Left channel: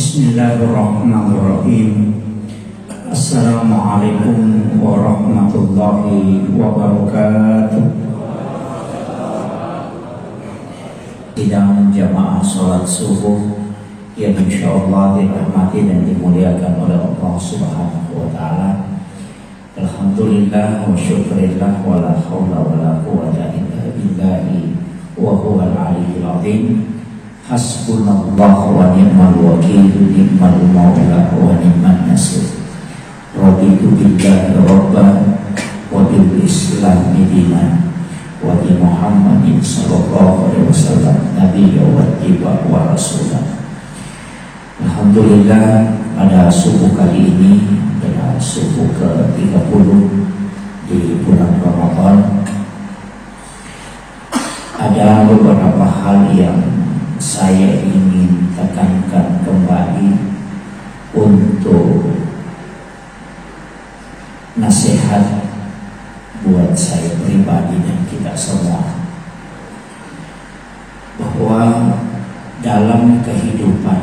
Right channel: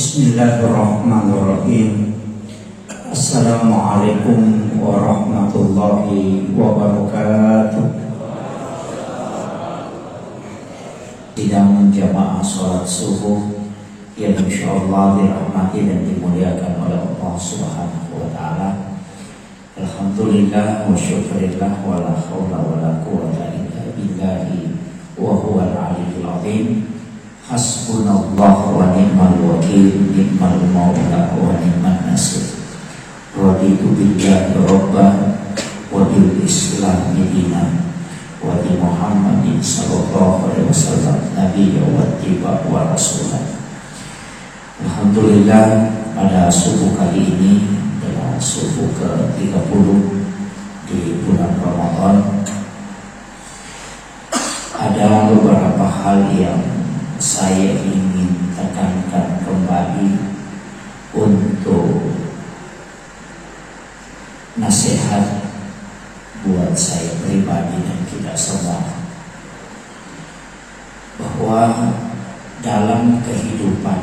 Bismillahirrahmanirrahim. Assalamualaikum warahmatullahi wabarakatuh. Sidang jamaah sholat subuh yang insyaallah dirahmati dan dimuliakan oleh Allah Subhanahu wa taala. Alhamdulillah wa syukurillah wa la haula wa la quwwata illa billahi wa huwal aliyyil azim. Hasbunallah wa ni'mal wakil, ni'mal maula wa ni'man nasir. Raditu billahi rabban wa bil islam dinan wa bi Muhammadin sallallahu alaihi wasallam nabiyya wa tiba wa rasulah. Alhamdulillah, pada subuh kali ini adalah subuh ke-30 di bulan Ramadan. Ada beberapa hal yang saya ingin tekankan kembali untuk nasihat buat saya pribadi dan kita semua, bahwa dalam kehidupan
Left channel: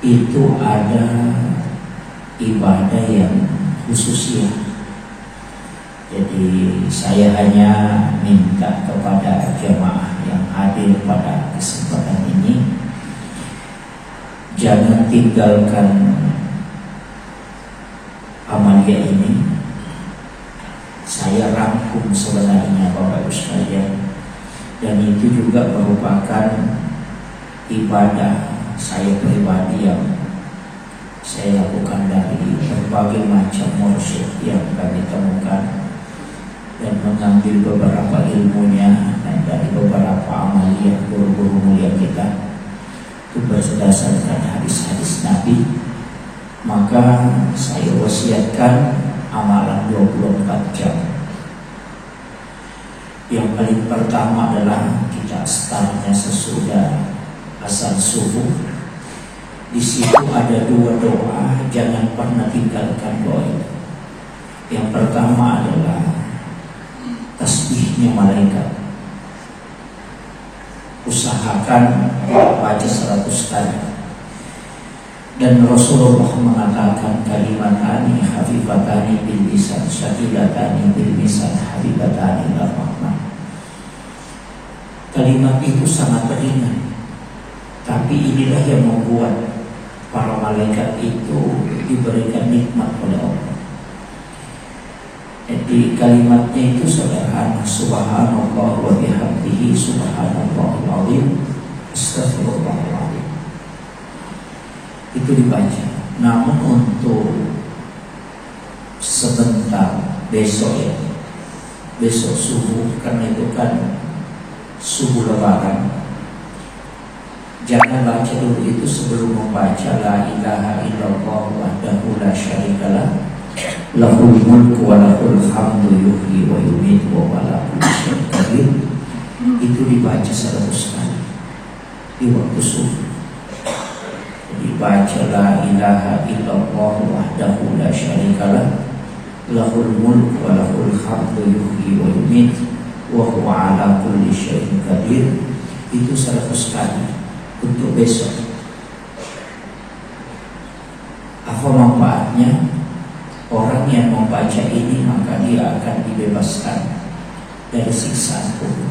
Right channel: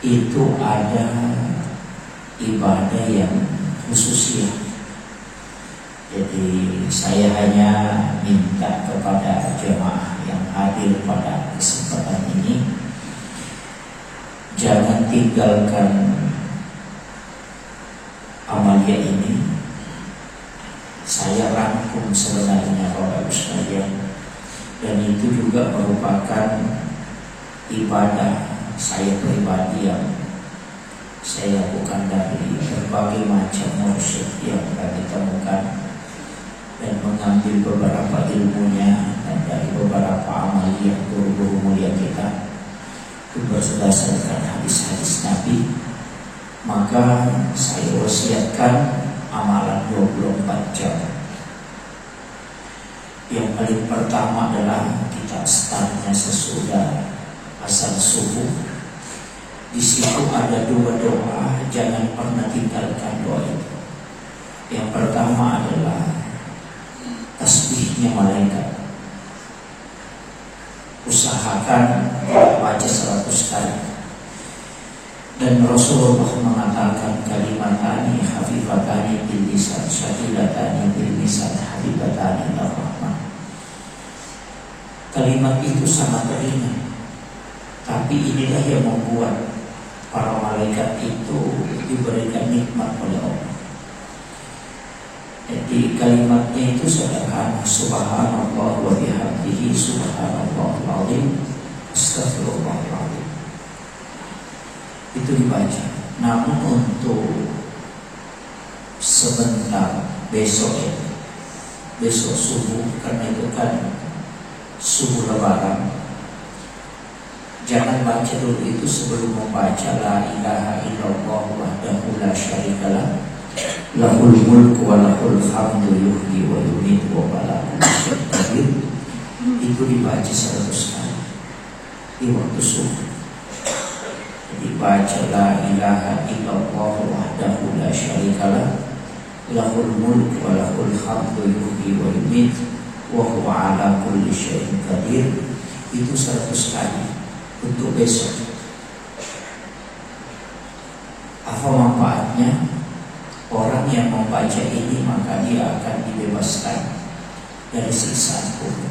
itu ada ibadah yang khususnya. Jadi saya hanya minta kepada jemaah yang hadir pada kesempatan ini, jangan tinggalkan amalia ini. Saya rangkum sebenarnya Bapak Ibu sekalian, dan itu juga merupakan ibadah saya pribadi yang saya lakukan dari berbagai macam mursyid yang kami temukan, dan mengambil beberapa ilmunya dan dari beberapa amalia guru-guru mulia kita itu berdasarkan hadis-hadis Nabi. Maka saya wasiatkan amalan 24 jam. Yang paling pertama adalah kita startnya sesudah azan subuh. Di situ ada 2 doa, jangan pernah tinggalkan doa itu. Yang pertama adalah tasbihnya malaikat. Usahakan baca 100 kali. Dan Rasulullah mengatakan kalimatani hafifatani bil lisan, syahidatani bil lisan, habibatani ila rahman. Kalimat itu sangat ringan, tapi inilah yang membuat para malaikat itu diberikan nikmat oleh Allah. Jadi kalimatnya itu sederhana, subhanallah wa bihamdihi subhanallahul azim astaghfirullahal azim. Itu dibaca. Namun untuk sebentar besok subuh, karena itu kan subuh lebaran, jangan baca dulu itu sebelum membaca la ilaha illallah wahdahu la syarikalah lahul mulku wa lahul hamdu yuhyi wa yumiitu wa ala kulli syai'in qadir. Itu dibaca 100 kali di waktu subuh. Jadi baca la ilaha illallah wahdahu la syarikalah lahul mulku wa lahul hamdu yuhyi wa yumiitu wa huwa ala kulli syai'in qadir. Itu 100 kali untuk besok. Apa manfaatnya? Orang yang membaca ini maka dia akan dibebaskan dari siksa kubur.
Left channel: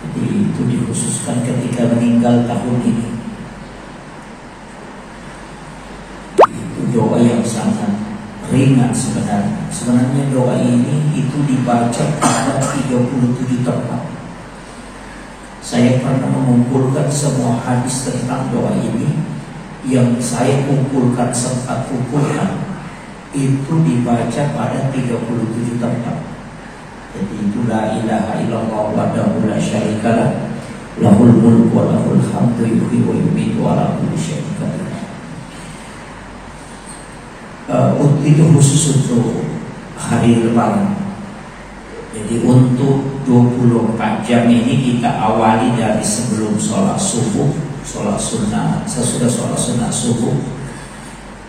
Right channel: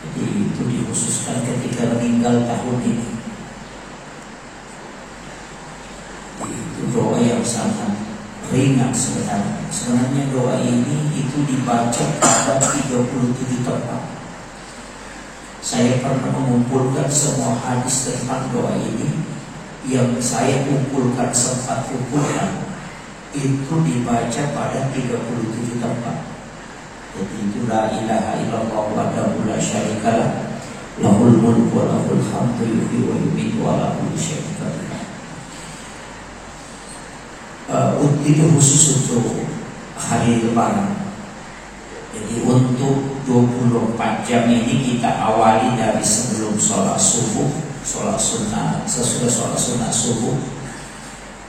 Jadi itu dikhususkan ketika meninggal tahun ini. Itu doa yang sangat ringan sebenarnya. Sebenarnya doa ini itu dibaca pada 37 tempat. Saya pernah mengumpulkan semua hadis tentang doa ini. Yang saya kumpulkan, sempat kumpulkan, itu dibaca pada 37 tempat. Jadi itu la ilaha illallah wahdahu la syarikalah lahul mulku wa lahul hamdu yuhyi wa yumiitu wa ala kulli syai'in qadir. Itu khusus untuk hari lebaran. Jadi untuk 24 jam ini kita awali dari sebelum sholat subuh, sholat sunnah, sesudah sholat sunnah subuh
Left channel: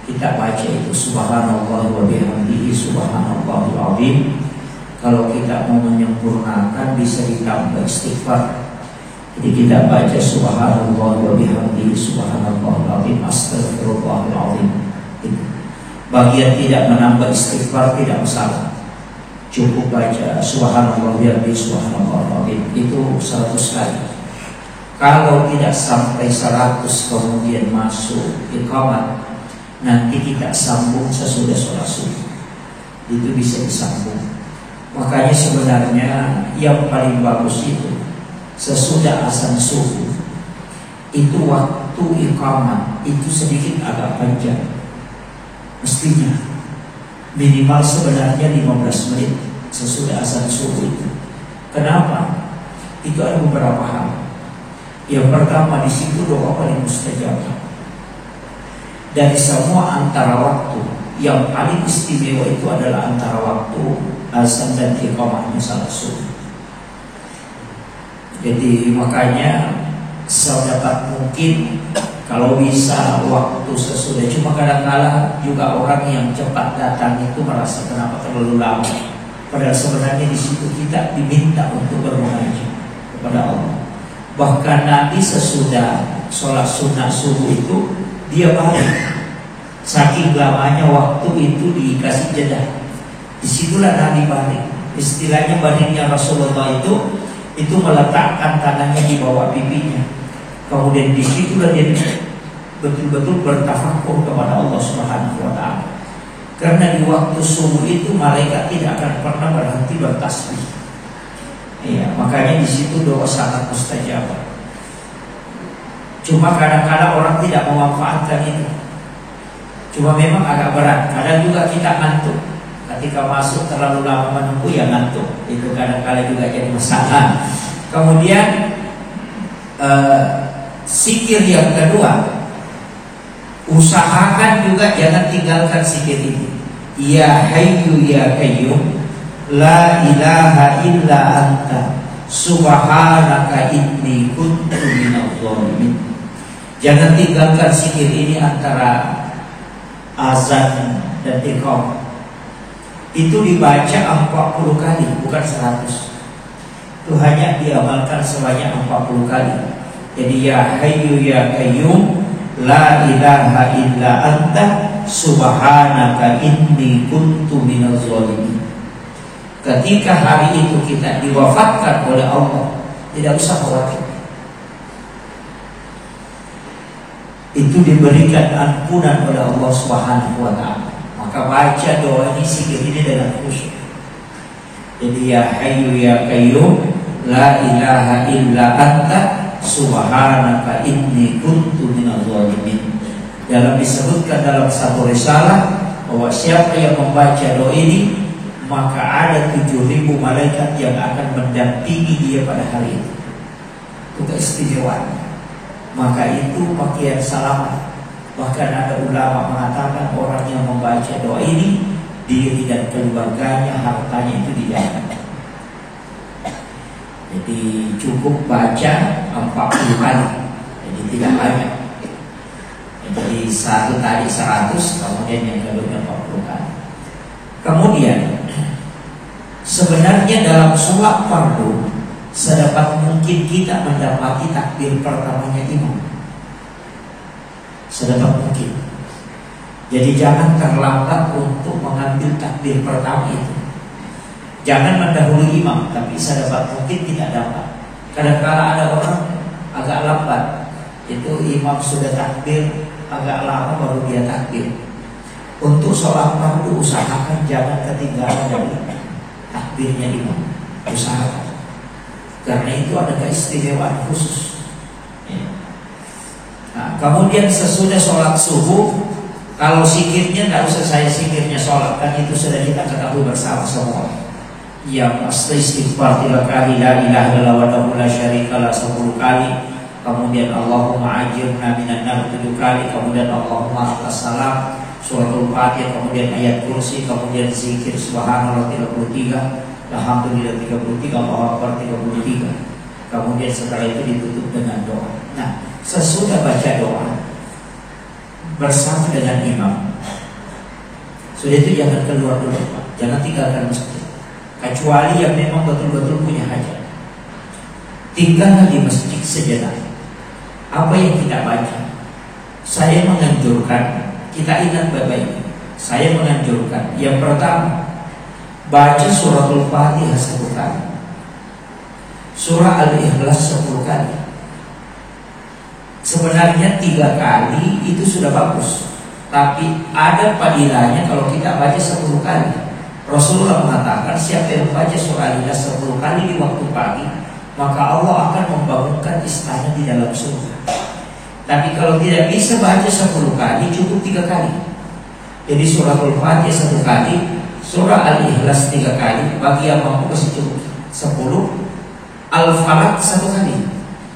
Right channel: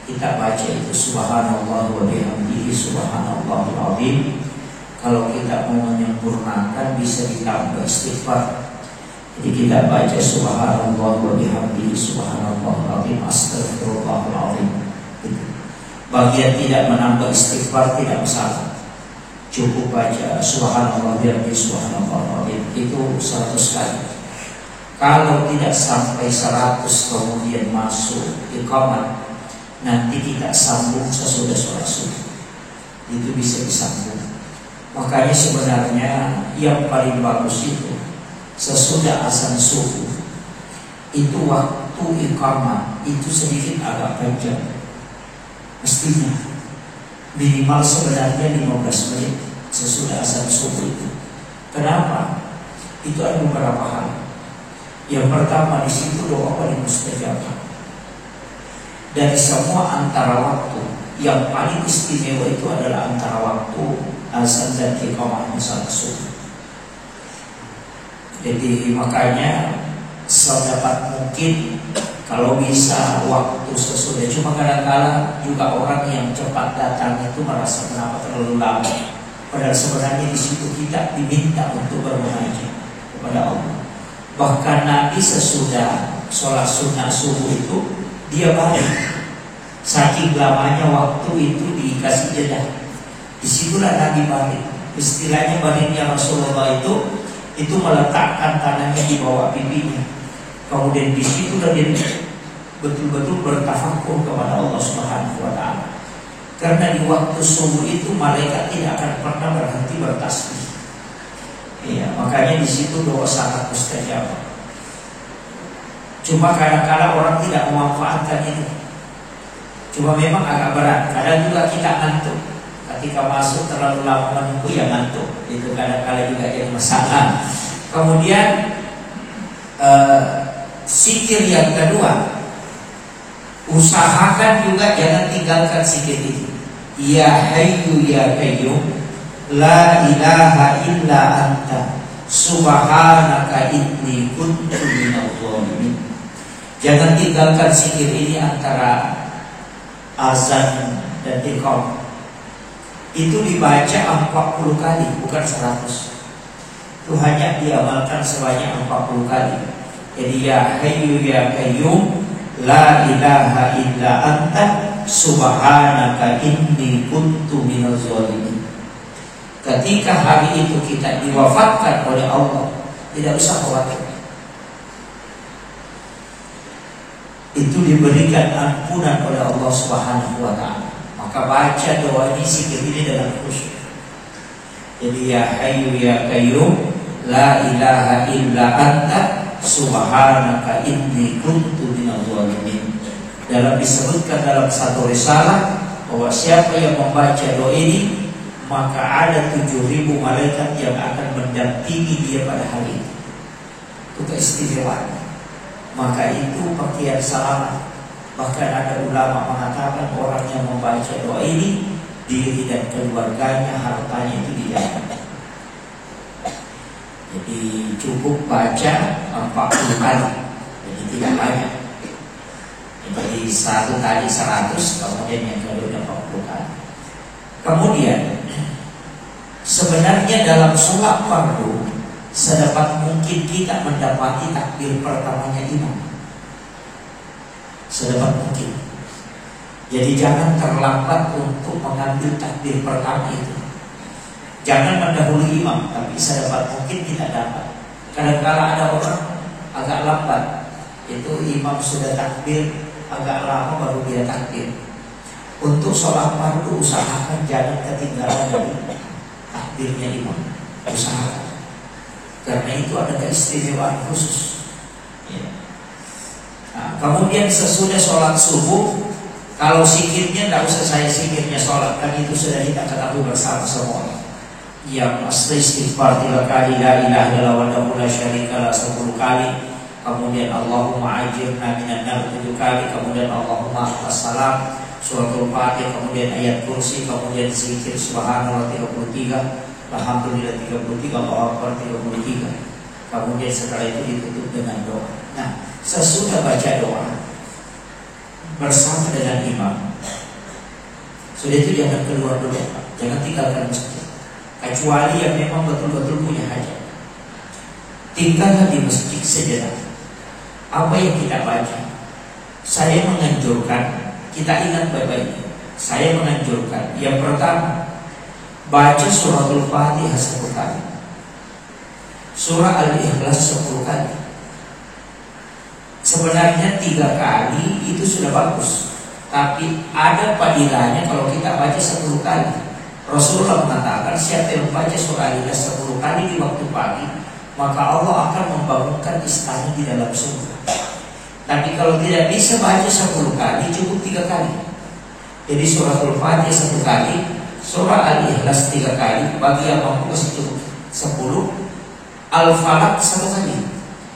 kita baca itu subhanallah wa bihamdihi subhanallahul azim. Kalau kita mau menyempurnakan bisa ditambah istighfar. Jadi kita baca subhanallah wa bihamdihi Bagian tidak menambah istighfar tidak masalah. Cukup baca subhanallah bihamdihi subhanallah itu 100 kali. Kalau tidak sampai 100 kemudian masuk iqamah, nanti tidak sambung sesudah sholat subuh. Itu bisa disambung. Makanya sebenarnya yang paling bagus itu sesudah azan subuh itu waktu iqamah itu sedikit agak panjang. Mestinya minimal sebenarnya 15 menit sesudah azan subuh itu. Kenapa? Itu ada beberapa hal. Yang pertama, di situ doa paling mustajab. Dari semua antara waktu, yang paling istimewa itu adalah antara waktu azan dan iqamahnya salat subuh. Jadi makanya sedapat mungkin kalau bisa waktu sesudah. Cuma kadang-kala juga orang yang cepat datang itu merasa kenapa terlalu lama. Padahal sebenarnya di situ kita diminta untuk bermunajat kepada Allah. Bahkan Nabi sesudah sholat sunnah subuh itu dia balik. Saking lamanya waktu itu dikasih jeda. Disitulah Nabi balik. Istilahnya baliknya Rasulullah itu meletakkan tangannya di bawah pipinya. Kemudian disitulah dia betul-betul bertafakur kepada Allah Subhanahu wa Ta'ala. Karena di waktu subuh itu malaikat tidak akan pernah berhenti bertasbih. Ya, makanya di situ doa sangat mustajab. Cuma kadang-kadang orang tidak memanfaatkan itu. Cuma memang agak berat. Kadang juga kita ngantuk. Ketika masuk terlalu lama menunggu ya ngantuk. Itu kadang-kadang juga jadi masalah. Kemudian zikir yang kedua, usahakan juga jangan tinggalkan zikir itu. Ya Hayyu ya Qayyum, la ilaha illa anta subhanaka inni kuntu minadh dhalimin. Jangan tinggalkan zikir ini antara azan dan iqamah. Itu dibaca 40 kali, bukan 100. Itu hanya diamalkan sebanyak 40 kali. Jadi ya Hayyu ya Qayyum, la ilaha illa anta subhanaka inni kuntu minadh dhalimin. Ketika hari itu kita diwafatkan oleh Allah, tidak usah khawatir. Itu diberikan ampunan oleh Allah Subhanahu wa Ta'ala. Maka baca doa ini, zikir ini dengan khusyuk. Jadi ya Hayyu ya Qayyum, la ilaha illa anta subhanaka inni kuntu minadh dhalimin. Dalam disebutkan dalam satu risalah bahwa siapa yang membaca doa ini, maka ada 7.000 malaikat yang akan mendampingi dia pada hari itu. Itu keistimewaan. Maka itu pakaian selamat. Bahkan ada ulama mengatakan orang yang membaca doa ini, diri dan keluarganya, hartanya itu dijaga. Jadi cukup baca 40 kali. Jadi tidak banyak. Jadi satu tadi 100, kemudian yang kedua 40 kali. Kemudian sebenarnya dalam sholat fardu sedapat mungkin kita mendapati takbir pertamanya imam. Sedapat mungkin. Jadi jangan terlambat untuk mengambil takbir pertama itu. Jangan mendahului imam, tapi sedapat mungkin tidak dapat. Kadang-kadang ada orang agak lambat, itu imam sudah takbir agak lama baru dia takbir. Untuk sholat fardu usahakan jangan ketinggalan dari takbirnya imam. Usahakan. Karena itu ada keistimewaan khusus. Nah, kemudian sesudah sholat subuh, kalau zikirnya tidak usah saya zikirnya sholat, kan itu sudah kita ketahui bersama semua. Yang asli istighfar 3 kali, la ilaha illallah wahdahu la syarikalah 10 kali, kemudian Allahumma ajirna minan nar 7 kali, kemudian Allahumma atas salam, suratul Fatihah, kemudian ayat kursi, kemudian zikir subhanallah 33, alhamdulillah 33, Allahu akbar 33. Kemudian setelah itu ditutup dengan doa. Nah, sesudah baca doa bersama dengan imam, sudah itu jangan keluar dulu, jangan tinggalkan masjid, kecuali yang memang betul-betul punya hajat. Tinggalkan di masjid sejenak. Apa yang kita baca, saya menganjurkan kita ingat baik-baik. Saya menganjurkan yang pertama, baca suratul Fatihah 10 kali, surah Al-Ikhlas 10 kali. Sebenarnya 3 kali itu sudah bagus, tapi ada padilanya kalau kita baca 10 kali. Rasulullah mengatakan siapa yang baca surah Al-Ikhlas 10 kali di waktu pagi, maka Allah akan membangunkan istana di dalam surga. Tapi kalau tidak bisa baca 10 kali, cukup 3 kali. Jadi suratul Fatihah 1 kali, surah Al-Ikhlas 3 kali, bagi yang mampu kasih cukup 10. Al-Falaq 1 kali,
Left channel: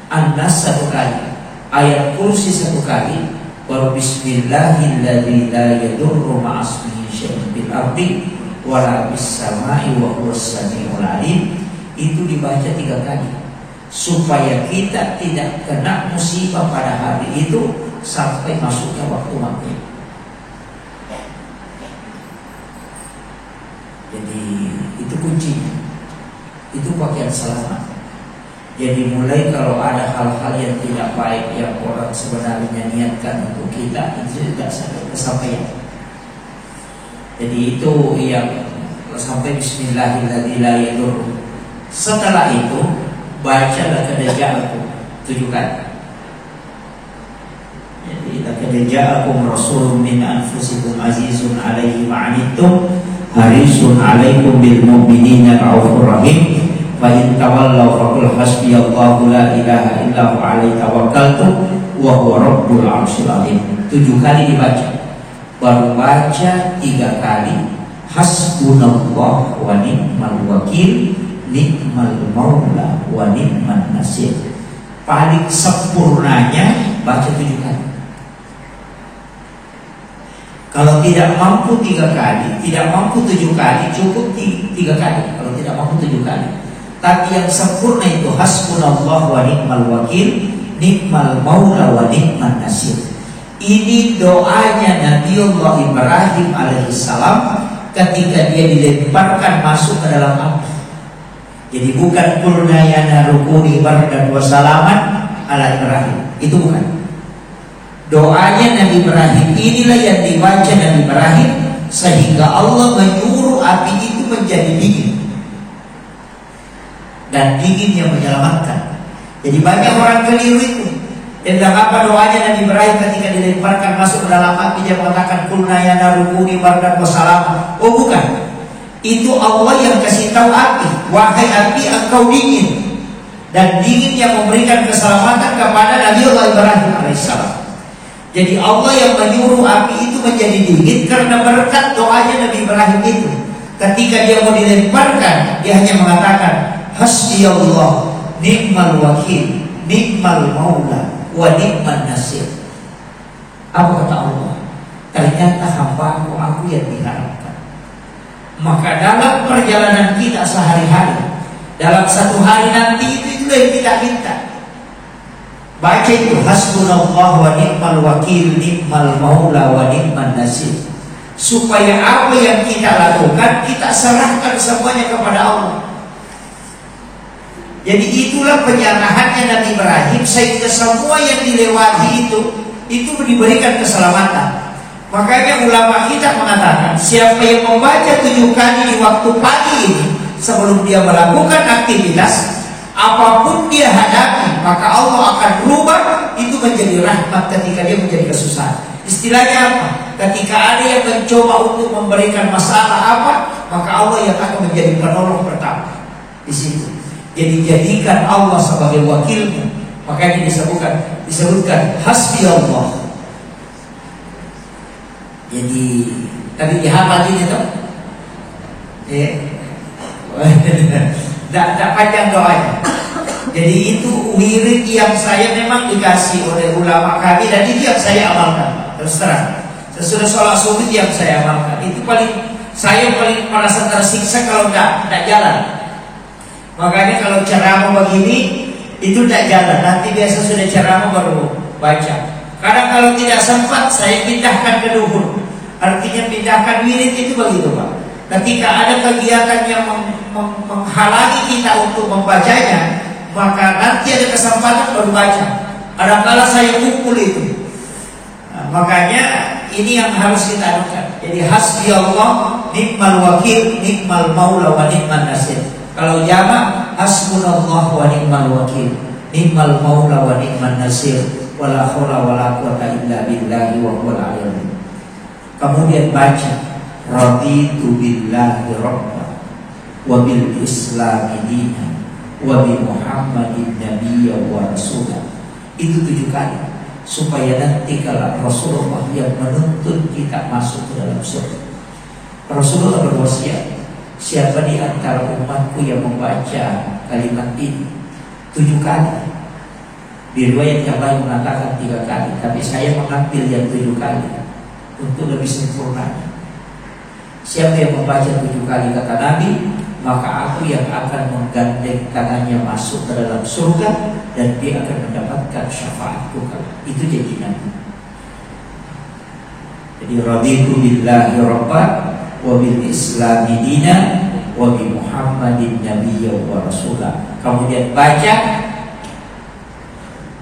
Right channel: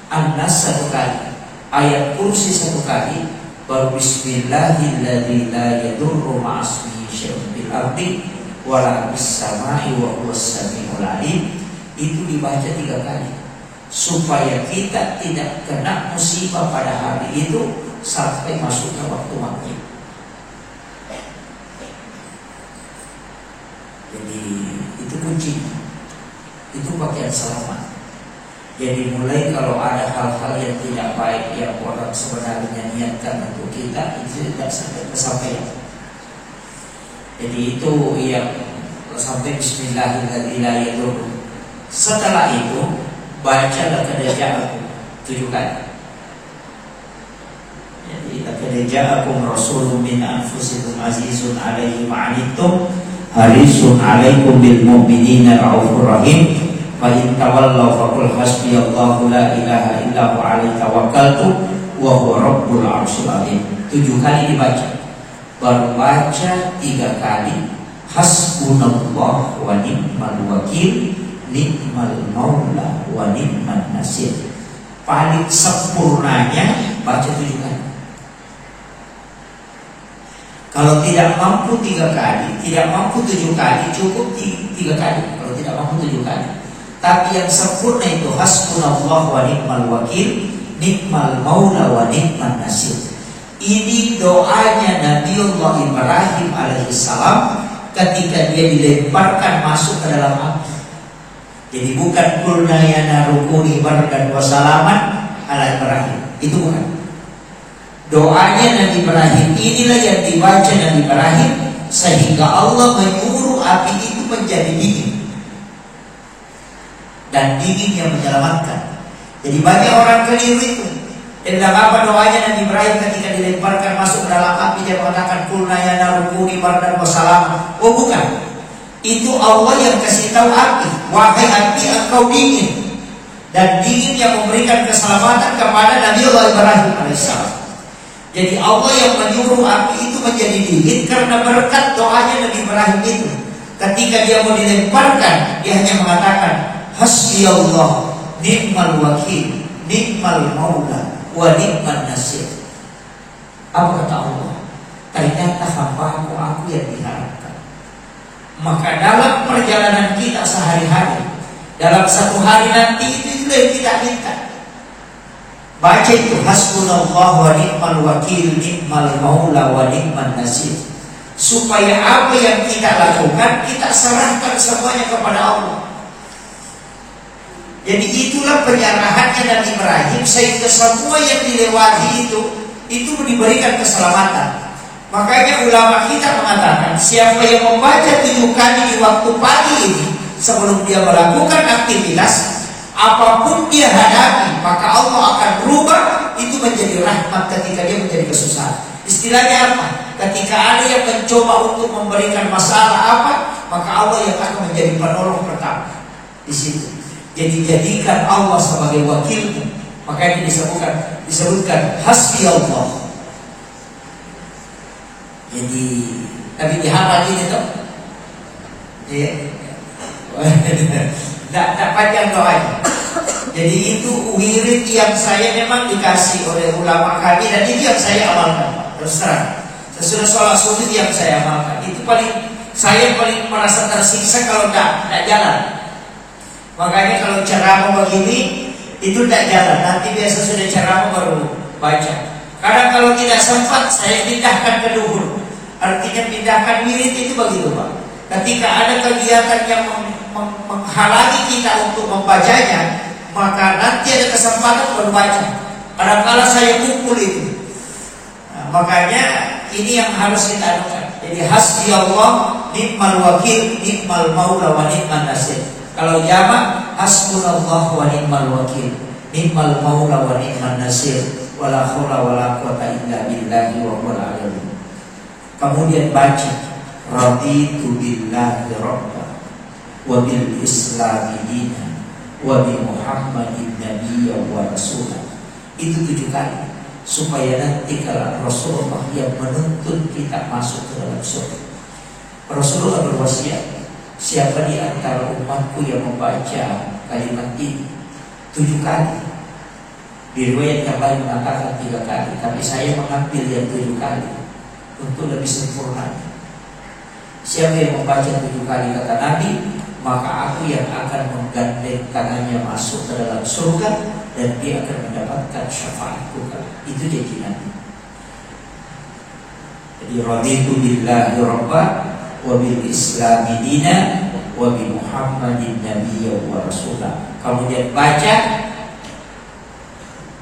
An-Nas 1 kali, ayat kursi 1 kali, baru bismillahilladzi la yadurru ma'asmihi syai'un fil ardi wala bis sama'i wa huwas samiul alim. Itu dibaca 3 kali supaya kita tidak kena musibah pada hari itu sampai masuknya waktu maghrib. Jadi itu kunci, itu pakaian selamat. Jadi mulai kalau ada hal-hal yang tidak baik yang orang sebenarnya niatkan untuk kita, itu tidak sampai kesampaian. Jadi itu yang sampai bismillahirrahmanirrahim. Setelah itu baca laqad ja'akum 7 kali. Jadi laqad ja'akum rasulun min anfusikum azizun 'alaihi ma 'anittum harisun 'alaikum bil mu'minina raufur rahim. Fa in tawallaw faqul hasbiyallahu la ilaha illa huwa 'alaihi tawakkaltu wa huwa rabbul 'arsyil 'azim. 7 kali dibaca. Baru baca 3 kali hasbunallahu wa ni'mal wakil, ni'mal maula wa ni'man nasir. Paling sempurnanya baca 7 kali. Kalau tidak mampu 3 kali, tidak mampu 7 kali, cukup 3 kali. Kalau tidak mampu 7 kali. Tapi yang sempurna itu hasbunallahu wa ni'mal wakil, ni'mal maula wa ni'man nasir. Ini doanya Nabiullah Ibrahim alaihissalam ketika dia dilemparkan masuk ke dalam api. Jadi bukan qulna ya narukuni bardan wa salaman ala Ibrahim. Itu bukan. Doanya Nabi Ibrahim inilah yang dibaca Nabi Ibrahim sehingga Allah menyuruh api itu menjadi dingin. Dan dingin yang menyelamatkan. Jadi banyak orang keliru itu. Tentang apa doanya Nabi Ibrahim ketika dilemparkan masuk ke dalam api, dia mengatakan qulna ya narukuni bardan wa salaman. Oh bukan. Itu Allah yang kasih tahu api, wahai api engkau dingin. Dan dingin yang memberikan keselamatan kepada Nabi Allah Ibrahim alaihissalam. Jadi Allah yang menyuruh api itu menjadi dingin karena berkat doanya Nabi Ibrahim itu. Ketika dia mau dilemparkan, dia hanya mengatakan hasbiyallah ni'mal wakil, ni'mal maula wa ni'man nasir. Apa kata Allah? Ternyata hambaku aku yang diharapkan. Maka dalam perjalanan kita sehari-hari, dalam satu hari nanti itu yang kita minta. Baca itu hasbunallahu wa ni'mal wakil, ni'mal maula wa ni'man nasir. Supaya apa yang kita lakukan, kita serahkan semuanya kepada Allah. Jadi itulah penyerahannya Nabi Ibrahim, sehingga semua yang dilewati itu diberikan keselamatan. Makanya ulama kita mengatakan siapa yang membaca 7 kali di waktu pagi ini sebelum dia melakukan aktivitas apapun dia hadapi, maka Allah akan rubah itu menjadi rahmat ketika dia menjadi kesusahan. Istilahnya apa? Ketika ada yang mencoba untuk memberikan masalah apa, maka Allah yang akan menjadi penolong pertama di situ. Jadi jadikan Allah sebagai wakilmu. Makanya disebutkan hasbi Allah. Jadi tadi dihafal ini tuh, ya, tidak panjang doanya. Jadi itu wirid yang saya memang dikasih oleh ulama kami dan itu yang saya amalkan. Terus terang, sesudah sholat subuh yang saya amalkan. Itu saya paling merasa tersiksa kalau tidak jalan. Makanya kalau ceramah begini itu tidak jalan. Nanti biasa sudah ceramah baru baca. Kadang kalau tidak sempat saya pindahkan ke duhur. Artinya pindahkan wirid itu begitu Pak. Ketika ada kegiatan yang menghalangi kita untuk membacanya, maka nanti ada kesempatan baru baca. Kadang-kadang saya kumpul itu. Nah, makanya ini yang harus kita lakukan. Jadi hasbi Allah ni'mal wakil, ni'mal maula wa ni'mal nasir. Kalau jamak hasbunallah wa ni'mal wakil, ni'mal maula wa ni'mal nasir, wala haula wala quwwata illa billahi wa huwal aliyyul. Kemudian baca raditu billahi rabban wa bil islami dinan wa bi Muhammadin nabiyya wa rasulah. Itu 7 kali supaya nanti kalau Rasulullah yang menuntun kita masuk ke dalam surga. Rasulullah berwasiat, siapa di antara umatku yang membaca kalimat ini 7 kali. Di riwayat yang lain mengatakan 3 kali, tapi saya mengambil yang 7 kali untuk lebih sempurna. Siapa yang membaca 7 kali kata Nabi, maka aku yang akan menggandeng tangannya masuk ke dalam surga dan dia akan mendapatkan syafaatku. Itu janji Nabi. Jadi raditu billahi rabban wa bil islami dinan wa bi Muhammadin nabiyya wa rasulah. Kemudian baca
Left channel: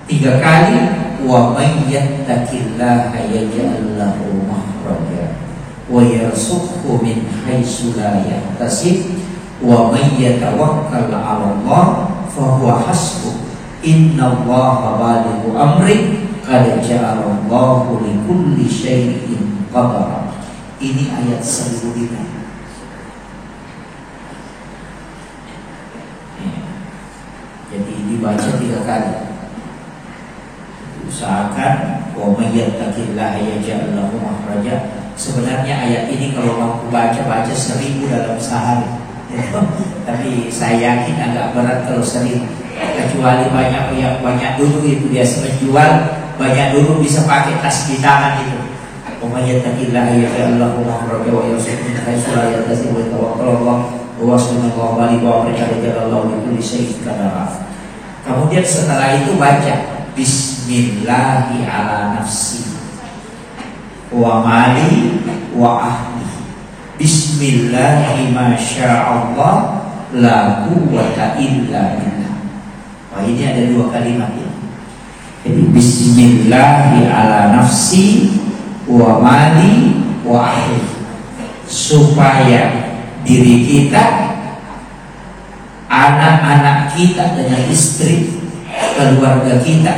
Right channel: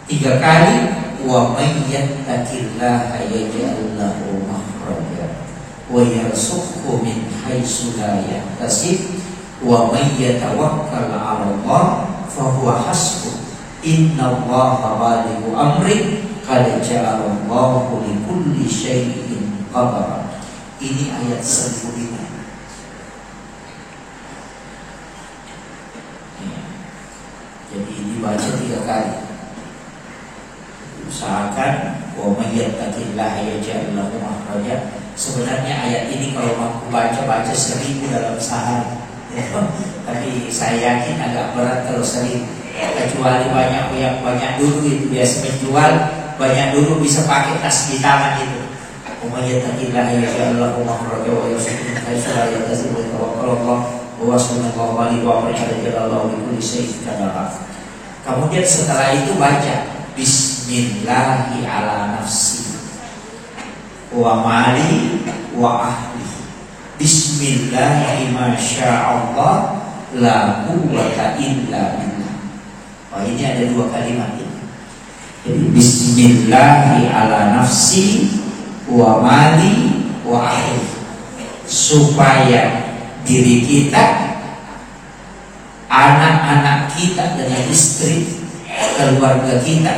3 kali wa may yattaqillaha yaj'al lahu makhraja wa yarzuqhu min haitsu la yahtasib wa may yatawakkal 'ala Allah fa huwa hasbuh innallaha balighu amri qad ja'alallahu likulli syai'in qadara. Ini ayat sebelumnya. Jadi dibaca 3 kali. Usahakan wa may yattaqillaha yaj'al lahu makhraja. Sebenarnya ayat ini kalau mau baca 1000 dalam sehari. Tapi saya yakin agak berat kalau sering. Kecuali banyak dulu itu biasanya jual, banyak dulu bisa pakai tas di tangan itu. Umayyatillah ya Allah makhraja wa yarzuqhu min haitsu la yahtasib wa tawakkalullah wa subhanahu wa ta'ala bi kulli syai'in qadara. Kemudian setelah itu baca bismillahi ala nafsi wa mali wa ahli. Bismillahi masyaallah la quwwata illa billah. Oh, ini ada 2 kalimat ini. Jadi bismillahi ala nafsi wa mali wa ahli, supaya diri kita, anak-anak kita dan istri, keluarga kita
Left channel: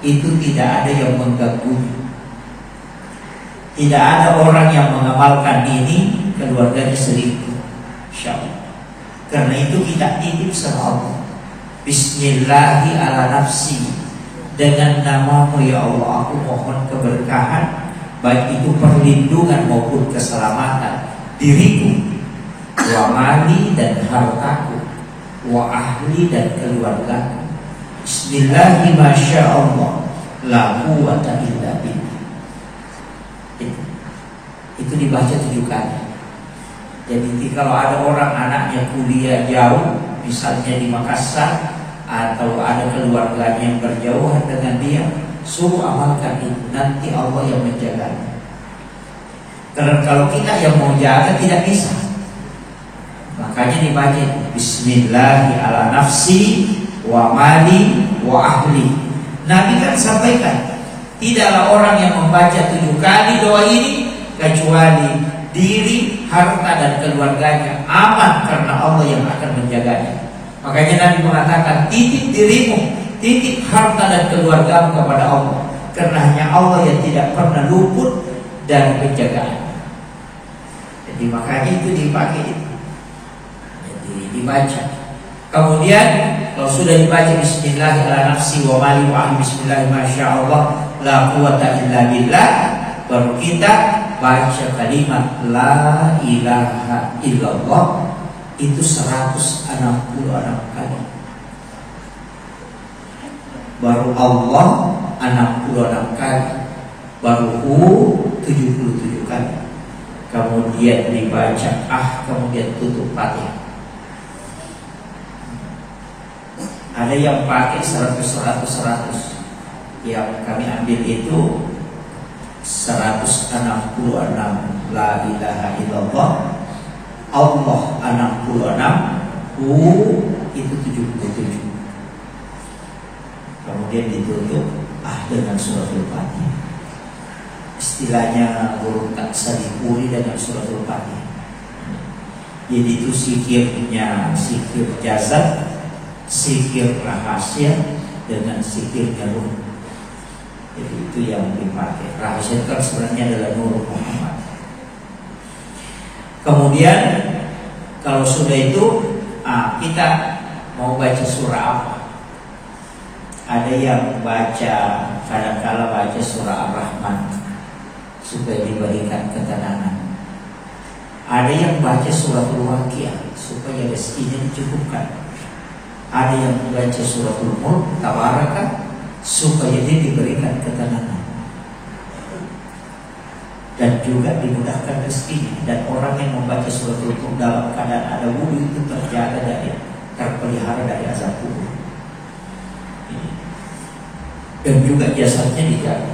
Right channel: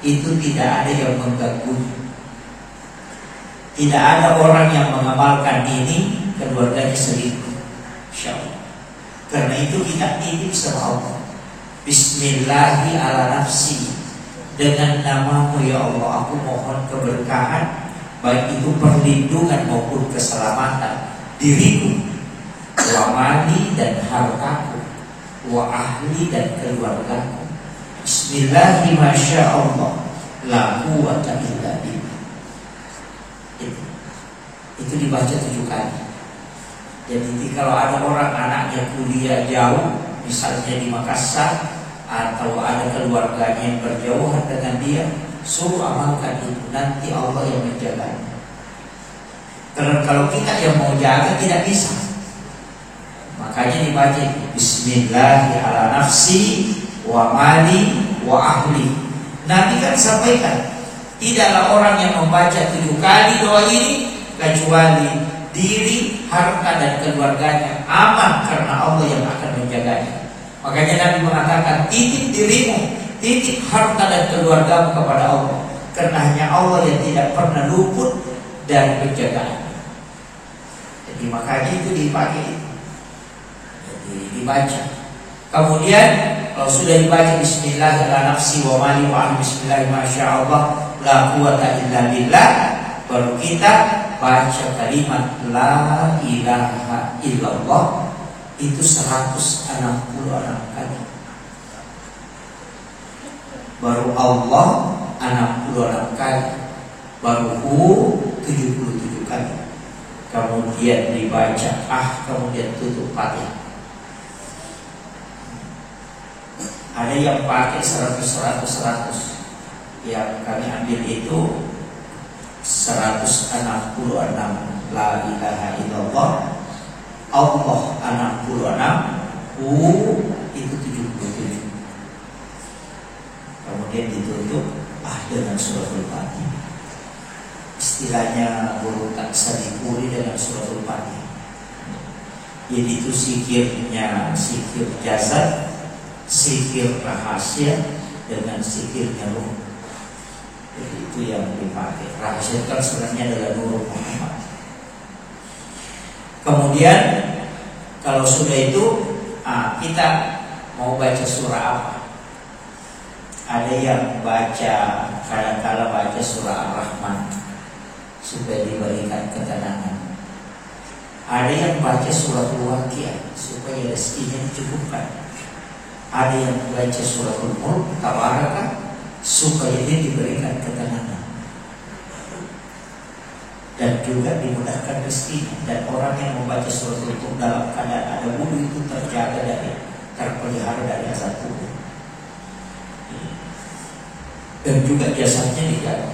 itu tidak ada yang mengganggu. Tidak ada orang yang mengamalkan ini keluarganya selingkuh, insyaallah. Karena itu kita titip sama Allah. Bismillahi ala nafsi, dengan namamu ya Allah aku mohon keberkahan, baik itu perlindungan maupun keselamatan diriku, wa mali dan hartaku, wa ahli dan keluargaku. Bismillahi masyaallah la quwwata illa billah. Itu dibaca 7 kali. Jadi kalau ada orang anaknya kuliah jauh, misalnya di Makassar, atau ada keluarganya yang berjauhan dengan dia, suruh amalkan itu, nanti Allah yang menjaganya. Karena kalau kita yang mau jaga tidak bisa. Makanya dibaca bismillahi ala nafsi wa mali wa ahli. Nabi kan sampaikan, tidaklah orang yang membaca 7 kali doa ini kecuali diri, harta dan keluarganya aman karena Allah yang akan menjaganya. Makanya Nabi mengatakan titip dirimu, titip harta dan keluargamu kepada Allah, karena hanya Allah yang tidak pernah luput dari penjagaan. Jadi makanya itu dipakai, jadi dibaca. Kemudian kalau sudah dibaca bismillahirrahmanirrahim wa mali wa bismillahi masyaallah la quwwata illa billah, baru kita baca kalimat la ilaha illallah itu 166 kali. Baru Allah 66 kali, baru Hu 77 kali. Kemudian dibaca kemudian tutup Fatihah. Ada yang pakai 100. Yang kami ambil itu 166 la ilaha illallah, Allah 66, Hu itu 77. Kemudian ditutup dengan suratul Fatihah. istilahnya guru tak sadikuri dengan suratul Fatihah. Jadi itu zikirnya zikir jasad, zikir rahasia dengan zikirnya ruh. Jadi itu yang dipakai. Rahasia kan sebenarnya adalah Nur Muhammad. Kemudian kalau sudah itu kita mau baca surah apa? Ada yang baca kadang-kala baca surah Ar-Rahman supaya diberikan ketenangan. Ada yang baca suratul Waqiah supaya rezekinya dicukupkan. Ada yang baca suratul Mulk Tabaraka supaya dia diberikan ketenangan dan juga dimudahkan rezekinya. Dan orang yang membaca suratul Mulk dalam keadaan ada wudhu itu terjaga dari terpelihara dari azab kubur. Dan juga jasadnya dijaga.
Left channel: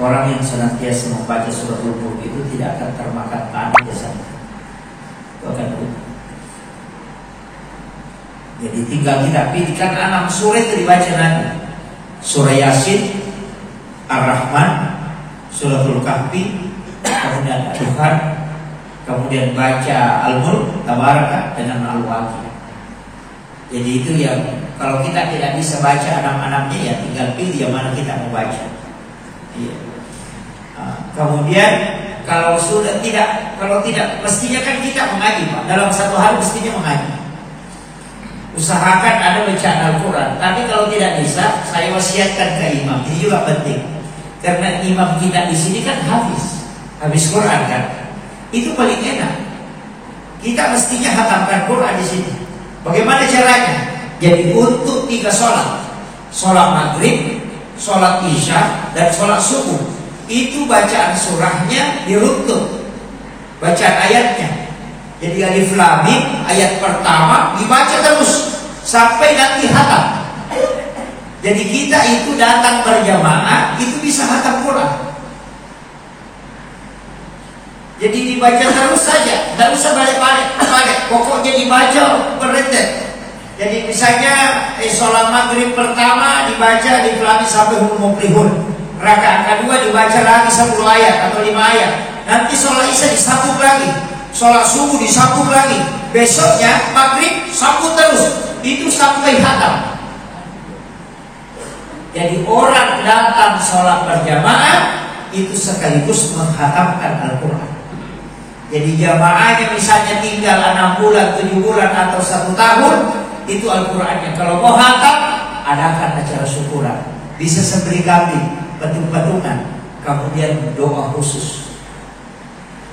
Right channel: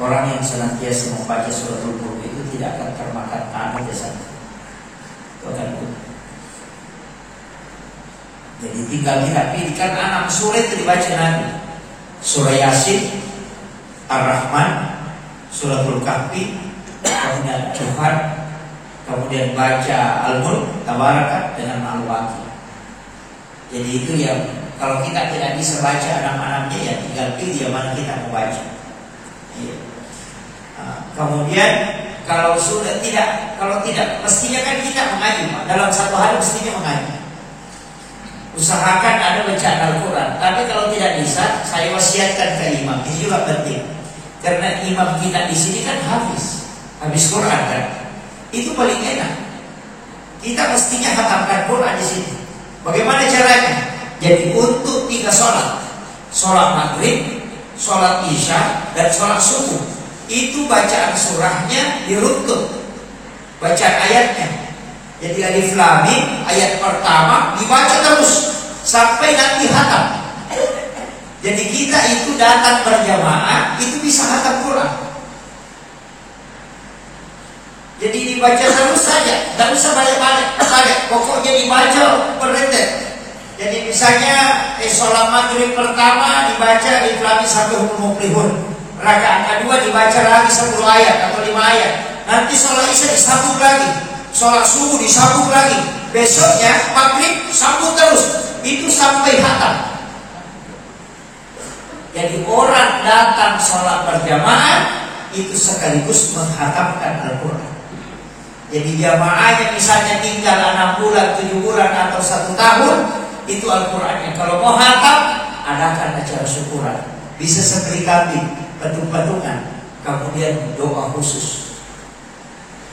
Orang yang senantiasa membaca suratul Mulk itu tidak akan termakan panas jasadnya. Itu akan betul. Jadi tinggal dirapikan 6 surah itu dibaca nanti. Surah Yasin, Ar-Rahman, Suratul Kahfi, kemudian Tuhan, kemudian baca Al-Mulk Tabaraka dengan Al-Waqiah. Jadi itu yang kalau kita tidak bisa baca 6-6-nya ya tinggal pilih yang mana kita mau baca. Iya. Kemudian kalau tidak mestinya kan kita mengaji Pak. Dalam satu hari mestinya mengaji. Usahakan ada bacaan Al-Quran. Tapi kalau tidak bisa, saya wasiatkan ke imam. Ini juga penting. Karena imam kita di sini kan habis Quran kan. Itu paling enak. Kita mestinya hatamkan Quran di sini. Bagaimana caranya? Jadi untuk 3 sholat maghrib, sholat isya, dan sholat subuh, itu bacaan surahnya diruntut, bacaan ayatnya. Jadi alif lam mim ayat pertama dibaca terus sampai nanti hatam. Jadi kita itu datang berjamaah itu bisa hatam Quran. Jadi dibaca terus saja, tidak usah balik-balik. Pokoknya dibaca berrentet. Jadi misalnya sholat maghrib pertama dibaca alif lam mim sampai huruf muflihun. Rakaat kedua dibaca lagi 10 ayat atau 5 ayat. Nanti sholat isya disambung lagi. Sholat subuh disambung lagi. Besoknya maghrib sambung terus. Itu sampai hatam. Jadi orang datang sholat berjamaah itu sekaligus menghatamkan Al-Quran. Jadi jamaahnya misalnya tinggal 6 bulan, 7 bulan atau 1 tahun, itu Al-Qurannya. Kalau mau hatam, adakan acara syukuran. Bisa sembelih kambing, patung-patungan, kemudian doa khusus.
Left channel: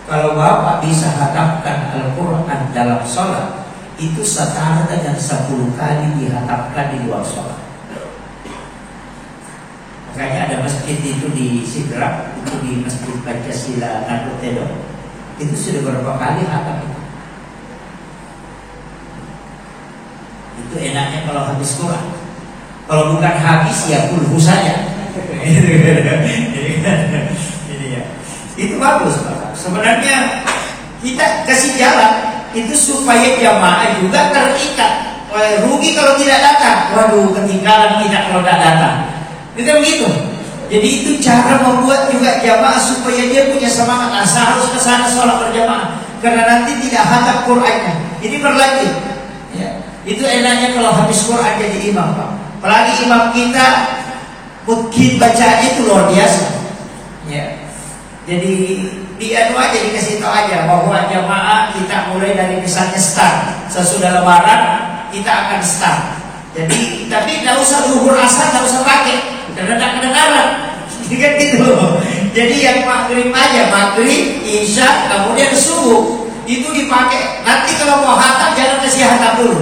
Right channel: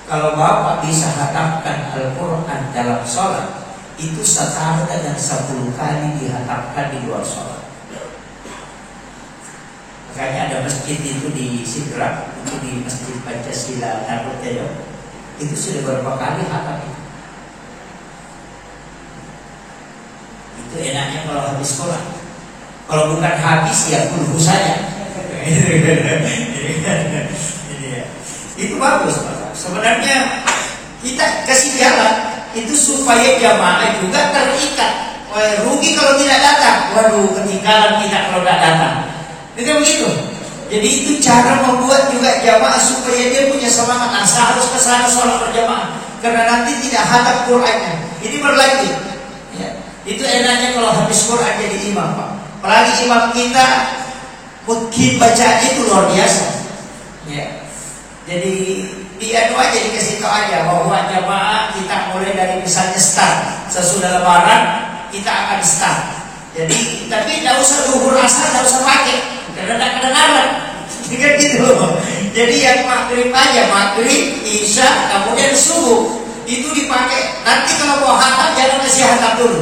Kalau Bapak bisa hatamkan Al-Quran dalam sholat, itu setara dengan 10 kali dihatamkan di luar sholat. Makanya ada masjid itu di Sidrap, itu di Masjid Pancasila Narutedo, itu sudah berapa kali hatam itu. Itu enaknya kalau habis Quran. Kalau bukan habis ya kulhu saja. Itu bagus Pak. Sebenarnya kita kasih jalan itu supaya jamaah juga terikat. Rugi kalau tidak datang. Waduh, ketinggalan kita kalau tidak datang. Itu begitu. Jadi itu cara membuat juga jamaah supaya dia punya semangat. Harus ke sana sholat berjamaah. Karena nanti tidak hatam Qur'annya. Ini berlanjut. Ya. Itu enaknya kalau habis Quran jadi imam Pak. Apalagi imam kita mungkin baca itu luar biasa. Ya. Jadi dia aja dikasih tahu aja bahwa jamaah kita mulai dari misalnya start sesudah lebaran kita akan start. Jadi tapi tidak usah duhur asar, tidak usah pakai karena tidak kedengaran. Jadi gitu. Jadi yang maghrib aja, maghrib, isya, kemudian subuh itu dipakai. Nanti kalau mau hatam jangan kasih hatam dulu.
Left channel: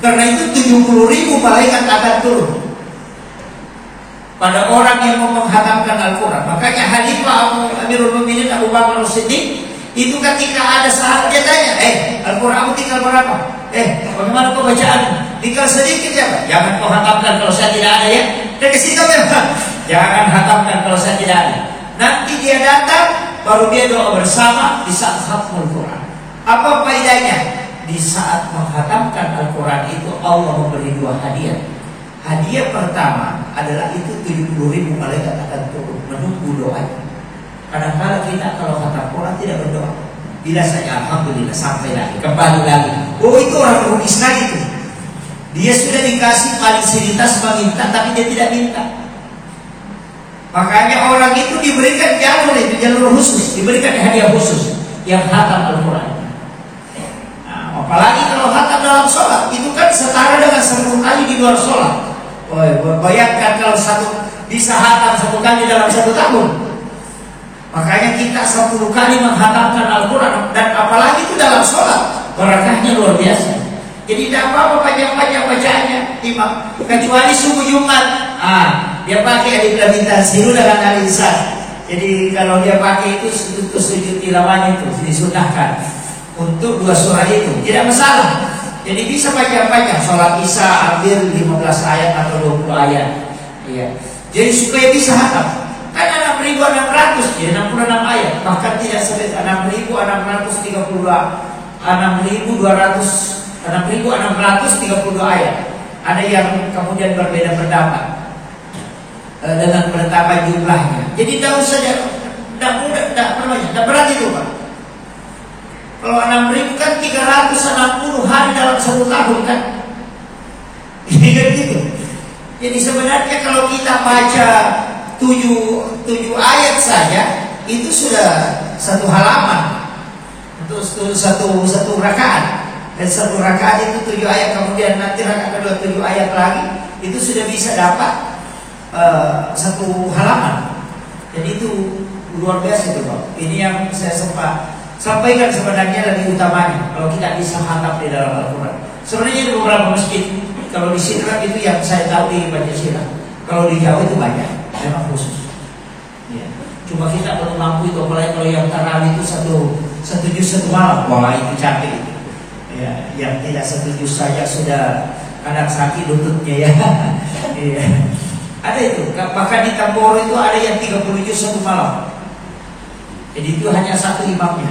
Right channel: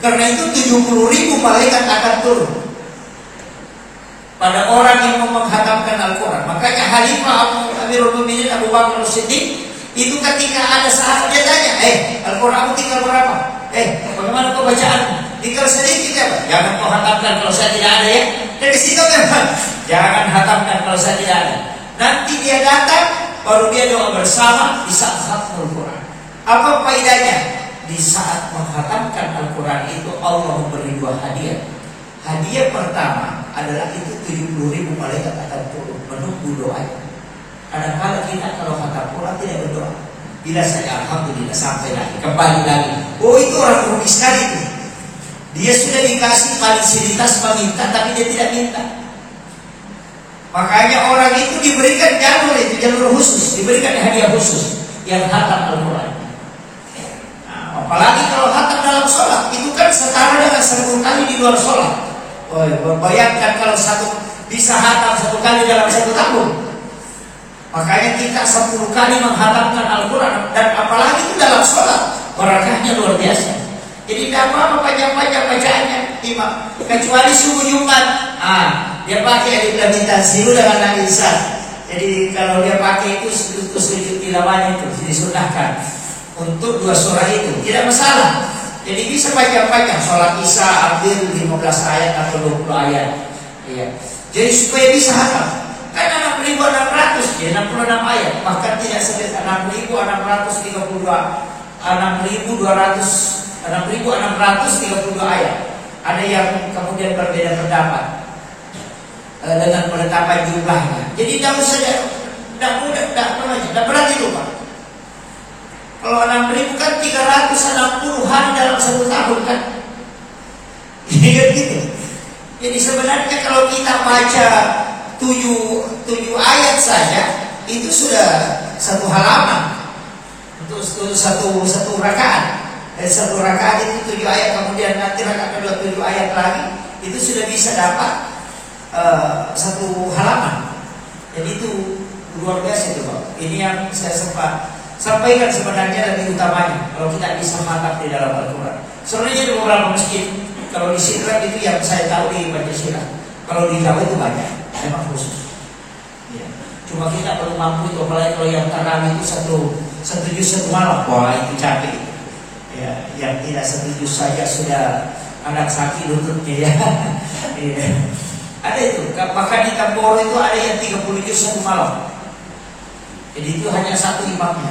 Karena itu 70.000 malaikat akan turun pada orang yang mau menghatamkan Al-Quran. Makanya Khalifah Amirul Mukminin Abu Bakar As-Siddiq itu ketika ada saat dia tanya, Al-Quran tinggal berapa? Bagaimana kau bacaan? Tinggal sedikit ya? Jangan kau hatamkan kalau saya tidak ada ya. Dari situ kan? Jangan hatamkan kalau saya tidak ada. Nanti dia datang, baru dia doa bersama di saat khatam Al-Quran. Apa faedahnya? Di saat menghatamkan Al-Quran itu Allah memberi 2 hadiah. Hadiah pertama adalah itu 70.000 malaikat akan turun menunggu doa. Kadang-kadang kita kalau khatam Quran tidak berdoa, bila saja alhamdulillah sampai lagi kembali lagi. Oh itu orang rugi sekali itu. Dia sudah dikasih fasilitas meminta tapi dia tidak minta. Makanya orang itu diberikan jalur khusus, diberikan hadiah khusus yang khatam Al-Quran. Nah, apalagi kalau khatam dalam sholat, itu kan setara dengan 1000 kali di luar sholat. Oh, bayangkan kalau bisa khatam 1 kali dalam 1 tahun. Makanya kita 10 kali menghatamkan Al-Quran, dan apalagi itu dalam sholat, barakahnya luar biasa. Jadi tidak apa-apa panjang-panjang bacaannya, imam. Kecuali subuh Jumat, dia pakai alif tanzilu dengan al-insan. Jadi kalau dia pakai itu sujud tilawahnya itu disunahkan untuk 2 surah itu, tidak masalah. Jadi bisa panjang-panjang. Sholat Isya ambil 15 ayat atau 20 ayat. Iya. Jadi supaya bisa hatam. Kan 6.600, jadi 66 ayat. Bahkan tidak sedikit 6.632 ayat. Ada yang kemudian berbeda pendapat dengan penetapan jumlahnya. Jadi tidak saja, tidak berat itu Pak. Kalau 6.000 kan 360 hari dalam 1 tahun kan. Ini kan gitu. Jadi sebenarnya kalau kita baca 7 ayat saja itu sudah 1 halaman untuk satu rakaat. Dan 1 rakaat itu 7 ayat, kemudian nanti rakaat kedua 7 ayat lagi, itu sudah bisa dapat 1 halaman. Jadi itu luar biasa itu Pak. Ini yang saya sampaikan sebenarnya lebih utamanya kalau kita bisa khatam di dalam Al-Quran. Sebenarnya di beberapa masjid, kalau di sini kan itu yang saya tahu di Pancasila. Kalau di Jawa itu banyak, memang khusus. Ya. Cuma kita belum mampu itu, apalagi kalau yang tarawih itu satu juz 1 malam, wah itu capek. Ya, yang tidak 1 juz saja sudah anak sakit lututnya ya. Ya. Ada itu, bahkan di Tamboro itu ada yang 30 juz 1 malam. Jadi itu hanya 1 imamnya.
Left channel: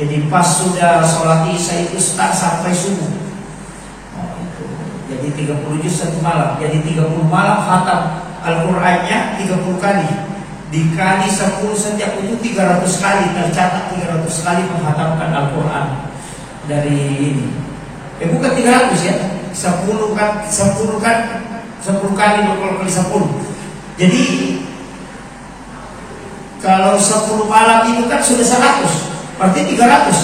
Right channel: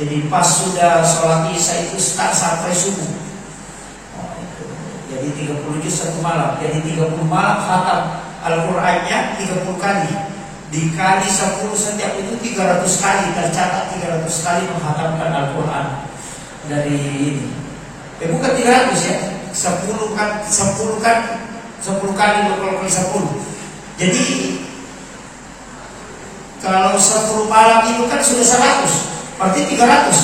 Jadi pas sudah sholat Isya itu start sampai subuh. Nah, itu. Jadi 30 juz 1 malam. Jadi 30 malam khatam Al-Qur'annya 30 kali. Dikali 10 sejak itu 300 kali, tercatat 300 kali menghatamkan Al-Quran. Dari ini. Bukan 300 ya. 10 kali berkali 10. Jadi kalau 10 malam itu kan sudah 100, berarti 300.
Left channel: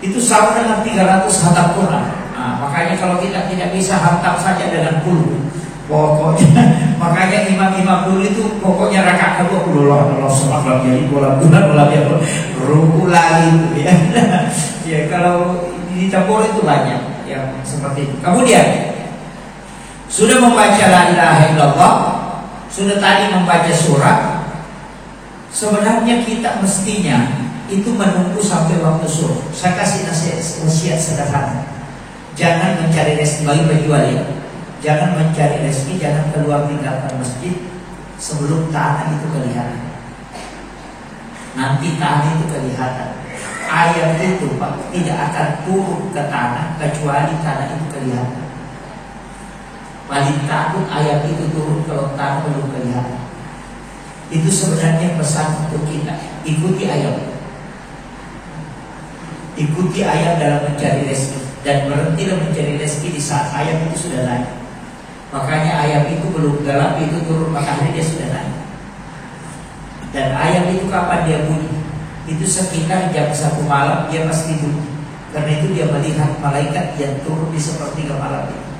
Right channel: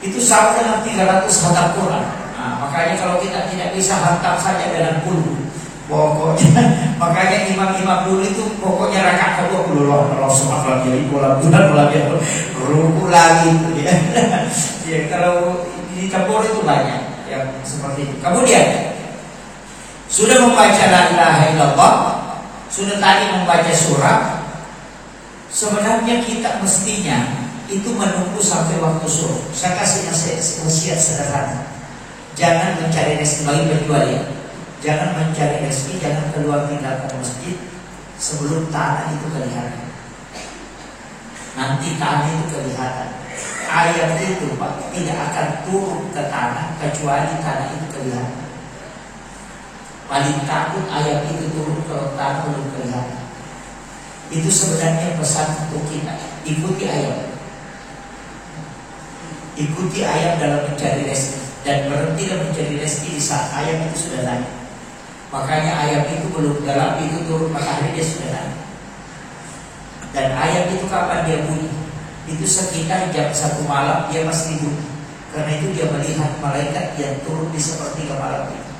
Itu sama dengan 300 khatam Quran. Nah, makanya kalau kita tidak bisa khatam saja dengan 10, pokoknya makanya imam-imam dulu itu pokoknya rakaat kedua Allah subhanahu jadi bulan ruku lagi itu ya. Ya kalau di Tambor itu banyak yang seperti itu. Kemudian sudah membaca la ilaha illallah, sudah tadi membaca surah. Sebenarnya kita mestinya itu menunggu sampai waktu suruh. Saya kasih nasihat sederhana. Jangan mencari rezeki bagi penjual ya. Jangan mencari rezeki, jangan keluar tinggalkan masjid sebelum tanah itu kelihatan. Nanti tanah itu kelihatan. Ayat itu Pak tidak akan turun ke tanah kecuali tanah itu kelihatan. Paling takut ayat itu turun kalau tanah belum kelihatan. Itu sebenarnya pesan untuk kita. Ikuti ayat. Ikuti ayat dalam mencari rezeki. Dan berhentilah mencari rezeki di saat ayat itu sudah naik. Makanya ayat itu belum gelap, itu turun matahari dia sudah naik. Dan ayat itu kapan dia bunyi? Itu sekitar jam 1 malam dia pasti bunyi. Karena itu dia melihat malaikat yang turun di sepertiga malam itu.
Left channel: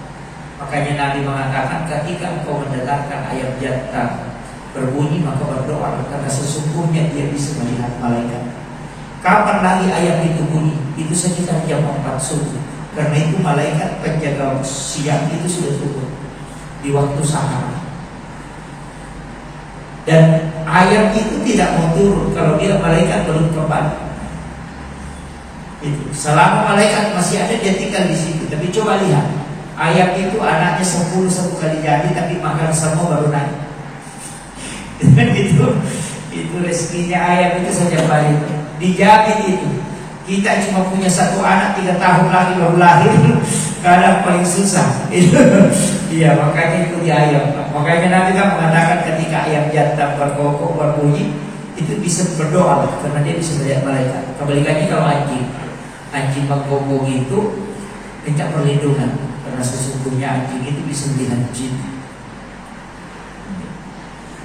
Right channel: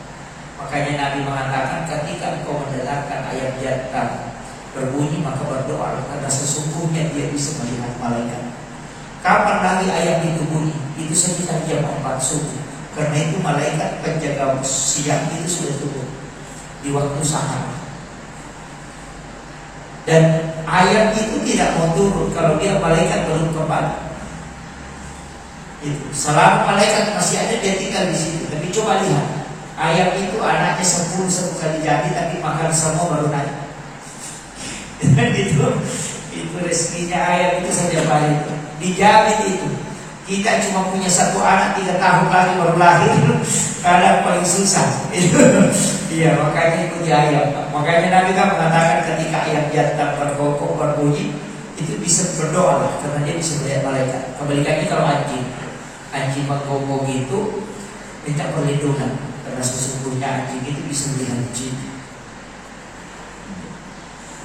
Makanya Nabi mengatakan ketika engkau mendengarkan ayat jantan berbunyi maka berdoa, karena sesungguhnya dia bisa melihat malaikat. Kapan lagi ayat itu bunyi? Itu sekitar jam 4 subuh. Karena itu malaikat penjaga siang itu sudah turun di waktu sahar. Dan ayat itu tidak mau turun kalau dia malaikat belum kembali. Itu selama malaikat masih ada dia tinggal di situ. Tapi coba lihat, ayat itu anaknya 10 satu kali jadi, tapi makan semua baru naik. Dan itu rezekinya ayat itu saja balik. Dijamin itu. Kita cuma punya satu anak 3 tahun lagi baru lahir, kadang paling susah. Iya, makanya ikuti ayam. Makanya Nabi kan mengatakan ketika ayam jantan berkokok berbunyi, itu bisa berdoa karena dia bisa melihat malaikat. Kebalikannya kalau anjing menggonggong itu minta perlindungan karena sesungguhnya anjing itu bisa melihat jin.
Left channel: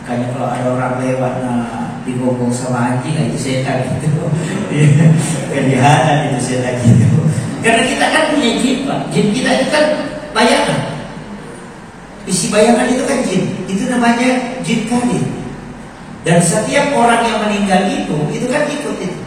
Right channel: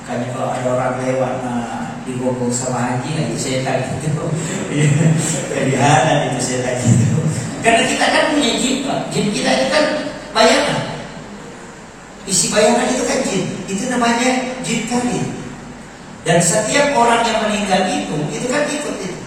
Makanya kalau ada orang lewat digonggong sama anjing itu setan gitu. Kelihatan itu setan gitu. Karena kita kan punya jin, Pak. Jin kita itu kan bayangan. Isi bayangan itu kan jin. Itu namanya jin kadir. Dan setiap orang yang meninggal itu kan ikut itu.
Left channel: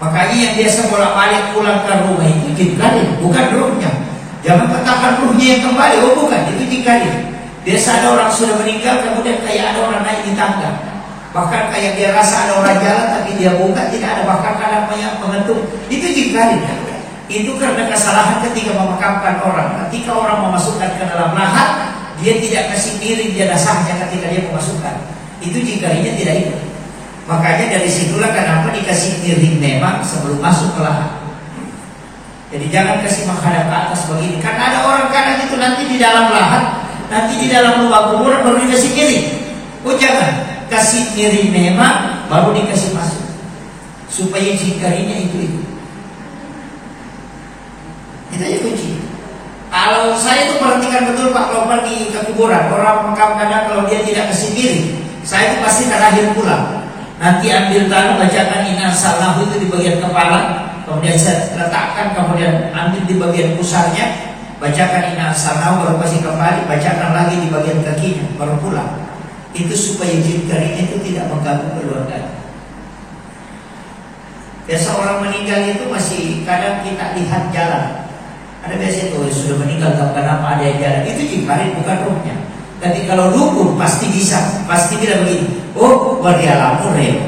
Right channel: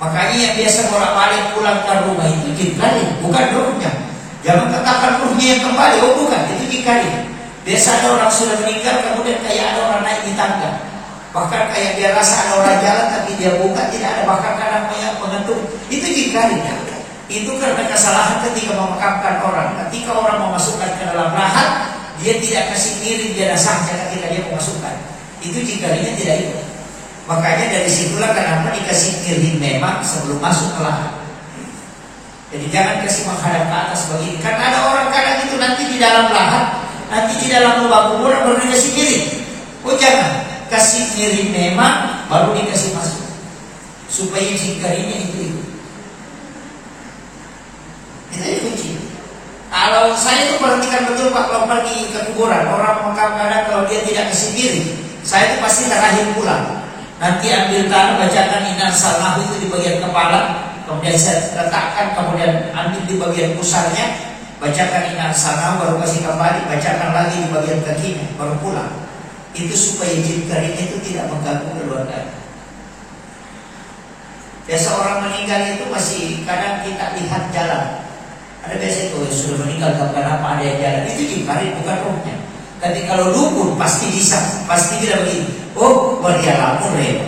Makanya yang biasa bolak-balik pulang ke rumah itu jin kadir, bukan ruhnya. Jangan katakan ruhnya yang kembali. Oh bukan, itu jin kadir. Biasa ada orang sudah meninggal, kemudian kayak ada orang naik di tangga. Bahkan kayak dia rasa ada orang jalan, tapi dia buka tidak ada. Bahkan kadang mengetuk. Itu jikari kan? Itu karena kesalahan ketika memakamkan orang. Ketika orang memasukkan ke dalam lahat, dia tidak kasih miring jenazahnya ketika dia memasukkan. Itu jikarinya tidak ikut. Makanya dari situlah kenapa dikasih miring memang sebelum masuk ke lahat. Jadi jangan kasih menghadap ke atas begini. Karena ada orang kadang itu nanti di dalam lahat, nanti di dalam lubang kuburan baru dikasih miring. Oh jangan, kasih miring memang baru dikasih masuk supaya jikarinya itu. Itu aja kunci. Kalau saya itu perhatikan betul Pak, kalau pergi ke kuburan orang makam kadang kalau dia tidak kasih miring, saya itu pasti terakhir pulang. Nanti ambil tanah, bacakan inna sallahu itu di bagian kepala, kemudian saya letakkan, kemudian ambil di bagian pusarnya, bacakan inna sallahu, baru kasih kembali, bacakan lagi di bagian kakinya, baru pulang. Itu supaya jin karinya itu tidak mengganggu keluarga. Biasa orang meninggal itu masih kadang kita lihat jalan. Ada biasa itu sudah meninggal kenapa ada yang jalan, itu jin kari bukan rohnya. Tapi kalau dukun pasti bisa, pasti bila begini. Oh, berdialamu re.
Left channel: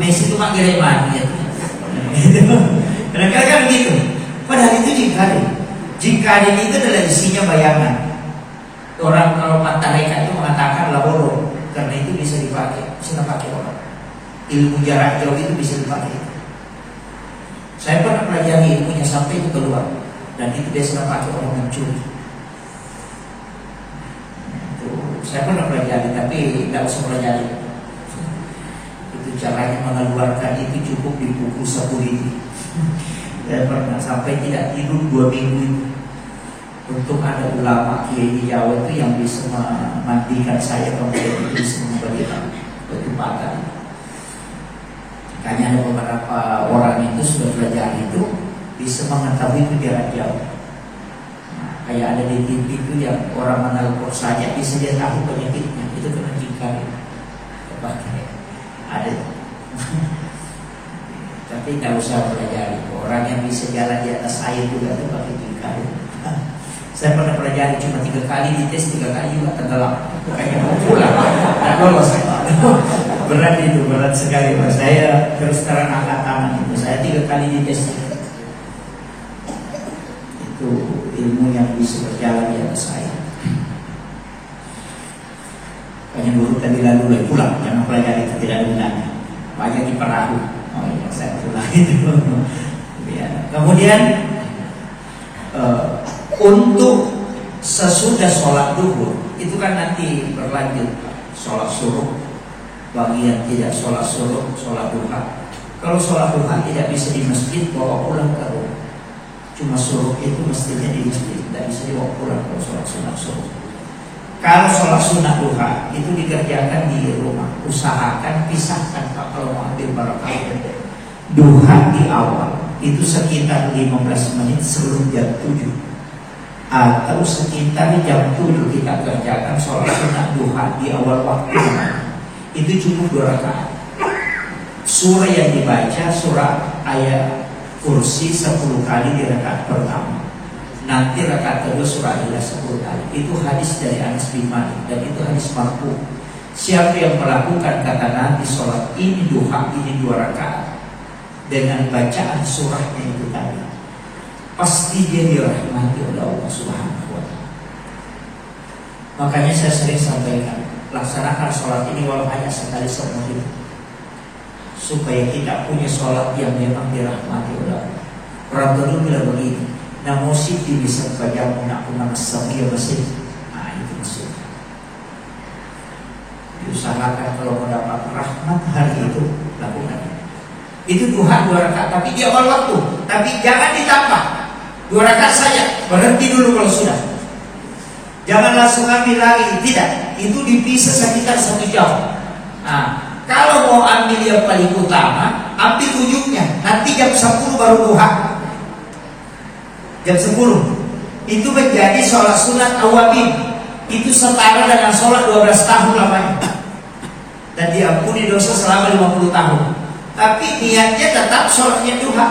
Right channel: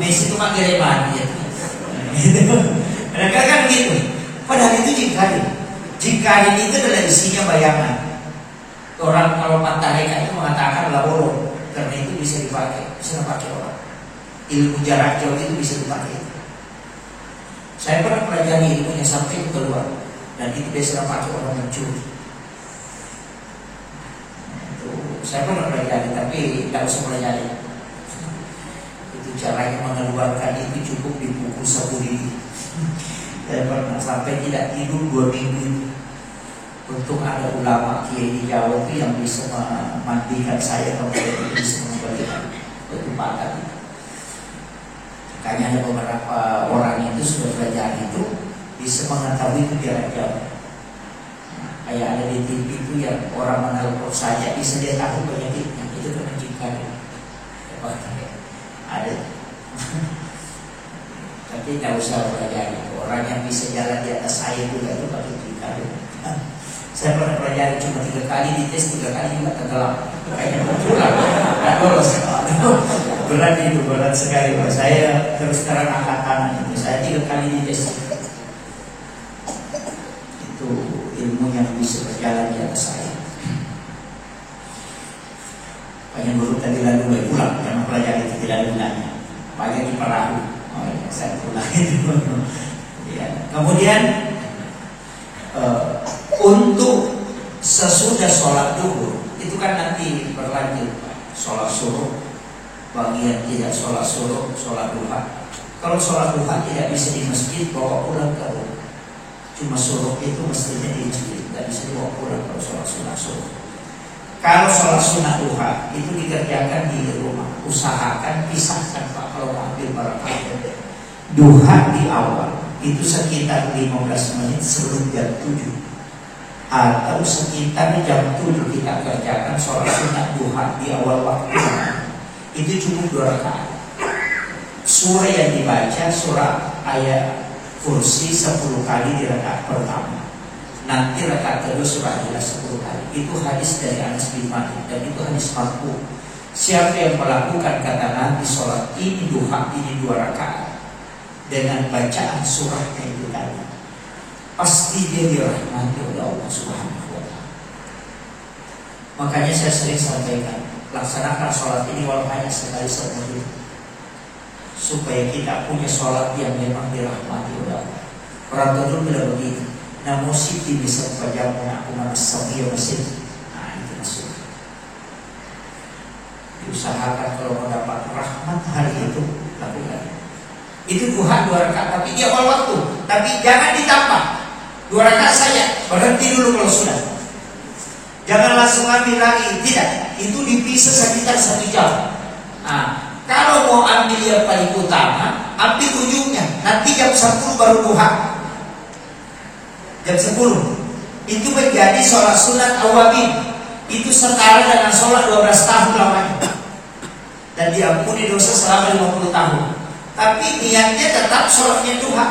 Messi itu manggil mati. Mereka kan gitu. Padahal itu jin kari. Jin kari itu adalah isinya bayangan. Orang kalau Pantareka itu mengatakan laborong, karena itu bisa dipakai orang. Ilmu jarak jauh itu bisa dipakai. Saya pernah pelajari ilmunya sampai keluar, dan itu biasa dipakai orang mencuri. Saya pernah pelajari, tapi tidak usah pelajari. Itu caranya mengeluarkan itu cukup dipukul 1 lidi. Saya pernah sampai tidak tidur 2 minggu itu. Untuk ada ulama kiai di Jawa itu yang bisa memandikan saya, kemudian bisa memberikan ketupatan. Makanya ada beberapa orang itu sudah belajar itu bisa mengetahui itu jarak jauh. Kayak ada di TV itu yang orang menelpon saja bisa dia tahu penyakitnya, itu kena jikari. Ada. Tapi tidak usah belajar. Orang yang bisa jalan di atas air juga itu pakai jikari. Saya pernah pelajari cuma 3 kali dites, 3 kali juga tenggelam. Kayaknya pulang, nggak lolos. Berat itu, berat sekali. Saya terus terang angkat tangan itu. Saya 3 kali dites. Itu ilmu yang bisa berjalan di atas air. Banyak dulu tadi lalu pulang, karena pelajari itu tidak ada gunanya. Banyak di perahu. Oh ya, saya pulang itu. Kemudian untuk sesudah sholat duhur itu kan nanti berlanjut sholat suruh, bagian tidak sholat suruh, sholat duha. Kalau sholat duha tidak bisa di masjid, bawa pulang ke rumah. Cuma suruh itu mestinya di masjid, tidak bisa dibawa pulang kalau sholat sunnah suruh. Kalau sholat sunnah duha itu dikerjakan di rumah. Usahakan pisahkan Pak kalau mau ambil barakah. Duha di awal itu sekitar 15 menit sebelum jam 7. Atau sekitar jam 7 kita kerjakan sholat sunnah duha di awal waktu. Itu cukup 2 rakaat. Surah yang dibaca surah ayat kursi 10 kali di rakaat pertama. Nanti rakaat kedua surah ayat 10 kali. Itu hadis dari Anas bin Malik dan itu hadis marfu. Siapa yang melakukan kata Nabi sholat ini duha ini 2 rakaat dengan bacaan surahnya itu tadi, pasti dia dirahmati oleh Allah Subhanahu wa Ta'ala. Makanya saya sering sampaikan, laksanakan sholat ini walau hanya sekali seumur hidup. supaya kita punya sholat yang memang dirahmati oleh Allah. Orang tua bilang begini, namun siti bisa pajamu aku menasami masih. Nah itu maksud. Diusahakan kalau mendapat rahmat hari itu lakukan. Itu duha 2 rakaat, tapi dia awal waktu. Tapi jangan ditambah 2 rakaat saja, berhenti dulu kalau sudah. Jangan langsung ambil lagi, tidak. Itu dipisah sekitar 1 jam. Nah, kalau mau ambil yang paling utama, ambil ujungnya. Nanti jam 10 baru duha. Jam 10 itu menjadi sholat sunat awabin. Itu setara dengan sholat 12 tahun lamanya, dan diampuni dosa selama 50 tahun. Tapi niatnya tetap sholatnya duha.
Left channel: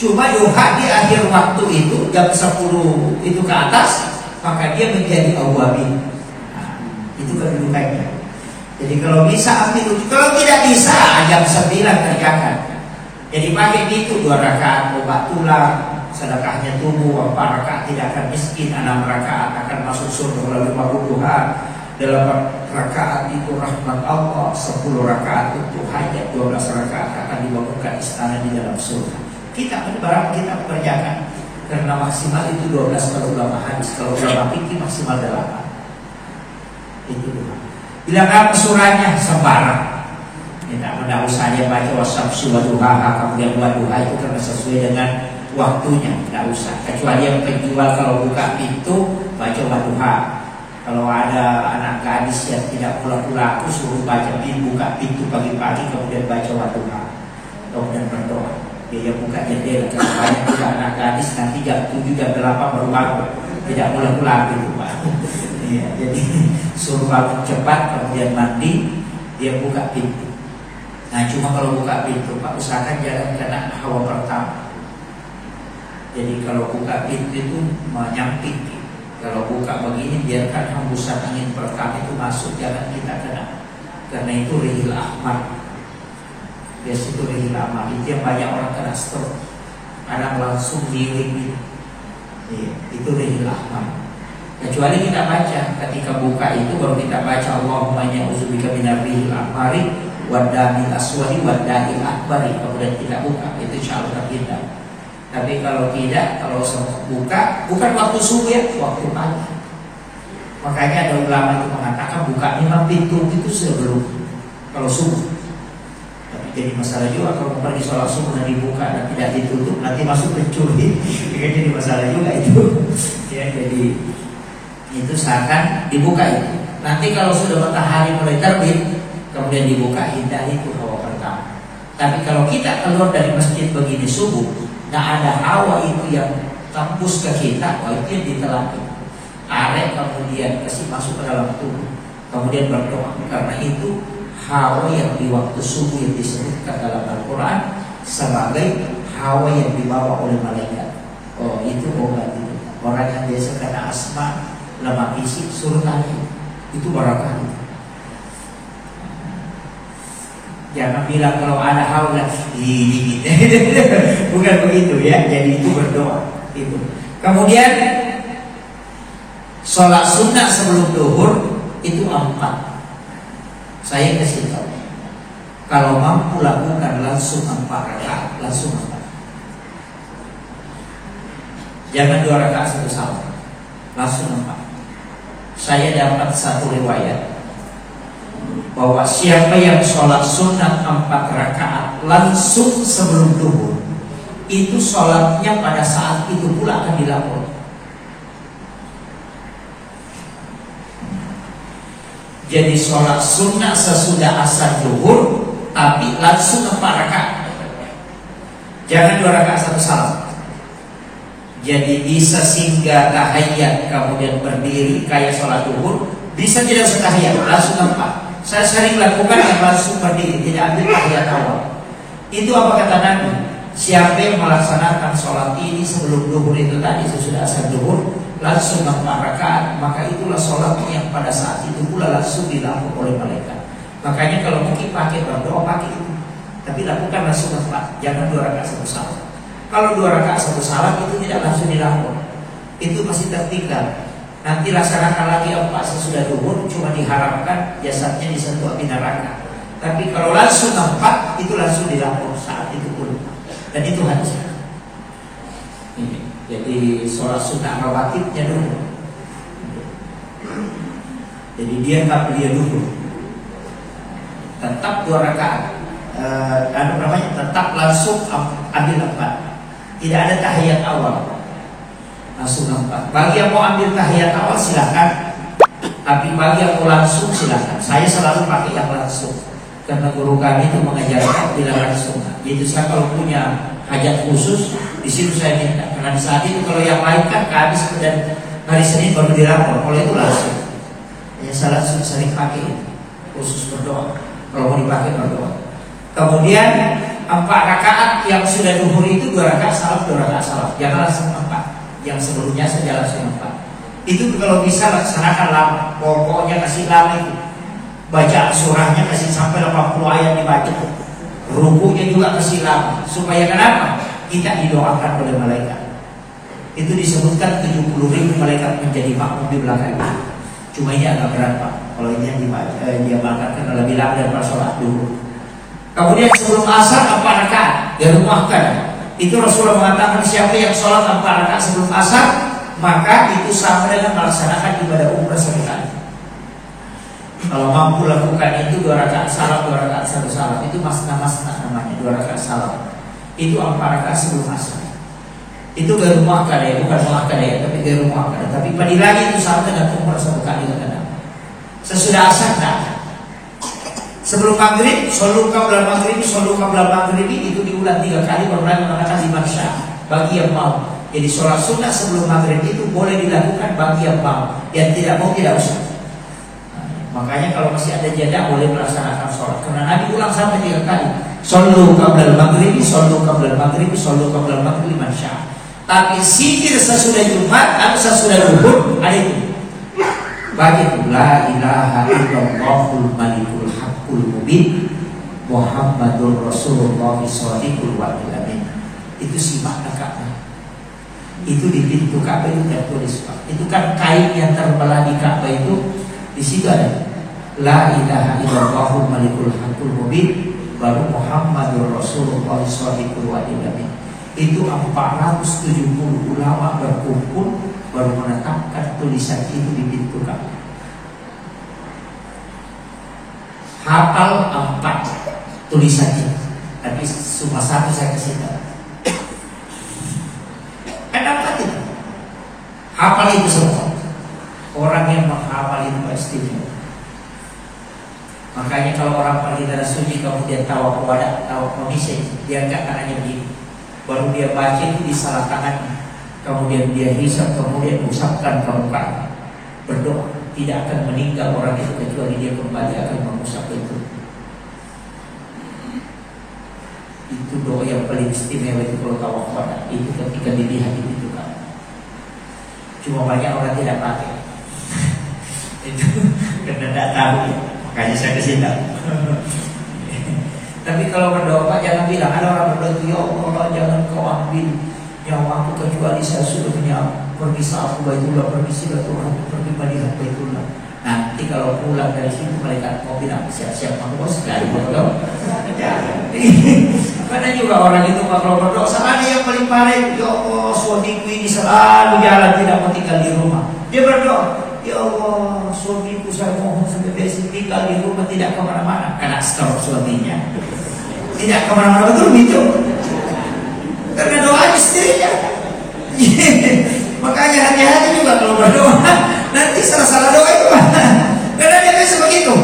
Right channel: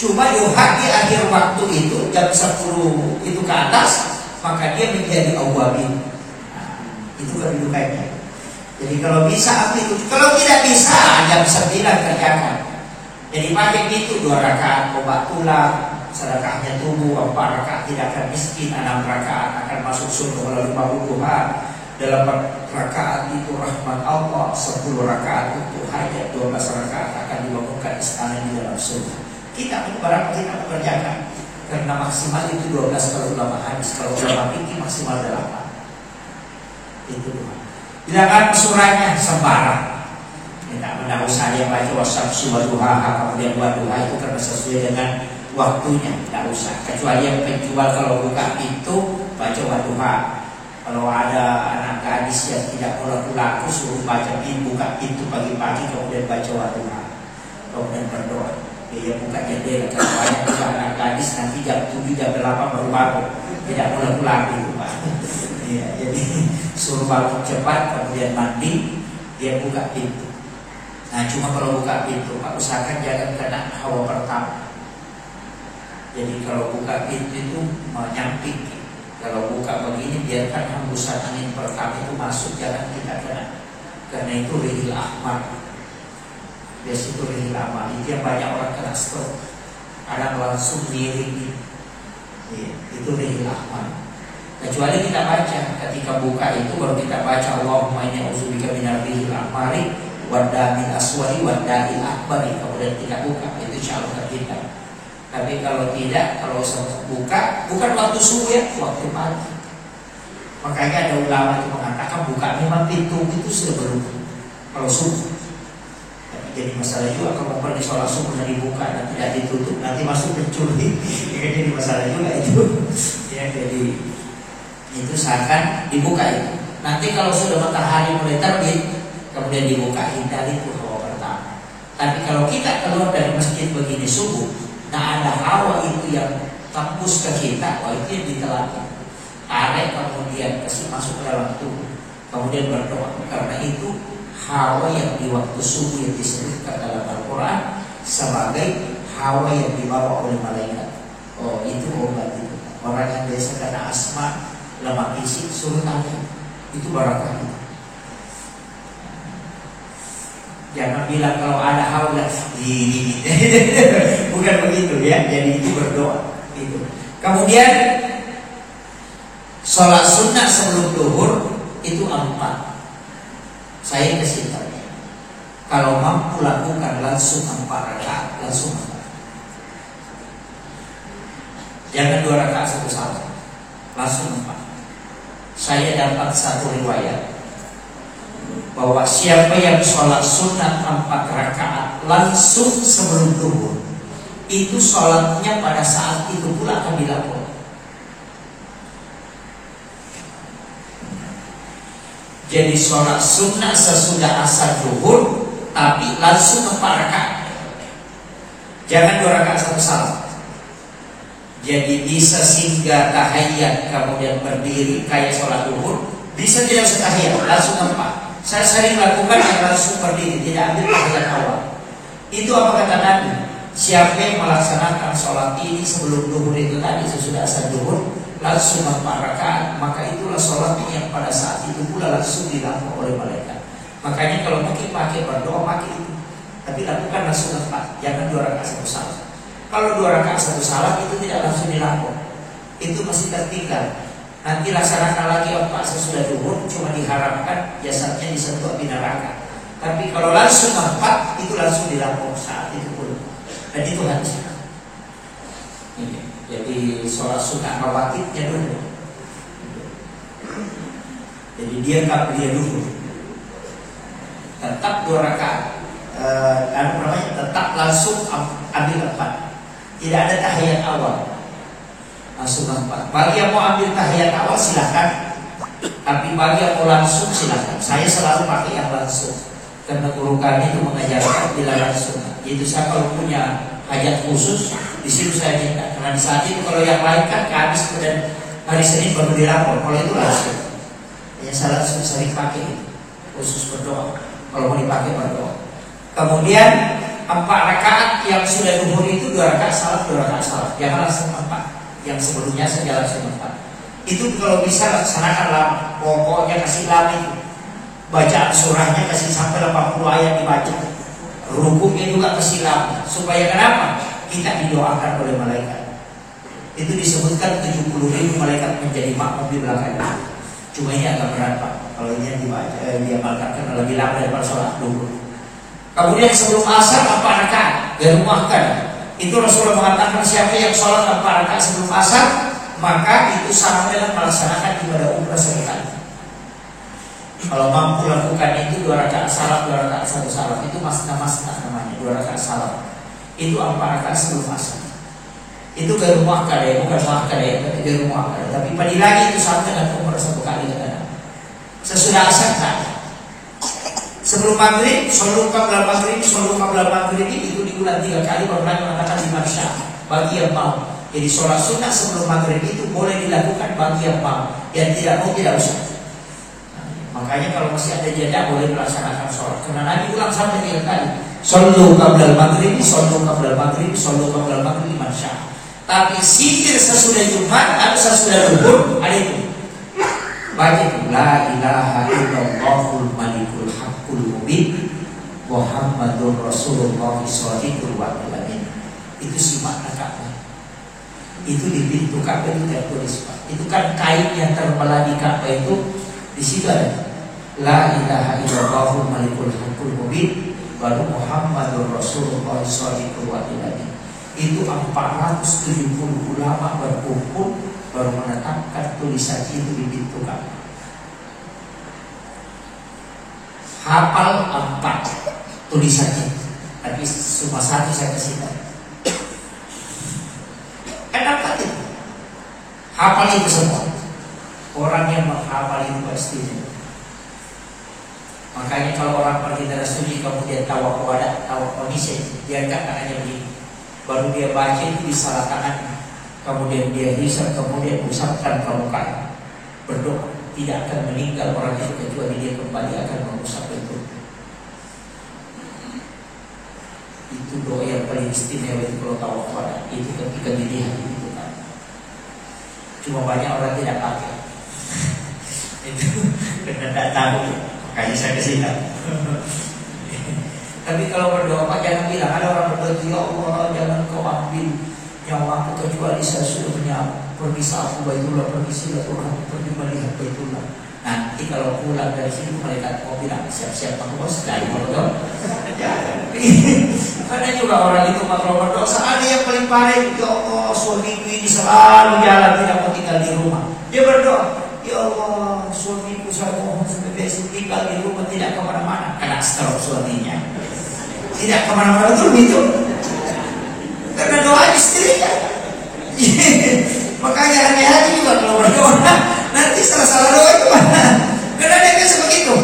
Cuma duha di akhir waktu itu jam 10 itu ke atas, maka dia menjadi awabin. Nah, itu kedudukannya. Jadi kalau bisa ambil, kalau tidak bisa jam 9 kerjakan. Jadi pakai itu 2 rakaat obat tulang, sedekahnya tubuh, 4 rakaat tidak akan miskin, 6 rakaat akan masuk surga melalui 50 hari. 8 rakaat itu rahmat Allah, 10 rakaat untuk hajat, 12 rakaat akan dibangunkan istana di dalam surga. Kita barang kita kerjakan, karena maksimal itu 12 kalau ulama hadis, kalau ulama fikih maksimal 8. Itu bila kan surahnya sembarang. Tidak usah dia baca wasyamsi waduhaha kemudian waduha itu karena sesuai dengan waktunya, tidak usah. Kecuali yang penjual kalau buka pintu baca waduha. Kalau ada anak gadis yang tidak laku suruh baca buka pintu pagi-pagi kemudian baca waduha, kemudian berdoa. Dia buka jendela, kalau banyak juga anak gadis nanti jam 7 jam 8 baru bangun, tidak laku itu Pak. Ya, jadi suruh bangun cepat kemudian mandi, dia buka pintu. Nah cuma kalau buka pintu Pak usahakan jangan kena hawa pertama. Jadi kalau buka pintu itu menyamping. Kalau buka begini biarkan hembusan angin pertama itu masuk, jangan kita kena. Karena itu rihil ahmad. Biasa itu rihil ahmad. Itu yang banyak orang kena stroke. Kadang langsung giring. Ya, itu rihil ahmad. Kecuali kita baca ketika buka itu baru kita baca Allahumma inni a'udzubika minar rihil ahmari wadamil aswadi wada'il akbari. Kemudian kita buka itu insyaallah kita. Tapi kalau tidak, kalau buka bukan waktu subuh ya, waktu pagi. Makanya ada ulama itu mengatakan buka memang pintu itu sebelum kalau subuh. Tapi jadi masalah juga kalau pergi sholat subuh dan dibuka dan tidak ditutup nanti masuk pencuri. Jadi masalah juga itu. Ya jadi itu seakan dibuka itu. Nanti kalau sudah matahari mulai terbit kemudian dibuka, hindari itu hawa pertama. Tapi kalau kita keluar dari masjid begini subuh, nah ada hawa itu yang tembus ke kita, wah itu yang ditelan. Arek kemudian kasih masuk ke dalam tubuh, kemudian berdoa. Karena itu hawa yang di waktu subuh yang disebutkan dalam Al-Quran sebagai hawa yang dibawa oleh malaikat. Oh itu obat itu. Orang yang biasa kena asma, lemak isi, suruh tanya. Itu barakah itu. Jangan bilang kalau ada hawa bukan begitu ya. Jadi itu berdoa itu. Kemudian sholat sunnah sebelum duhur itu 4. Saya kasih tahu. Kalau mampu lakukan langsung 4 rakaat, langsung 4. Jangan 2 rakaat 1 salam, langsung 4. Saya dapat satu riwayat bahwa siapa yang sholat sunnah 4 rakaat langsung sebelum duhur, itu sholatnya pada saat itu pula akan dilakukan. Jadi sholat sunnah sesudah asar duhur, tapi langsung 4 rakaat. Jangan 2 rakaat 1 salam. Jadi bisa singgah tahiyat kemudian berdiri kayak sholat duhur, bisa tidak usah tahiyat, langsung 4. Saya sering lakukan yang langsung berdiri, tidak ambil tahiyat awal. Itu apa kata Nabi? Siapa yang melaksanakan sholat ini sebelum duhur itu tadi, sesudah asar duhur, langsung 4 rakaat, maka itulah sholat yang pada saat itu pula langsung dilakukan oleh malaikat. Makanya kalau mungkin pakai berdoa pakai itu, tapi lakukan langsung 4, jangan 2 rakaat 1 salam. Kalau 2 rakaat 1 salam itu tidak langsung dilakukan, itu masih tertinggal. Nanti laksanakan lagi 4 sesudah duhur, cuma diharapkan jasadnya disentuh api neraka. Tapi kalau langsung 4 itu langsung dilapor saat itu pun. Dan itu hadis. Ini. Jadi sholat sunnah rawatibnya dulu. Jadi dia dulu. Tetap 2 rakaat. Tetap langsung ambil 4. Tidak ada tahiyat awal. Langsung 4. Bagi yang mau ambil tahiyat awal silahkan. Tapi bagi yang mau langsung silahkan. Saya selalu pakai yang langsung. Karena guru kami itu mengajarkan bila langsung. Jadi saya kalau punya hajat khusus di situ saya minta. Karena di saat itu kalau yang lain kan habis dan hari Senin baru dilapor. Kalau itu langsung. Ya saya langsung sering pakai itu. Khusus berdoa. Kalau mau dipakai berdoa. Kemudian 4 rakaat yang sudah duhur itu 2 rakaat salat, 2 rakaat salat. Jangan langsung 4. Yang sebelumnya saja langsung 4. Itu kalau bisa laksanakan lama. Pokoknya kasih lama itu. Bacaan surahnya kasih sampai 80 ayat dibaca. Rukuknya juga kasih lama. Supaya kenapa? Kita didoakan oleh malaikat. Itu disebutkan 70.000 malaikat menjadi makmum di belakangnya. Cuma ini agak berat Pak. Kalau ini yang dibaca, dia mengatakan lebih lama daripada sholat dulu. Kemudian sebelum asar 4 rakaat dirumahkan. Itu Rasulullah mengatakan siapa yang sholat 4 rakaat sebelum asar, maka itu sama dengan melaksanakan ibadah umrah sekali. Kalau mampu lakukan itu 2 rakaat salat, 2 rakaat 1 salat, itu masna namanya 2 rakaat salat. Itu 4 rakaat sebelum asar. Itu dari rumah kadang, bukan muakkad ya, tapi dari rumah kadang. Tapi pagi lagi itu sama dengan umrah 1 kali kadang. Sesudah asar tak. Sebelum maghrib, solu qabla maghrib itu diulang 3 kali baru Nabi mengatakan di maksya bagi yang mau. Jadi sholat sunnah sebelum maghrib itu boleh dilakukan bagi yang mau. Yang tidak mau tidak usah. Makanya kalau masih ada jeda boleh melaksanakan sholat. Karena Nabi ulang sampai 3 kali. Sallu qabla al-maghrib, sallu qabla al-maghrib, sallu qabla al-maghrib mansya. Tapi zikir sesudah Jumat atau sesudah Zuhur ada itu. Bagi la ilaha illallahul malikul haqqul mubin Muhammadur Rasulullah shadiqul wa'il amin. Itu simak Ka'bah. Itu di pintu Ka'bah itu tertulis Pak. Itu kan kain yang terbelah di Ka'bah itu. Di situ ada la ilaha illallahul malikul haqqul mubin baru Muhammadur Rasulullah shadiqul wa'il amin. Itu 470 ulama berkumpul baru menetapkan tulisan itu di pintu Ka'bah. Hafal 4 tulisannya. Tapi cuma 1 saya kasih tahu. Kenapa itu? Hafal itu semua. Orang yang menghafal itu pasti. Makanya kalau orang pergi darah suci kemudian tawakkul kondisi dia angkat tangannya begini. Baru dia baca itu di salah tangan. Kemudian dia hisap, kemudian usapkan ke muka. Berdoa, tidak akan meninggal orang itu kecuali dia kembali akan mengusap itu. Itu doa yang paling istimewa itu kalau tawakkul itu ketika dilihat itu kan. Cuma banyak orang tidak pakai. Itu karena tidak tahu ya. Makanya saya kasih tahu. Tapi kalau berdoa Pak jangan bilang ada orang berdoa ya Allah jangan kau ambil nyawa aku kecuali saya sudah punya pergi saat Baitullah, pergi silaturahmi, pergi melihat Baitullah. Nanti kalau pulang dari situ malaikat kau bilang siap-siap aku bos sekali berdoa. Karena juga orang itu kalau berdoa ada yang paling parah ya Allah suamiku ini selalu jalan tidak mau tinggal di rumah. Dia berdoa ya Allah suamiku saya mohon sampai besok tinggal di rumah tidak kemana-mana. Karena stroke suaminya tidak kemana-mana betul gitu. Karena doa istrinya. Makanya hati-hati juga kalau berdoa. Nanti salah-salah doa itu. Karena dia biasa begitu.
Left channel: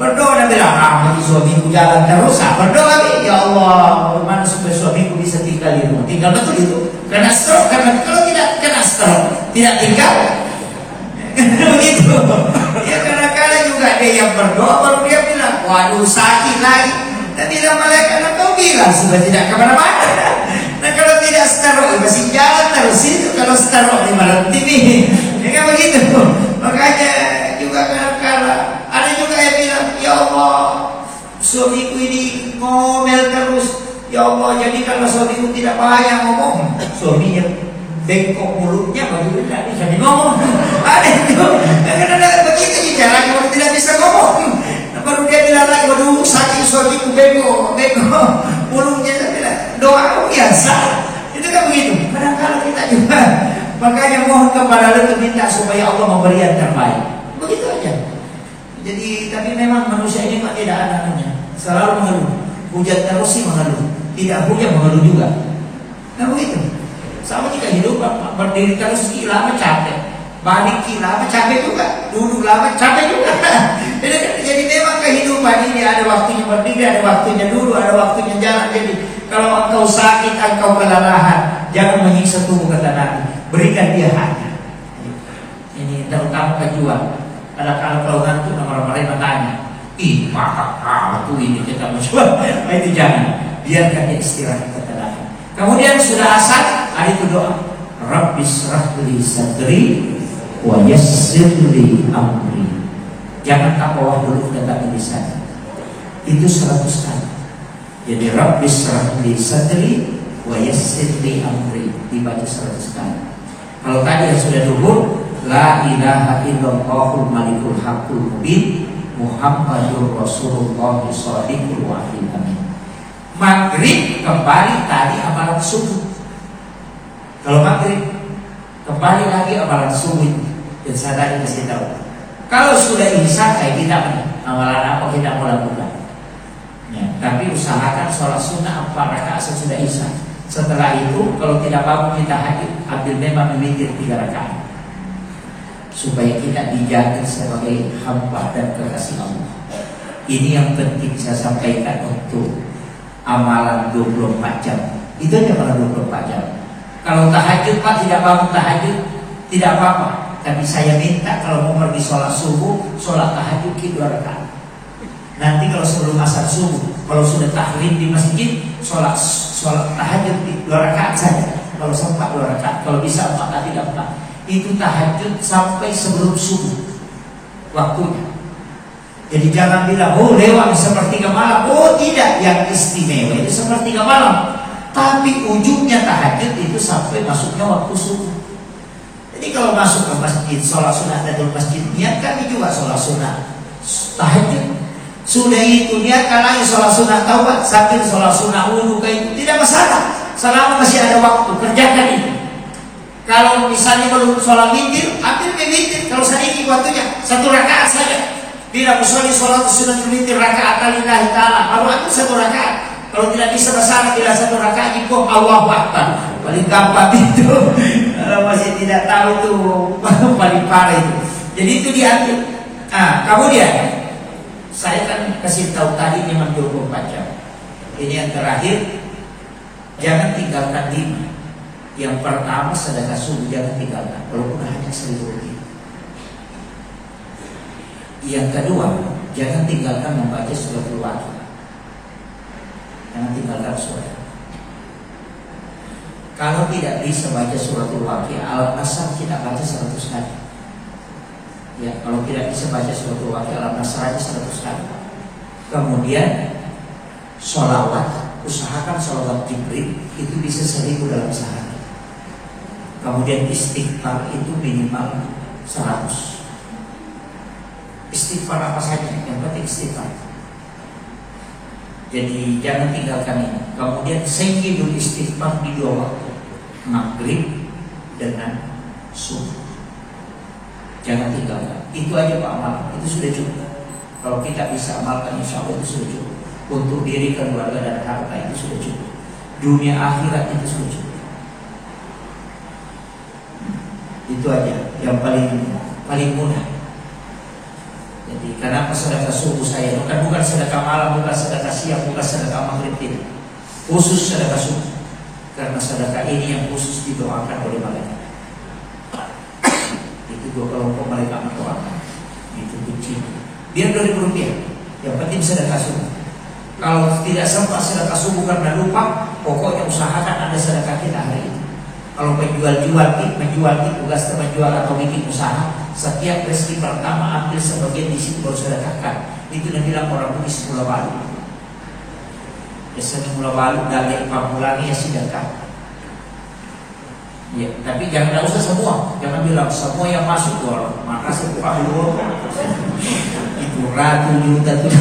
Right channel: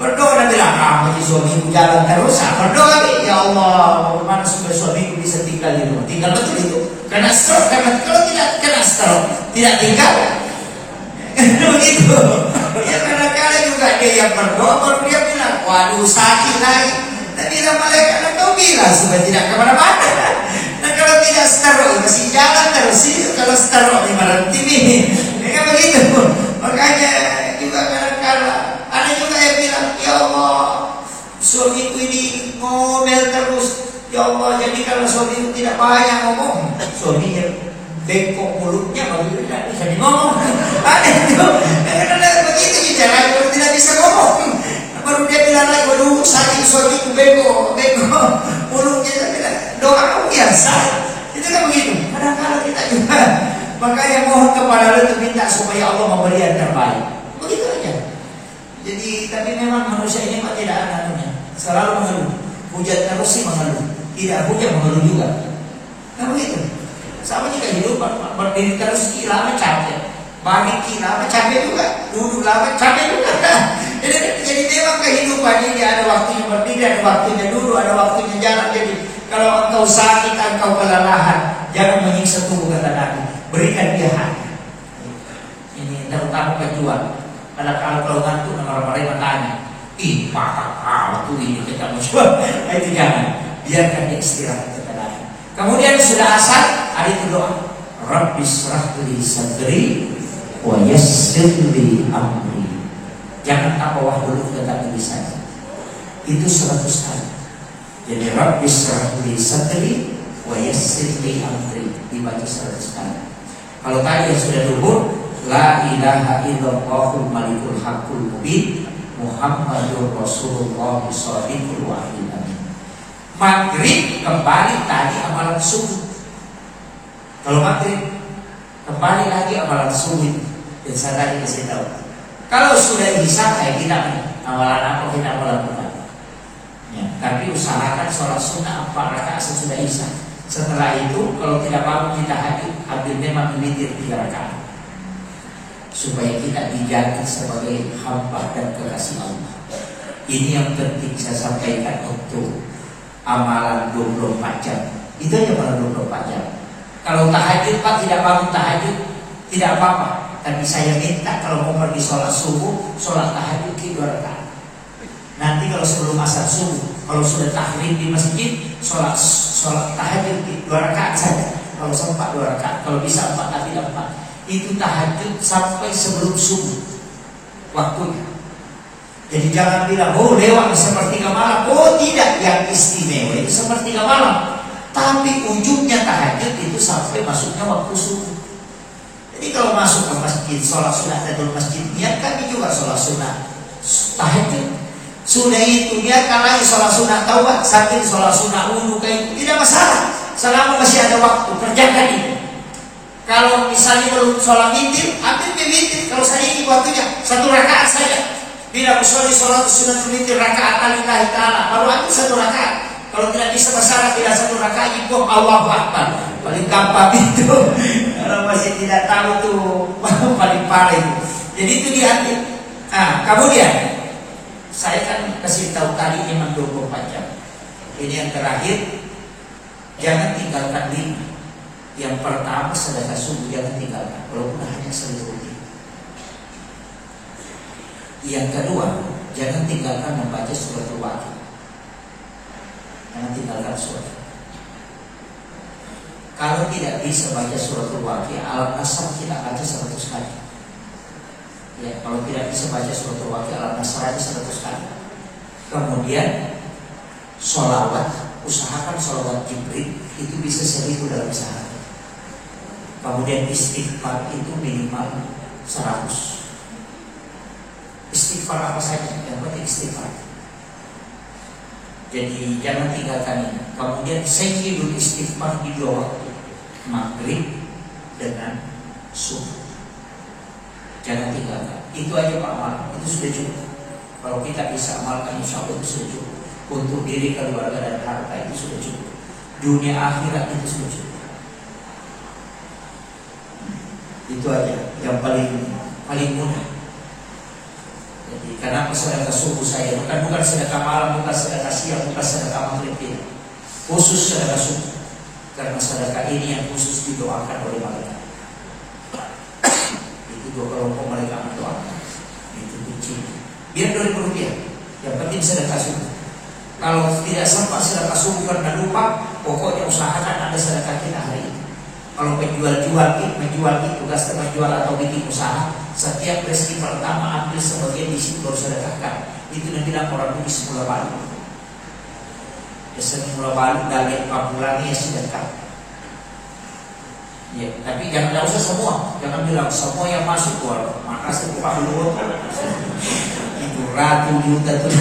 Berdoa dan bilang, bagi suamiku jalan terus. Berdoa nih, ya Allah, bagaimana supaya suamiku bisa tinggal di rumah. Tinggal betul itu. Karena stroke, karena kalau tidak kena stroke, tidak tinggal. Begitu. Ya kadang-kadang juga dia yang berdoa, baru dia bilang, waduh sakit lagi. Tadi dia malaikat kau bilang sudah tidak kemana-mana. Nah kalau tidak stroke, masih jalan terus. Kalau stroke di malam ini, ya begitu. Makanya juga kadang-kadang ada juga yang bilang, ya Allah, suamiku ini ngomel terus. Ya Allah, jadi kalau suamiku tidak bahaya ngomong, suaminya bengkok mulutnya bagaimana tidak bisa ngomong. Ada itu, kadang-kadang begitu caranya baru tidak bisa ngomong. Baru dia bilang lagi, waduh sakit lagi soal itu bego mulutnya doa biasa. Itu kan begitu. Kadang-kadang kita juga makanya mohon kepada Allah untuk minta supaya Allah memberi yang terbaik. Begitu aja. Jadi tapi memang manusia ini tidak ada namanya. Selalu mengeluh. Hujan terus sih mengeluh. Tidak hujan mengeluh juga. Nah begitu. Sama juga hidup berdiri terus lama capek. Balik lama capek juga. Duduk lama capek juga. Jadi memang kehidupan ini ada waktunya berdiri, ada waktunya dulu, ada waktunya jalan. Jadi kalau engkau sakit, engkau kelelahan, jangan menyiksa tubuh kata Nabi. Berikan dia hati. Ini terutama pejuang. Kalau kau ngantuk, orang-orang tanya, ih maka kau ini kita menjual. Itu jangan. Biarkan dia istirahat kata Nabi. Kemudian sudah asar, ada itu doa. Rabbi shrah li sadri wa yassir li amri. Jangan tak bawah dulu kata lisan. Itu 100 kali. Jadi Rabbi shrah li sadri wa yassir li amri dibaca 100 kali. Kalau tadi yang sudah dulu la ilaha illallahul malikul haqqul mubin Muhammadur Rasulullah shadiqul wa'id amin. Maghrib kembali tadi amalan subuh. Kalau maghrib kembali lagi amalan subuh. Dan saya tadi kasih tahu. Kalau sudah isya kayak kita amalan apa kita mau lakukan? Ya, tapi usahakan sholat sunnah 4 rakaat sesudah isya. Setelah itu kalau tidak bangun kita hadir, ambil memang witir 3 rakaat. Supaya kita dijaga sebagai hamba dan kekasih Allah. Ini yang penting saya sampaikan untuk amalan 24 jam. Itu hanya pada 24 jam. Kalau tahajud Pak tidak bangun tahajud, tidak apa-apa. Tapi saya minta kalau mau pergi sholat subuh, sholat tahajud 2 rakaat. Nanti kalau sebelum asar subuh, kalau sudah tahrim di masjid, sholat tahajud 2 rakaat saja. Kalau sempat 2 rakaat, kalau bisa 4 tapi 4. Itu tahajud sampai sebelum subuh waktunya. Jadi jangan bilang, oh lewat sepertiga malam. Oh tidak, yang istimewa itu sepertiga malam. Tapi ujungnya tahajud itu sampai masuknya waktu subuh. Jadi kalau masuk ke masjid, sholat sunnah tahiyatul masjid, niatkan juga sholat sunnah tahajud. Sudah itu niatkan lagi sholat sunnah taubat, sambil sholat sunnah wudu itu tidak masalah. Selama masih ada waktu, kerjakan itu. Kalau misalnya belum sholat witir, ambil witir. Kalau saya ini waktunya 1 rakaat saja. Bila misalnya sholat sunnah witir rakaat lillahi ta'ala, baru ambil 1 rakaat. Kalau tidak bisa masalah, bila 1 rakaat itu Allahu Akbar. Paling gampang itu. Kalau masih tidak tahu itu paling parah itu. Jadi itu diambil. Nah, kemudian saya kan kasih tahu tadi memang 24 jam. Ini yang terakhir, jangan tinggalkan 5. Yang pertama sedekah subuh jangan tinggalkan, walaupun hanya 1.000 rupiah. Yang kedua, jangan tinggalkan membaca surat Al-Waqiah. Jangan tinggalkan surat. Kalau tidak bisa baca surat Al-Waqiah, Al-Nasr kita baca 100 kali. Ya, kalau tidak bisa baca surat Al-Waqiah, Al-Nasr aja 100 kali. Kemudian sholawat, usahakan sholawat Jibril itu bisa 1000 dalam sehari. Kemudian istighfar itu minimal 100. Istighfar apa saja, yang penting istighfar. Jadi jangan tinggalkan ini. Kemudian sengkidul istighfar di 2 waktu, maghrib dengan subuh. Jangan tinggalkan. Itu aja Pak amal, itu sudah cukup. Kalau kita bisa amalkan insya Allah itu sudah cukup. Untuk diri, keluarga dan harta itu sudah cukup. Dunia akhirat itu sudah cukup. Itu aja yang paling mudah. Jadi kenapa sedekah subuh saya bukan sedekah malam, bukan sedekah siang, bukan sedekah maghrib, tidak. Khusus sedekah subuh. Karena sedekah ini yang khusus didoakan oleh malaikat. Itu 2 kelompok malaikat mendoakan. Itu kecil. Biar 2.000 rupiah. Yang penting sedekah subuh. Kalau tidak sempat sedekah subuh karena lupa, pokoknya usahakan ada sedekah kita hari ini. Kalau menjual tugas menjual atau bikin usaha, setiap rezeki pertama ambil sebagian di situ baru sedekahkan. Itu yang bilang orang Buddhis mula balik. Biasanya mula balik dari 4 bulan ya sedekah. Ya, tapi jangan usah semua. Jangan bilang semua yang masuk tuh makasih Pak dulu. Itu juta tuh.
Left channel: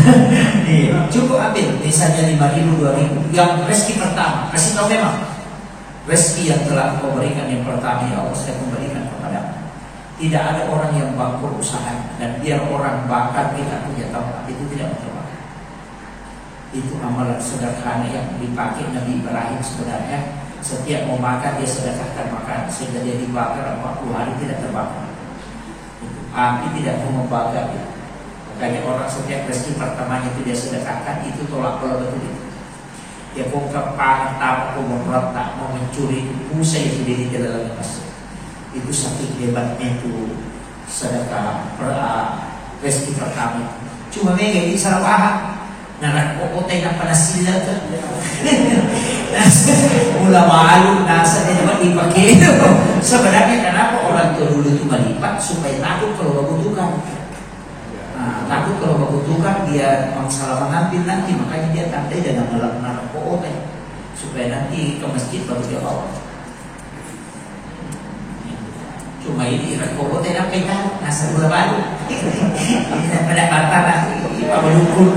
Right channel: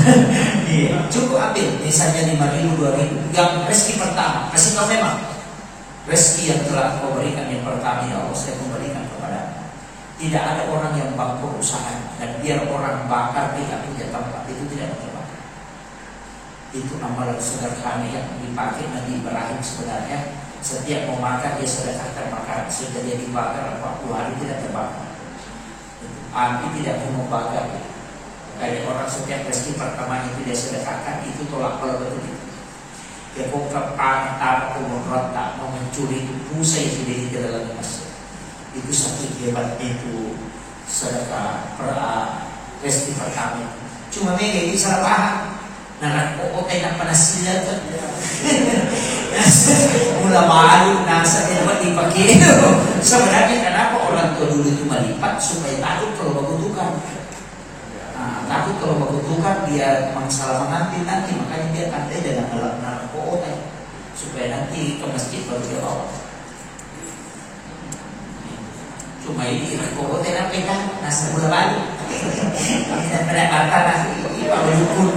Iya. Cukup ambil misalnya 5.000, 2.000 yang rezeki pertama. Kasih tahu memang rezeki yang telah kau berikan yang pertama ya Allah saya kembalikan kepada. Tidak ada orang yang bangkrut usaha dan biar orang bakar tidak punya tempat itu tidak terbakar. Itu amalan sederhana yang dipakai Nabi Ibrahim sebenarnya. Setiap mau makan dia sedekahkan makan sehingga dia dibakar 40 hari tidak terbakar. Api tidak mau membakar. Kayak orang setiap rezeki pertamanya itu dia sedekahkan itu tolak pula betul itu. Dia buka pantat, mau merontak, mau mencuri itu pusai sendiri ke dalam masjid. Itu saking hebatnya itu sedekah rezeki pertama. Cuma mereka bisa paham. Nah, kok tengah penasihat kan? Mula malu nasa dapat dipakai. Sebenarnya kenapa orang tua dulu itu melipat supaya takut kalau membutuhkan. Nah, takut kalau membutuhkan dia salah mengambil nanti makanya dia tandai dan menolak kota supaya nanti ke masjid baru dia bawa. Cuma ini kok tidak pegang nasa bola baru. Tidak pada bapak nanti kalau dukun.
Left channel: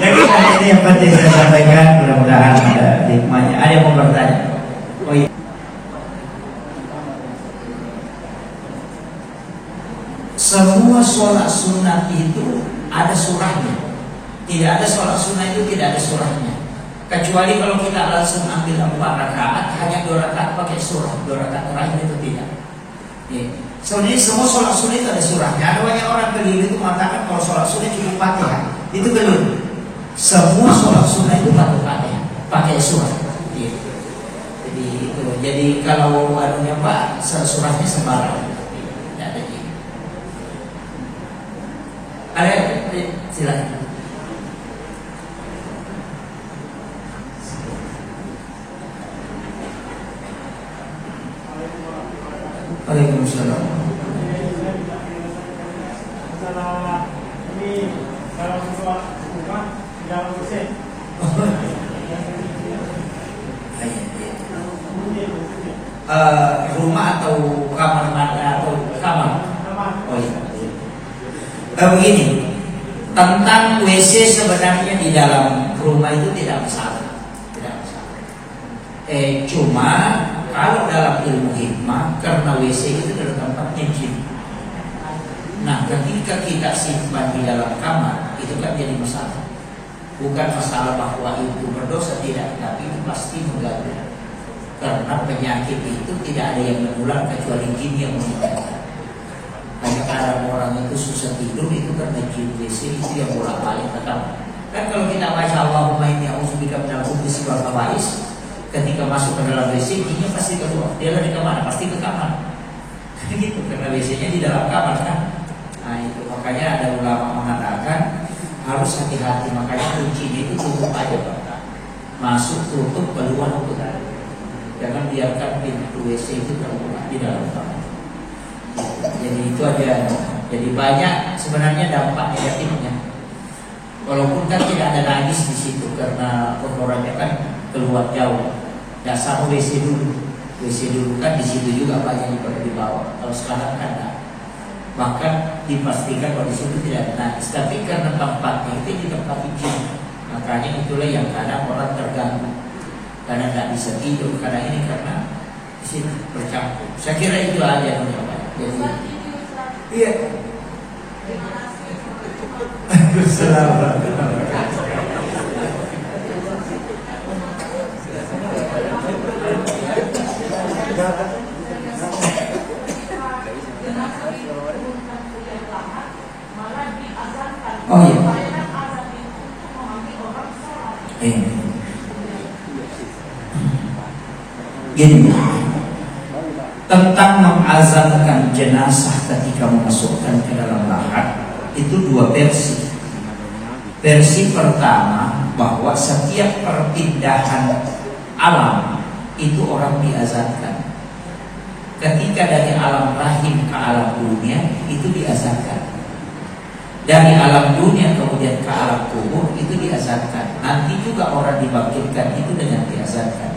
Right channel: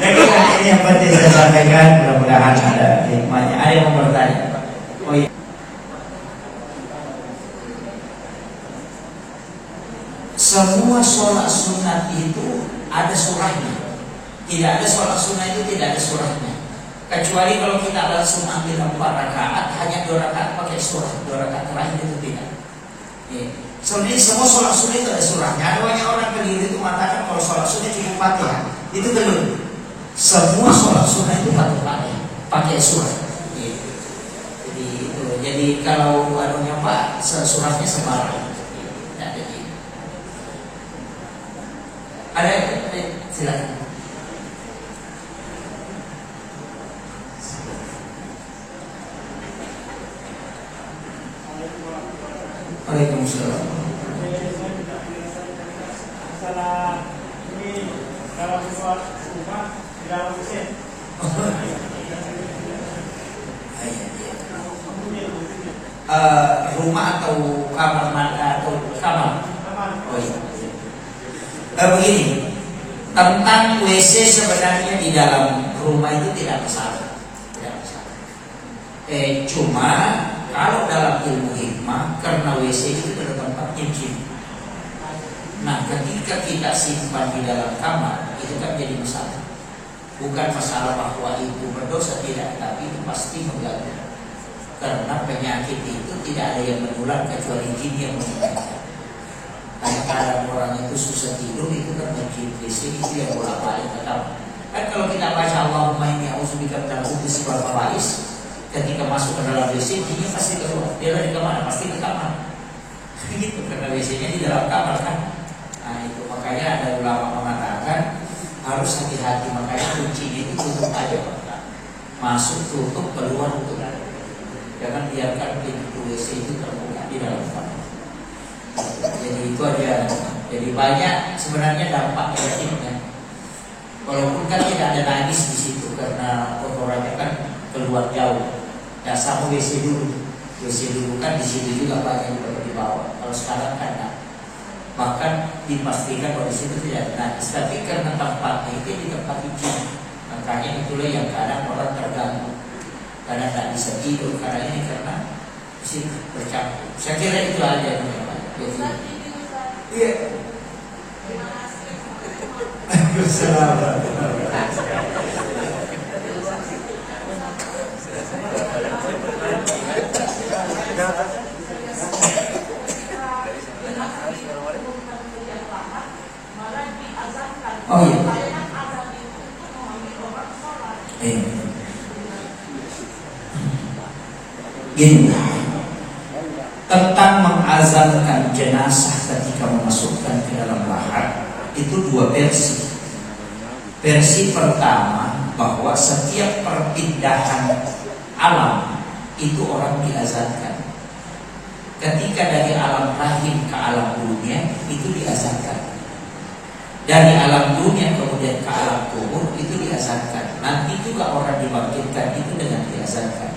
Jadi ini yang penting saya sampaikan, mudah-mudahan ada hikmahnya. Ada yang mau bertanya? Oh iya. Semua sholat sunnah itu ada surahnya. Tidak ada sholat sunnah itu tidak ada surahnya. Kecuali kalau kita langsung ambil 4 rakaat, hanya 2 rakaat pakai surah, 2 rakaat terakhir itu tidak. Sebenarnya semua sholat sunnah itu ada surahnya. Ada banyak orang keliru itu mengatakan kalau sholat sunnah cuma Fatihah, itu keliru. Semua sholat sunnah itu pakai surah. Jadi kalau anunya Pak, surahnya sembarang. Ada silakan. Waalaikumsalam. Masalah ini dalam sholat rumah di dalam mesin. Rumah atau kamar mana atau kamar? Oh iya. Begini, tentang WC sebenarnya di dalam rumah itu tidak masalah, tidak masalah. Cuma kalau dalam ilmu hikmah karena WC itu adalah tempatnya jin. Nah, ketika kita simpan di dalam kamar itu kan jadi masalah. Bukan masalah bahwa itu berdosa tidak, tapi itu pasti mengganggu. Karena penyakit itu tidak ada yang menular kecuali jin yang menyebabkan. Karena kadang orang itu susah tidur itu karena jin WC itu yang bolak-balik ke kamar. Kan kalau kita baca Allahumma inni a'udzubika minal khubuthi wal khaba'is, ketika masuk ke dalam WC jinnya pasti keluar. Dia lari ke mana? Pasti ke kamar. Gitu karena WC-nya di dalam kamar kan. Nah itu makanya ada ulama mengatakan harus hati-hati, makanya kuncinya itu tutup aja Pak. Masuk tutup keluar tutup. Jangan biarkan pintu WC itu terbuka di dalam kamar. Jadi itu aja. Jadi banyak sebenarnya dampak negatifnya. Walaupun kan tidak ada najis di situ karena kotorannya kan keluar jauh. Ya sama WC dulu. WC dulu kan di sini juga banyak yang perlu dibawa. Kalau sekarang kan ada. Bahkan dipastikan bahwa di situ tidak ada najis. Tapi karena tempatnya itu di tempat izin, makanya itulah yang kadang orang terganggu. Karena tidak bisa tidur karena ini karena di sini bercampur. Saya kira itu aja yang iya. Oh iya. Gini, tentang mengazankan jenazah ketika memasukkan ke dalam lahat itu 2 versi. Versi pertama bahwa setiap perpindahan alam itu orang diazankan. Ketika dari alam rahim ke alam dunia itu diazankan. Dari alam dunia kemudian ke alam kubur itu diazankan. Nanti juga orang dibangkitkan itu dengan diazankan.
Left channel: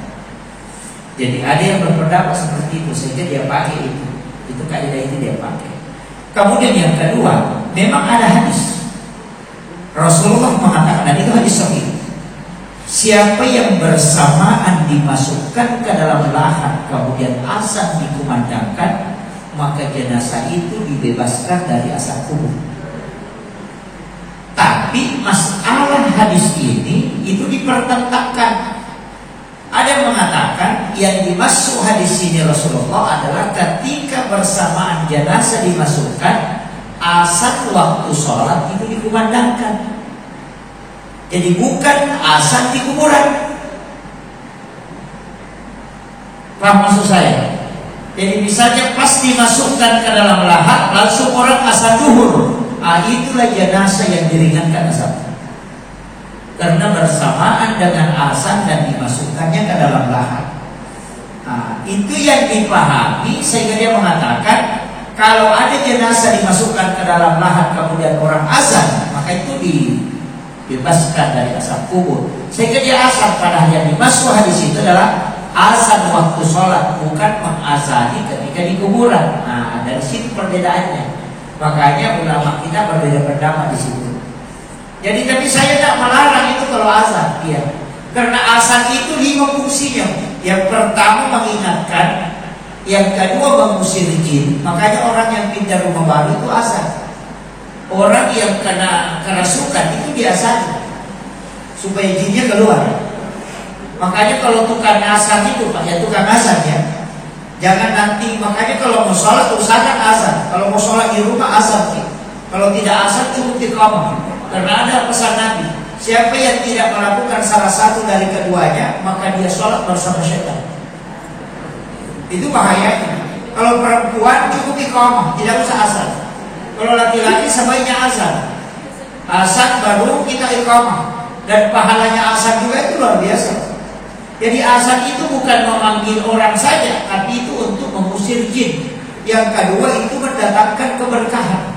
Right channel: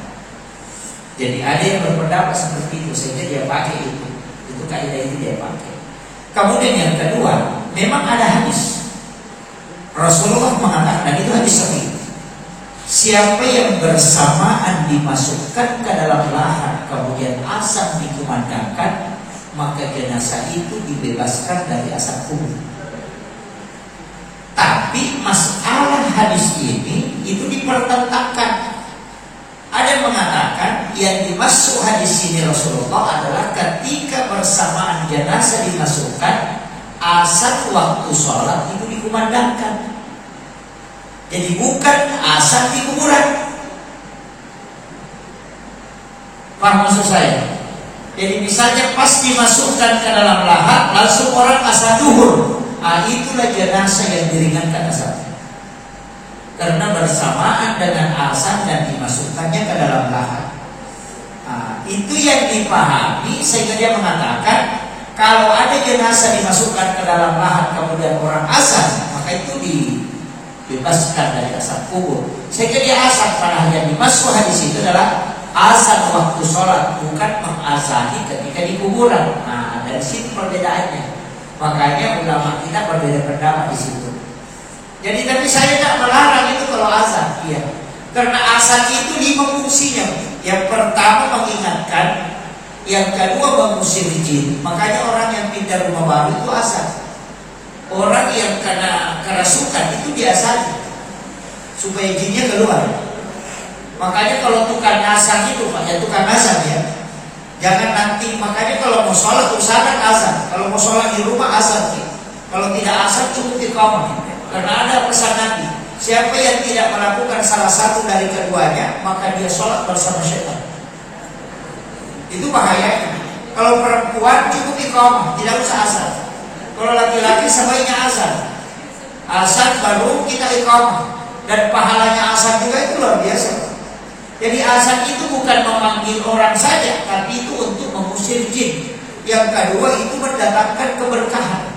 Jadi ada yang berpendapat seperti itu sehingga dia pakai itu kaidah itu dia pakai. Kemudian yang kedua, memang ada hadis Rasulullah mengatakan, dan itu hadis sahih, siapa yang bersamaan dimasukkan ke dalam lahat kemudian azan dikumandangkan, maka jenazah itu dibebaskan dari azab kubur. Tapi masalah hadis ini itu dipertentangkan. Ada yang mengatakan yang dimaksud hadis ini Rasulullah adalah ketika bersamaan jenazah dimasukkan, azan waktu sholat itu dikumandangkan. Jadi bukan azan di kuburan. Paham maksud saya? Jadi misalnya pas dimasukkan ke dalam lahat langsung orang azan zuhur, itulah jenazah yang diringankan azabnya. Karena bersamaan dengan azan dan dimasukkannya ke dalam lahat. Itu yang dipahami sehingga dia mengatakan kalau ada jenazah dimasukkan ke dalam lahat kemudian orang azan, maka itu dibebaskan dari azab kubur. Sehingga dia azan, padahal yang dimaksud hadis itu adalah azan waktu sholat, bukan mengazani ketika di kuburan. Dari situ perbedaannya. Makanya ulama kita berbeda pendapat di situ. Jadi tapi saya tidak melarang itu kalau azan, iya. Karena azan itu 5 fungsinya. Yang pertama mengingatkan, yang kedua mengusir jin. Makanya orang yang pindah rumah baru itu azan. Orang yang kena kerasukan itu diazani supaya jinnya keluar. Makanya kalau tukang azan itu, ya tukang azan ya, jangan nanti. Makanya kalau mau sholat usahakan azan. Kalau mau sholat di rumah azan. Kalau tidak azan cukup iqamah. Karena ada pesan Nabi, siapa yang tidak melakukan salah satu dari keduanya, maka dia sholat bersama syaitan. Itu bahayanya. Kalau perempuan cukup iqamah, tidak usah azan. Kalau laki-laki sebaiknya azan. Azan baru kita iqamah. Dan pahalanya azan juga itu luar biasa. Jadi azan itu bukan memanggil orang saja, tapi itu untuk mengusir jin. Yang kedua itu mendatangkan keberkahan.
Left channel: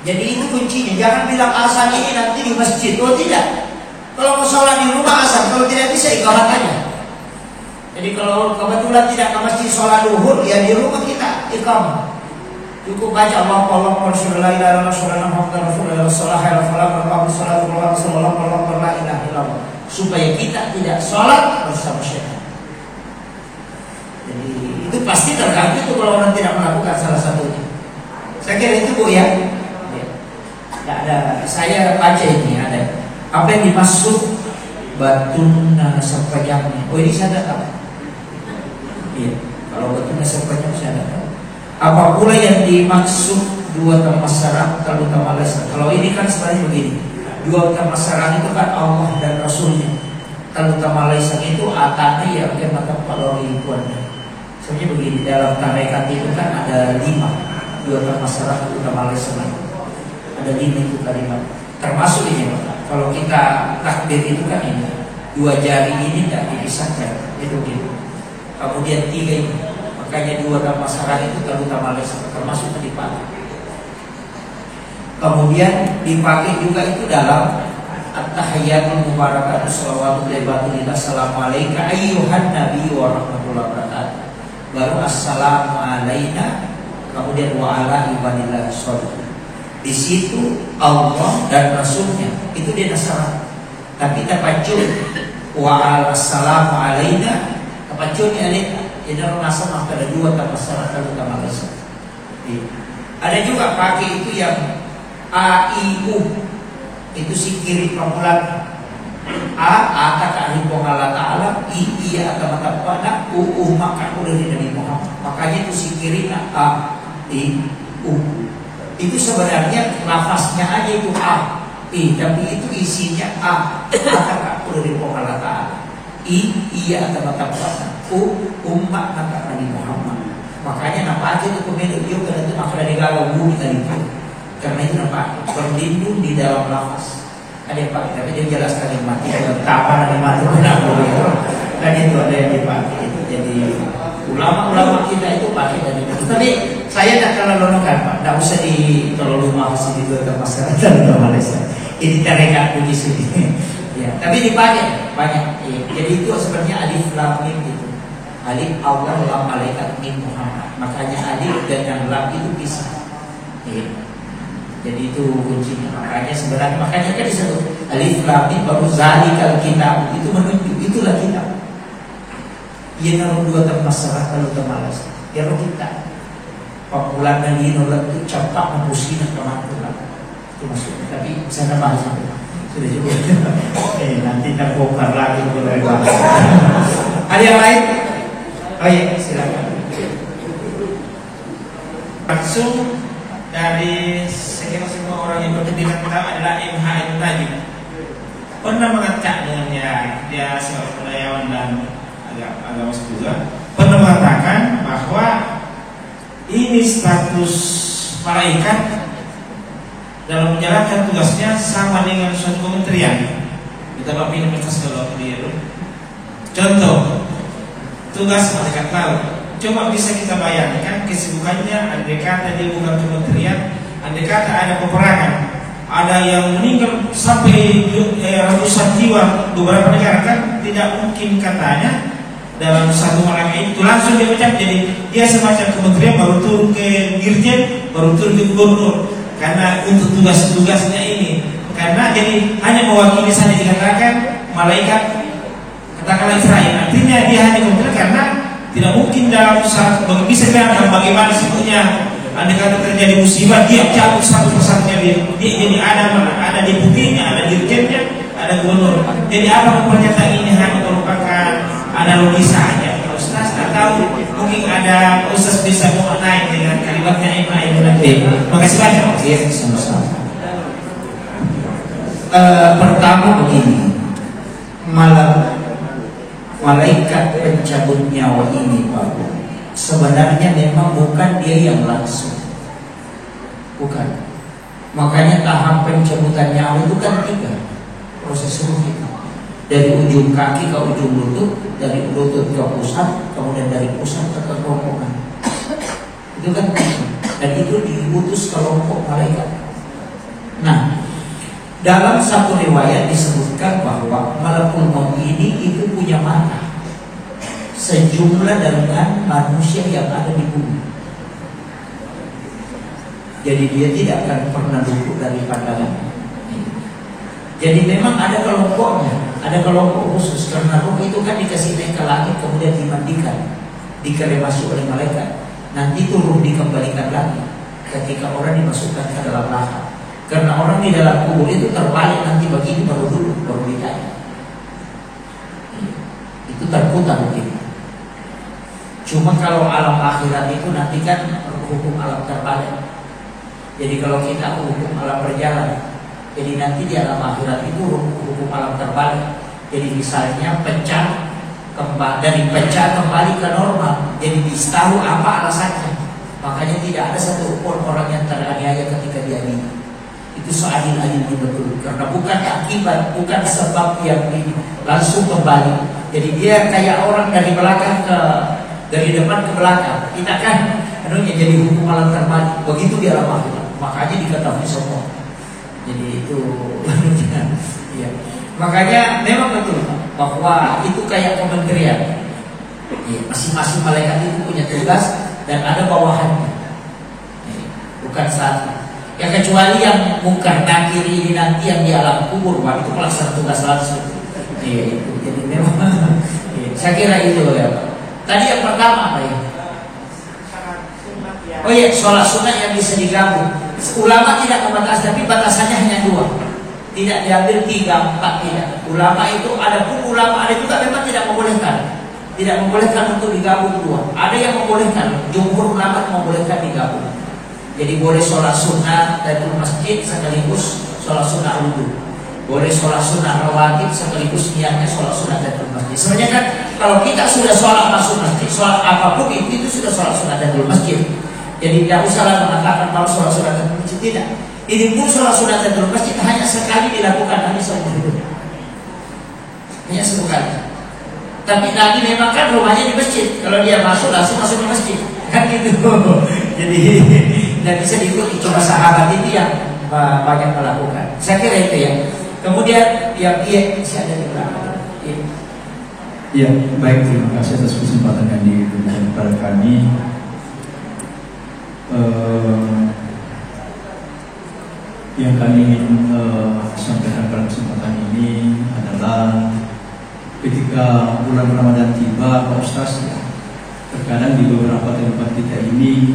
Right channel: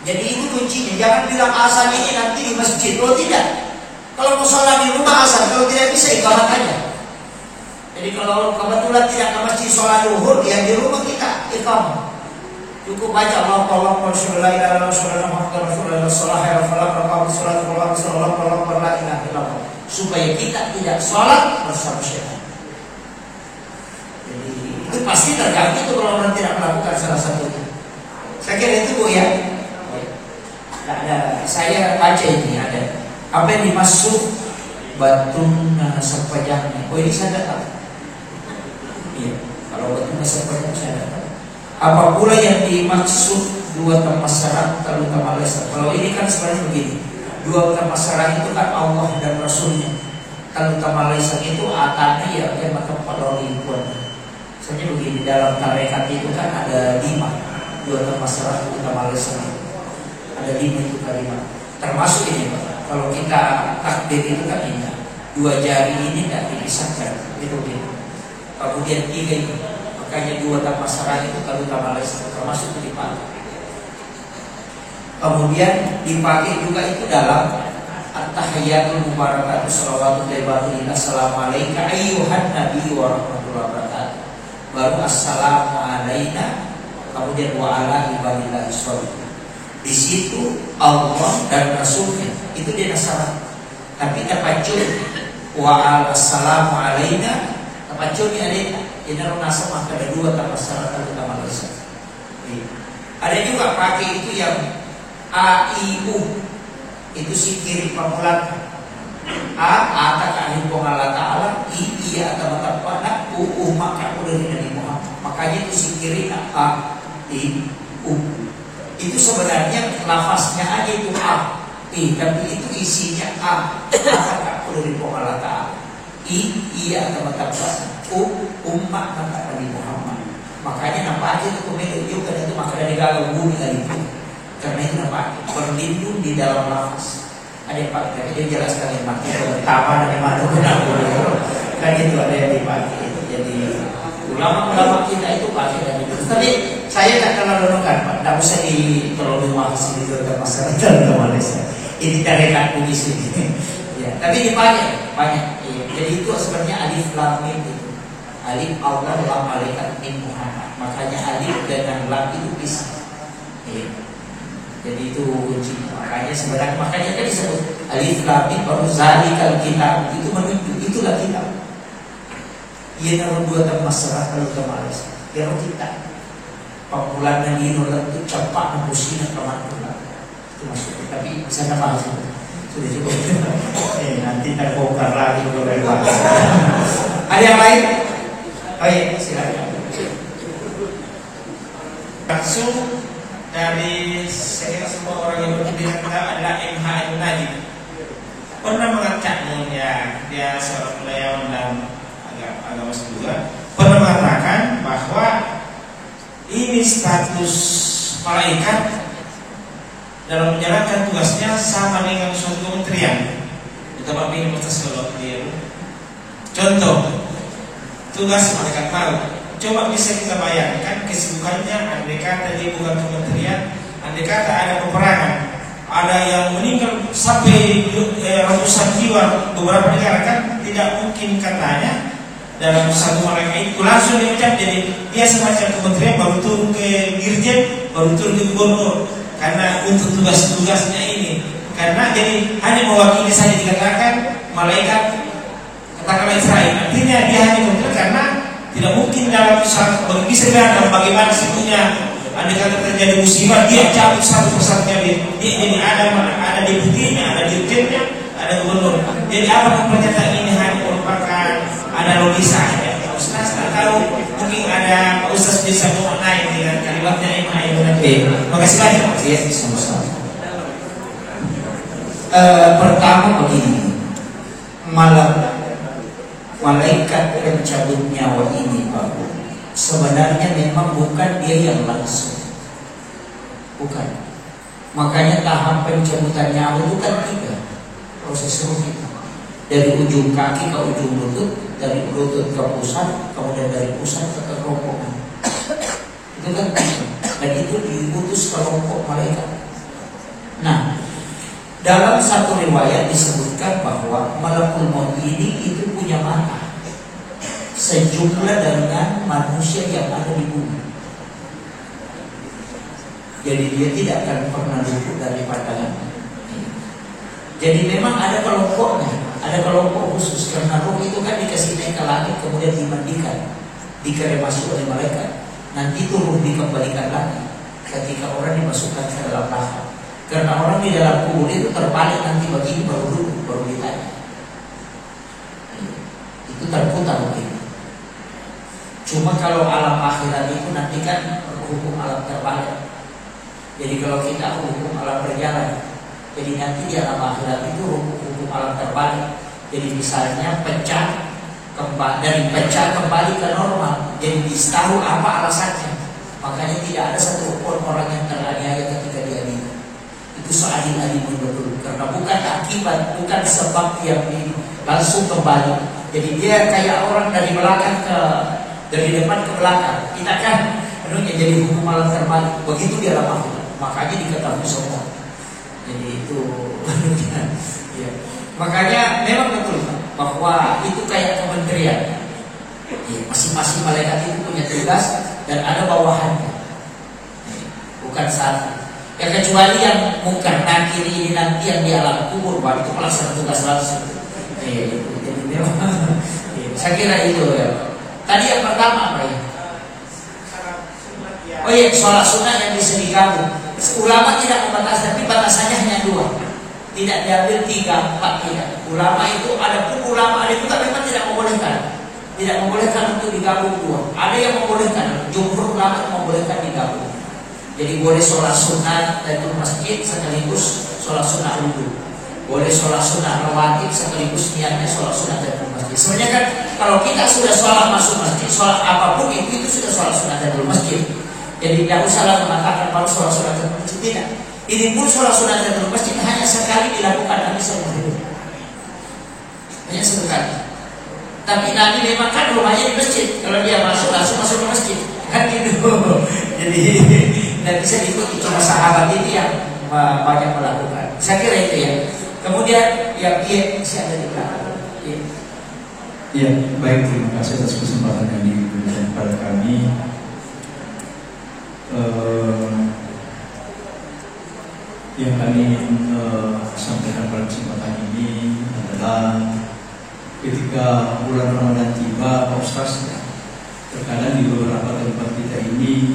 Jadi itu kuncinya. Jangan bilang azan ini nanti di masjid. Oh tidak. Kalau mau sholat di rumah azan, kalau tidak bisa iqamat aja. Jadi kalau kebetulan tidak ke masjid sholat duhur, ya di rumah kita iqamat. Cukup baca Allahu Rasulullah la ilaha illallah supaya kita tidak sholat bersama syaitan. Jadi itu pasti tergantung itu kalau orang tidak melakukan salah satunya. Saya kira itu Bu ya. Ada, saya baca ini ada apa yang dimaksud batun sepajangnya. Oh ini saya tahu. Iya, kalau batun sepajang saya tahu. Apa pula yang dimaksud dua tempat sarang terutama lesan? Kalau ini kan sebenarnya begini, dua tempat sarang itu kan Allah dan Rasulnya. Terutama lesan itu atanya ya akan tempat lori tuannya. Sebenarnya begini, dalam tarekat itu kan ada 5 dua tempat sarang terutama lesan. Ada 5 itu kalimat. Termasuk ini Pak. Kalau kita takbir itu kan ini 2 jari ini tidak dipisahkan. Itu gitu. Kemudian 3 ini. Makanya 2 masalah itu terutama termasuk dipakai. Kemudian dipakai juga itu dalam at-tahiyyatul mubarakatuh shalawatullahi wa assalamu alayka ayyuhan nabi wa rahmatullahi wa barakatuh. Baru assalamu alayna, kemudian wa ala ibadillahi sholihin. Di situ Allah dan Rasulnya itu dia nasalah. Tapi terpacu wa assalamu alayna, terpacunya ini orang nasab maka ada 2 masalah terutama lesan. Ada juga pakai itu yang A-I-U, itu si kiri pemulaan. A kata ahli Allah Ta'ala, I iya kata mata U maka udah dari Muhammad. Makanya itu si kiri A-I-U. Itu sebenarnya lafaznya aja itu A, tapi itu isinya A kata dari Allah Ta'ala. I iya kata mata umat kata Nabi Muhammad. Makanya nama aja itu pemilik juga itu maka dari galau bumi dari itu. Karena itu nama berlindung di dalam lafaz. Ada yang pakai, tapi dia jelaskan yang mati. Kapan ada yang mati kenapa begitu? Dan itu ada yang dipakai itu. Jadi ulama-ulama kita itu pakai dari itu. Tapi saya tak terlalu nongkan Pak. Tak usah terlalu mahas video termasalah dan Malaysia. Ini tarekat di sini. Ya, tapi dipakai banyak. Jadi itu sebenarnya alif lam mim itu. Alif Allah, lam malaikat, mim Muhammad. Makanya alif dan lam itu bisa. Ya. Jadi itu kuncinya. Makanya sebenarnya kan disebut alif lam mim baru zalikal kitab, itu menunjuk itulah kitab. Ia naruh dua termasalah kalau termalas. Dia kita pamulan yang ini itu cepat mempusinya kemantulan. Itu maksudnya. Tapi sana bahas sudah cukup. Nanti terbongkar lagi mulai bahas. Ada yang lain? Oh iya, silakan. Langsung dari saya semua orang yang berkepentingan kita adalah MHM tadi pernah mengatakannya, dia seorang budayawan dan agama juga pernah mengatakan bahwa ini status malaikat dalam menjalankan tugasnya sama dengan suatu kementerian. Kita begini bekas kalau dia. Contoh tugas malaikat laut. Coba bisa kita bayangkan kesibukannya. Andai kata dia bukan kementerian, andai kata ada peperangan, ada yang meninggal sampai ratusan jiwa beberapa negara, kan tidak mungkin katanya dalam satu malaikat itu langsung diucap. Jadi dia semacam kementerian baru turun ke dirjen, baru turun ke gubernur. Karena untuk tugas-tugasnya ini, karena jadi hanya mewakili saja dikatakan malaikat katakanlah Israel. Artinya dia hanya kementerian karena tidak mungkin dalam bisa dilakukan bagaimana sebetulnya. Andai kata terjadi musibah, dia cabut satu persatu. Dia jadi ada deputinya, ada dirjennya, ada gubernur. Jadi apa pernyataan ini hanya merupakan analogi saja. Ustaz tak tahu, mungkin ada Ustaz bisa mengenai dengan kalimatnya ini. Makasih banyak. Iya, sama-sama. Pertama begini, malaikat pencabut nyawa ini, Pak, sebenarnya memang bukan dia yang langsung, bukan. Makanya tahap pencabutan nyawa itu kan 3 proses ruh itu. Dari ujung kaki ke ujung lutut, dari lutut ke pusat, kemudian dari pusat ke kerongkongan. Itu kan, dan itu diutus kelompok malaikat. Nah, dalam satu riwayat disebutkan bahwa malakul maut ini itu punya mata sejumlah dengan manusia yang ada di bumi. Jadi dia tidak akan pernah luput dari pandangan. Jadi memang ada kelompoknya, ada kelompok khusus. Karena ruh itu kan dikasih naik ke langit, kemudian dimandikan, dikremasi oleh malaikat. Nanti itu ruh dikembalikan lagi ketika orang dimasukkan ke dalam lahat. Karena orang di dalam kubur itu terbalik nanti begini baru duduk, baru ditanya. Itu terputar begini. Cuma kalau alam akhirat itu nanti kan hukum alam terbalik. Jadi kalau kita hukum alam berjalan, jadi nanti di alam akhirat itu hukum alam terbalik. Jadi misalnya pecah kembali ke normal. Jadi tahu apa alasannya. Makanya tidak ada satu pun orang yang teraniaya ketika dia meninggal. Itu seadil-adilnya betul. Karena bukan akibat, bukan sebab yang ini langsung kembali. Jadi dia kayak orang dari depan ke belakang. Kita kan jadi hukum alam terbalik. Begitu dia alam akhirat. Makanya diketahui semua. Jadi itu ya. Makanya memang betul bahwa itu kayak kementerian. Ya, masing-masing malaikat itu punya tugas dan ada bawahannya. Bukan satu. Ya kecuali yang mungkar nakir ini nanti yang di alam kubur, baru itu pelaksana tugas langsung. Ya, itu memang. Ya, saya kira itu ya. Tadi yang pertama apa ya? Oh iya, sholat sunnah yang bisa digabung. Ulama tidak membatasi, tapi batasannya hanya 2. Tidak diambil 3, 4, tidak. Ulama itu ada pun ulama ada juga memang tidak membolehkan. Tidak membolehkan untuk digabung 2. Ada yang membolehkan, jumhur ulama membolehkan digabung. Jadi boleh sholat sunnah dari masjid sekaligus sholat sunnah wudhu. Boleh sholat sunnah rawatib sekaligus niatnya sholat sunnah dari masjid. Sebenarnya kan kalau kita sudah sholat masuk masjid, sholat apapun itu sudah sholat sunnah dari masjid. Jadi tidak usah mengatakan kalau sholat sunnah dari masjid, tidak. Ini pun sholat sunnah dari masjid hanya sekali dilakukan, hanya seumur hidup. Hanya sekali. Tapi Nabi memang kan rumahnya di masjid. Kalau dia masuk langsung masuk ke masjid, kan gitu. Jadi tidak bisa diikuti. Cuma sahabat ini yang banyak melakukan. Saya kira itu ya. Kemudian yang dia masih ada di belakang. Ya, baik, terima kasih atas kesempatan yang diberikan kepada kami. Yang kami ingin sampaikan pada kesempatan ini adalah ketika bulan Ramadan tiba, Pak Ustaz, terkadang di beberapa tempat kita ini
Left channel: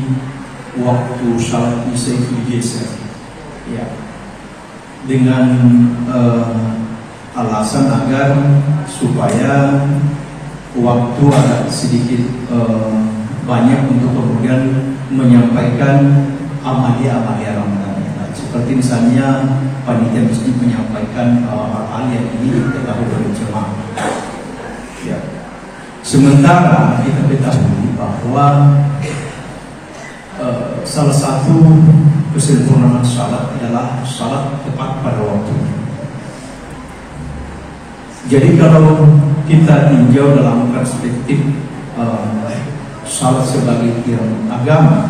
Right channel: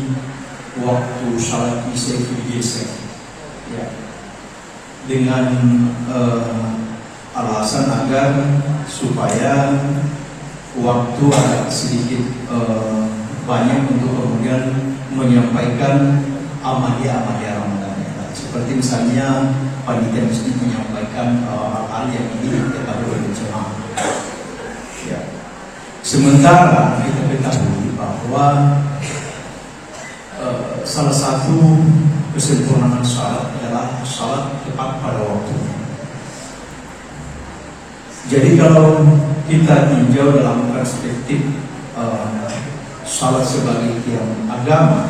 waktu salat Isya itu digeser, ya, dengan alasan agar supaya waktu agak sedikit banyak untuk kemudian menyampaikan amalia-amalia Ramadan. Seperti misalnya panitia masjid menyampaikan hal-hal yang ini kita berjamaah. Ya. Sementara kita ketahui bahwa salah satu kesempurnaan salat adalah salat tepat pada waktu. Jadi kalau kita tinjau dalam perspektif salat sebagai tiang agama,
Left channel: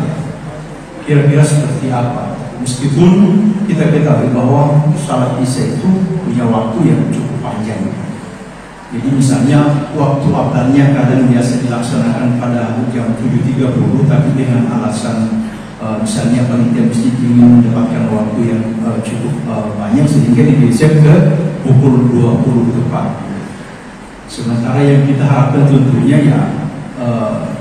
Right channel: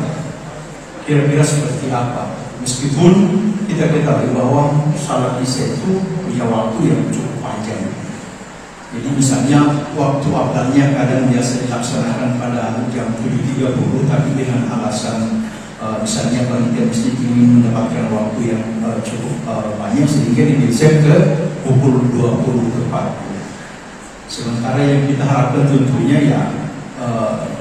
kira-kira seperti apa? Meskipun kita ketahui bahwa salat Isya itu punya waktu yang cukup panjang. Jadi misalnya waktu awalnya kadang biasa dilaksanakan pada jam 7.30, tapi dengan alasan misalnya panitia masjid ingin mendapatkan waktu yang cukup banyak sehingga digeser ke pukul 20 tepat. Sementara yang kita harapkan tentunya ya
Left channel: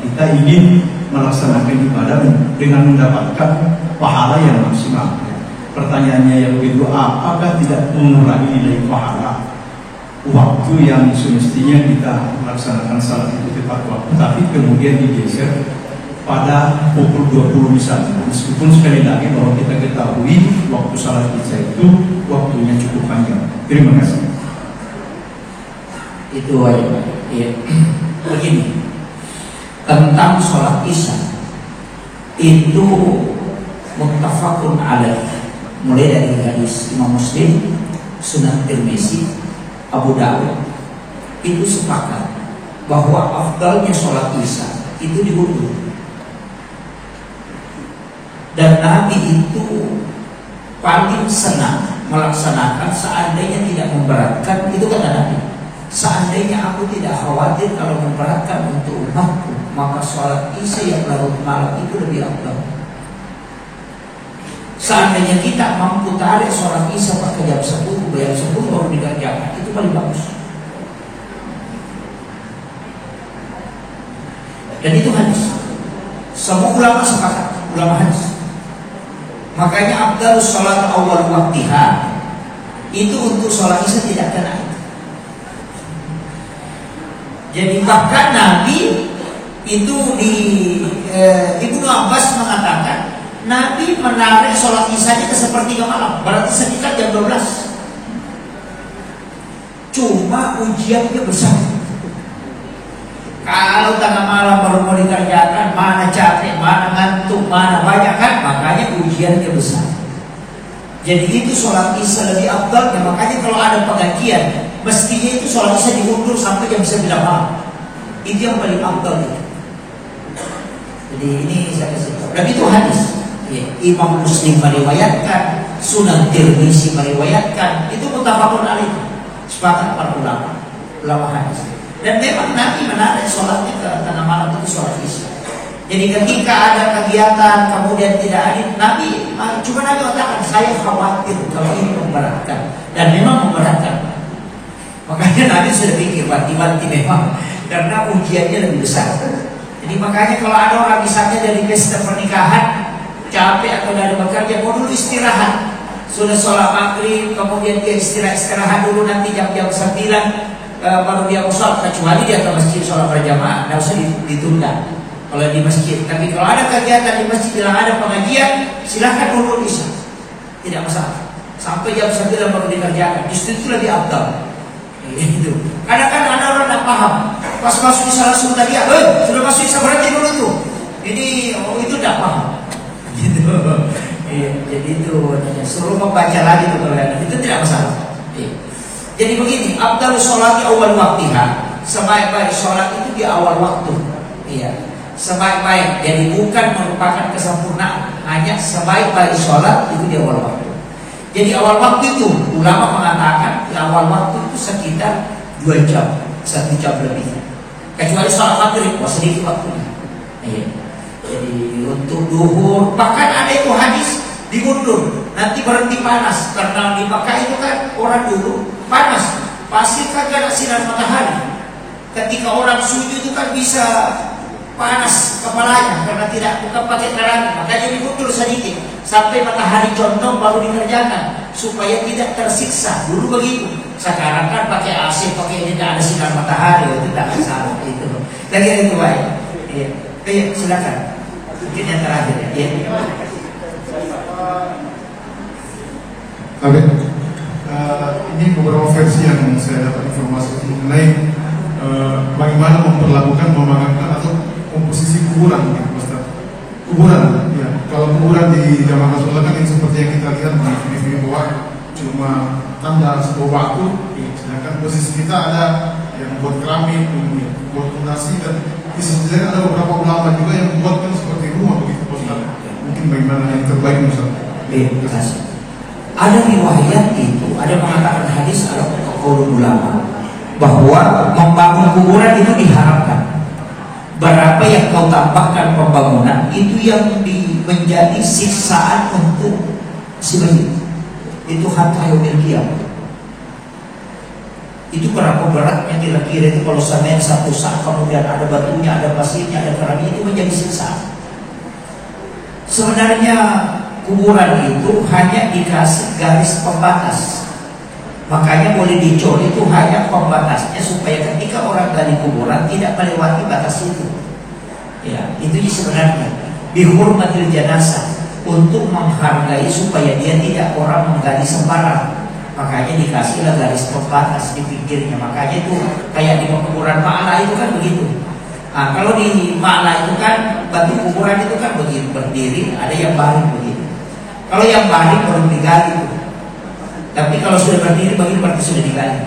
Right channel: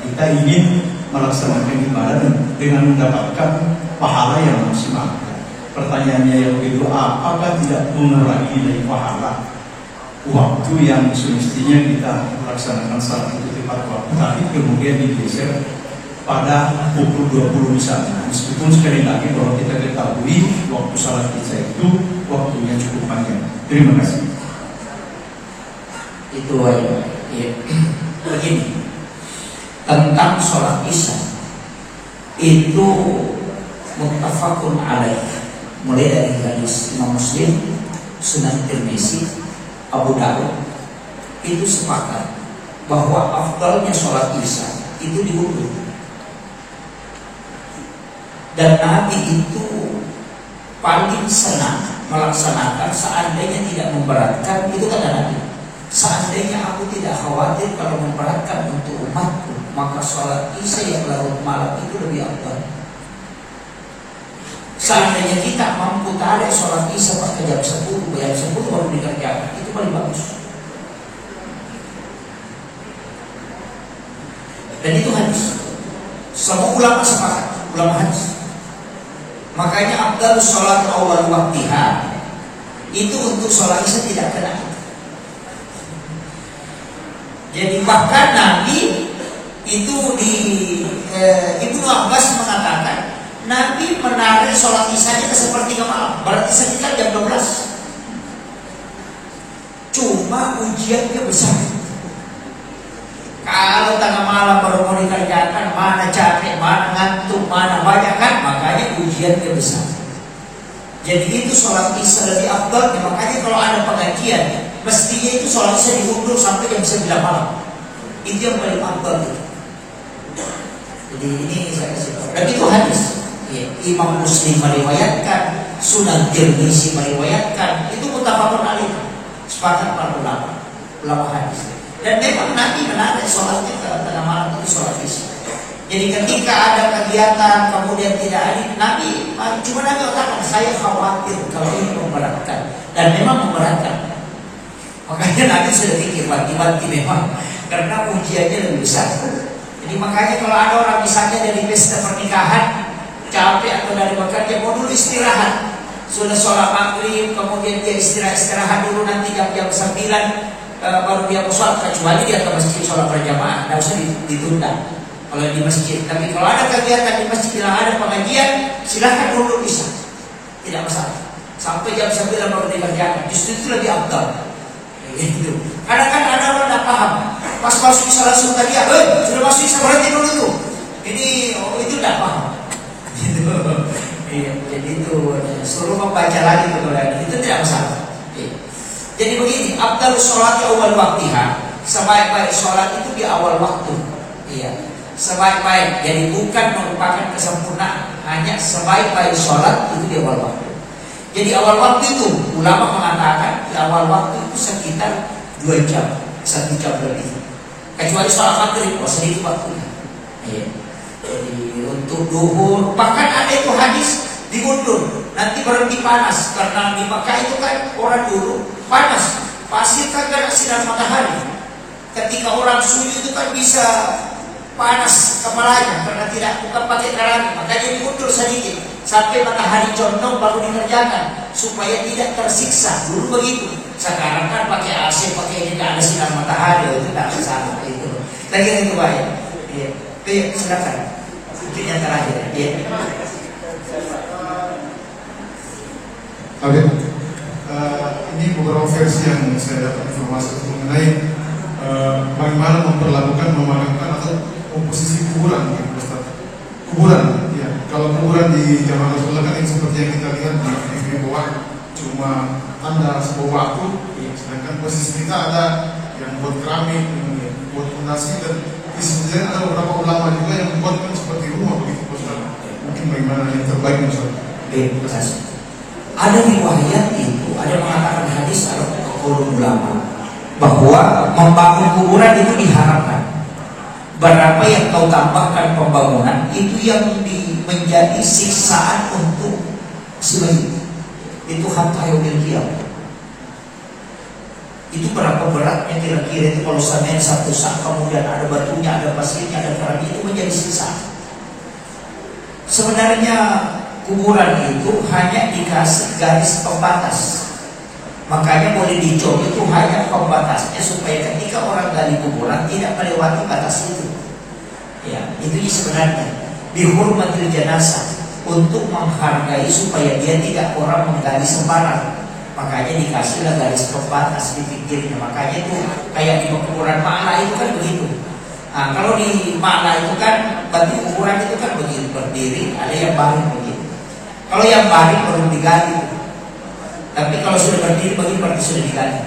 kita ingin melaksanakan ibadah dengan mendapatkan pahala yang maksimal. Pertanyaannya yang kedua, apakah tidak mengurangi dari pahala waktu yang semestinya kita melaksanakan salat itu tepat waktu, tapi kemudian digeser pada pukul 20 misalnya. Meskipun sekali lagi bahwa kita ketahui waktu salat Isya itu waktunya cukup panjang. Terima kasih. Itu ya. Begini, tentang sholat Isya itu muttafaqun alaih, mulai dari hadis Imam Muslim, Sunan Tirmizi, Abu Dawud, itu sepakat bahwa afdalnya sholat Isya itu diundur. Dan Nabi itu paling senang melaksanakan seandainya tidak memberatkan, itu kata Nabi, seandainya aku tidak khawatir kalau memberatkan untuk umatku, maka sholat Isya yang larut malam itu lebih afdal. Seandainya kita mampu tarik sholat Isya pakai jam 10, jam 10 baru dikerjakan, itu paling bagus. Dan itu hadis. Semua ulama sepakat, ulama hadis. Makanya afdal sholat awal waktiha itu untuk sholat Isya tidak kena. Jadi bahkan Nabi itu di Ibnu Abbas mengatakan Nabi menarik sholat Isya-nya ke sepertiga malam, berarti sekitar jam 12. Cuma ujiannya besar. Kalau tengah malam baru mau dikerjakan, mana capek, mana ngantuk, mana banyak kan, makanya ujiannya besar. Jadi itu sholat Isya lebih afdal. Makanya kalau ada pengajian, mestinya itu sholat Isya diundur sampai jam 9 malam. Itu yang paling afdal itu. Jadi ini saya kasih tahu. Dan itu hadis. Ya, Imam Muslim meriwayatkan, Sunan Tirmizi meriwayatkan, itu muttafaqun alaih. Sepakat para ulama hadis. Dan memang Nabi menarik sholatnya ke tengah malam itu sholat Isya. Jadi ketika ada kegiatan kemudian tidak hadir Nabi, cuma Nabi katakan saya khawatir kalau ini memberatkan, dan memang memberatkan. Makanya Nabi sudah pikir banti-banti memang karena ujiannya lebih besar. Jadi makanya kalau ada orang misalnya dari pesta pernikahan capek atau dari bekerja mau dulu istirahat, sudah sholat maghrib kemudian dia istirahat dulu, nanti jam-jam 9 baru dia mau sholat, kecuali dia ke masjid sholat berjamaah, tidak usah ditunda kalau di masjid. Tapi kalau ada kegiatan di masjid yang ada pengajian, silahkan undur Isya, tidak masalah, sampai jam 9 baru dikerjakan. Justru itu lebih afdal. Kadang-kadang ada orang tidak paham, pas masuk Isya langsung tadi, sudah masuk Isya berarti dulu. Jadi itu tidak paham. Jadi itu suruh membaca lagi itu tidak masalah. Jadi begini, afdal sholat di awal waktiha, sebaik-baik sholat itu di awal waktu. Iya, sebaik-baik. Jadi bukan merupakan kesempurnaan, hanya sebaik-baik sholat itu di awal waktu. Jadi awal waktu itu ulama mengatakan di awal waktu itu sekitar 2 jam 1 jam lebih. Kecuali sholat maghrib, sedikit waktunya. Jadi untuk duhur, bahkan ada itu hadis diundur, nanti berhenti panas karena di Makkah itu kan orang dulu panas, pasti kan kena sinar matahari. Ketika orang sujud itu kan bisa panas kepalanya karena bukan pakai terangi, makanya diundur sedikit sampai matahari condong baru dikerjakan supaya tidak tersiksa. Dulu begitu. Sekarang kan pakai AC, pakai tidak ada sinar matahari, itu tidak masalah itu. Lagi itu baik. Iya, silakan. Mungkin yang terakhir. Iya. Oke. Ini beberapa versi yang saya dapat informasi mengenai bagaimana memperlakukan, memandangkan atau komposisi kuburan, Ustaz. Kuburan, ya. Kalau kuburan di zaman Rasulullah kan yang seperti yang kita lihat di bawah cuma tanda sebuah batu, sedangkan posisi kita ada yang buat keramik, buat nasi, dan sebenarnya ada beberapa ulama juga yang membuatkan seperti rumah begitu, Ustaz. Mungkin bagaimana yang terbaik, Ustaz. Ada riwayat itu, ada mengatakan hadis atau qaulul ulama bahwa membangun kuburan itu diharamkan. Berapa yang kau tambahkan pembangunan itu yang menjadi siksaan untuk si mayit. Itu hatta yaumil qiyamah. Itu berapa beratnya kira-kira itu kalau seandainya satu saat kemudian ada batunya, ada pasirnya, ada keramik, itu menjadi siksaan. Sebenarnya kuburan itu hanya dikasih garis pembatas. Makanya boleh dicor itu hanya pembatasnya supaya ketika orang gali kuburan tidak melewati batas itu. Ya, itu sebenarnya dihormati jenazah untuk menghargai supaya dia tidak orang menggali sembarang. Makanya dikasihlah garis pembatas di pinggirnya. Makanya itu kayak di kuburan Ma'la itu kan begitu. Nah, kalau di Ma'la itu kan batu kuburan itu kan begini berdiri, ada yang baring begitu. Kalau yang baring baru digali itu. Tapi kalau sudah berdiri bagi berarti sudah digali.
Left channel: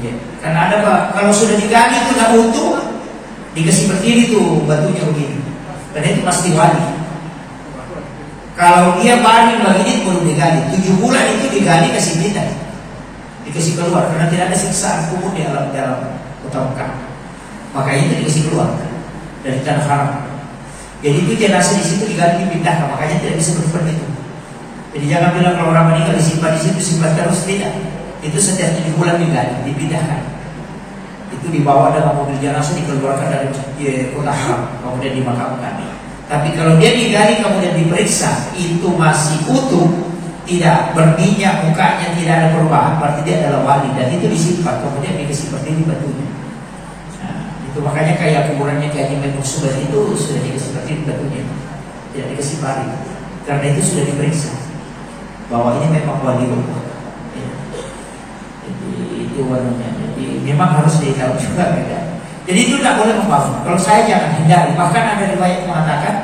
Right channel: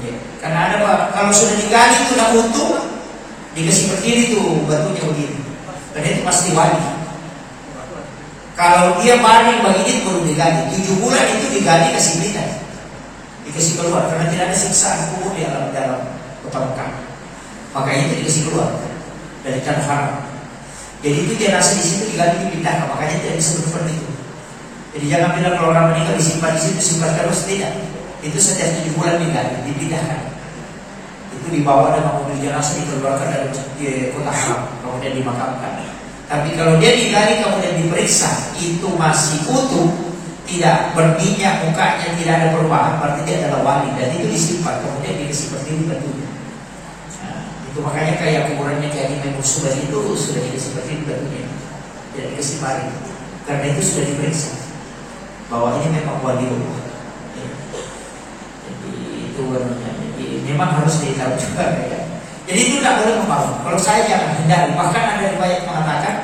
Ya. Karena ada Pak, kalau sudah digali itu sudah utuh, dikasih berdiri tuh batunya begini. Dan itu pasti wali. Kalau dia baring begini baru digali. 7 bulan itu digali kasih tidak, dikasih keluar karena tidak ada siksaan kubur di dalam kota Mekah. Makanya itu dikasih keluar dari tanah haram. Jadi itu jenazah di situ digali dipindahkan, makanya tidak bisa berperan itu. Jadi jangan bilang kalau orang meninggal disimpan di situ, simpan terus, tidak. Itu setiap 7 bulan digali, dipindahkan. Itu dibawa dalam mobil jenazah dikeluarkan dari kota haram, kemudian dimakamkan. Tapi kalau dia digali kemudian diperiksa, itu masih utuh, tidak berminyak mukanya, tidak ada perubahan, berarti dia adalah wali dan itu disimpan, kemudian dikasih berdiri batunya. Nah, itu makanya kayak kuburannya kayak di Menusuba itu sudah dikasih berdiri batunya, tidak dikasih baring, karena itu sudah diperiksa bahwa ini memang wali Allah. Jadi itu warnanya. Jadi memang harus ditahu juga ya. Jadi itu tidak boleh membangun. Kalau saya jangan hindari. Bahkan ada riwayat mengatakan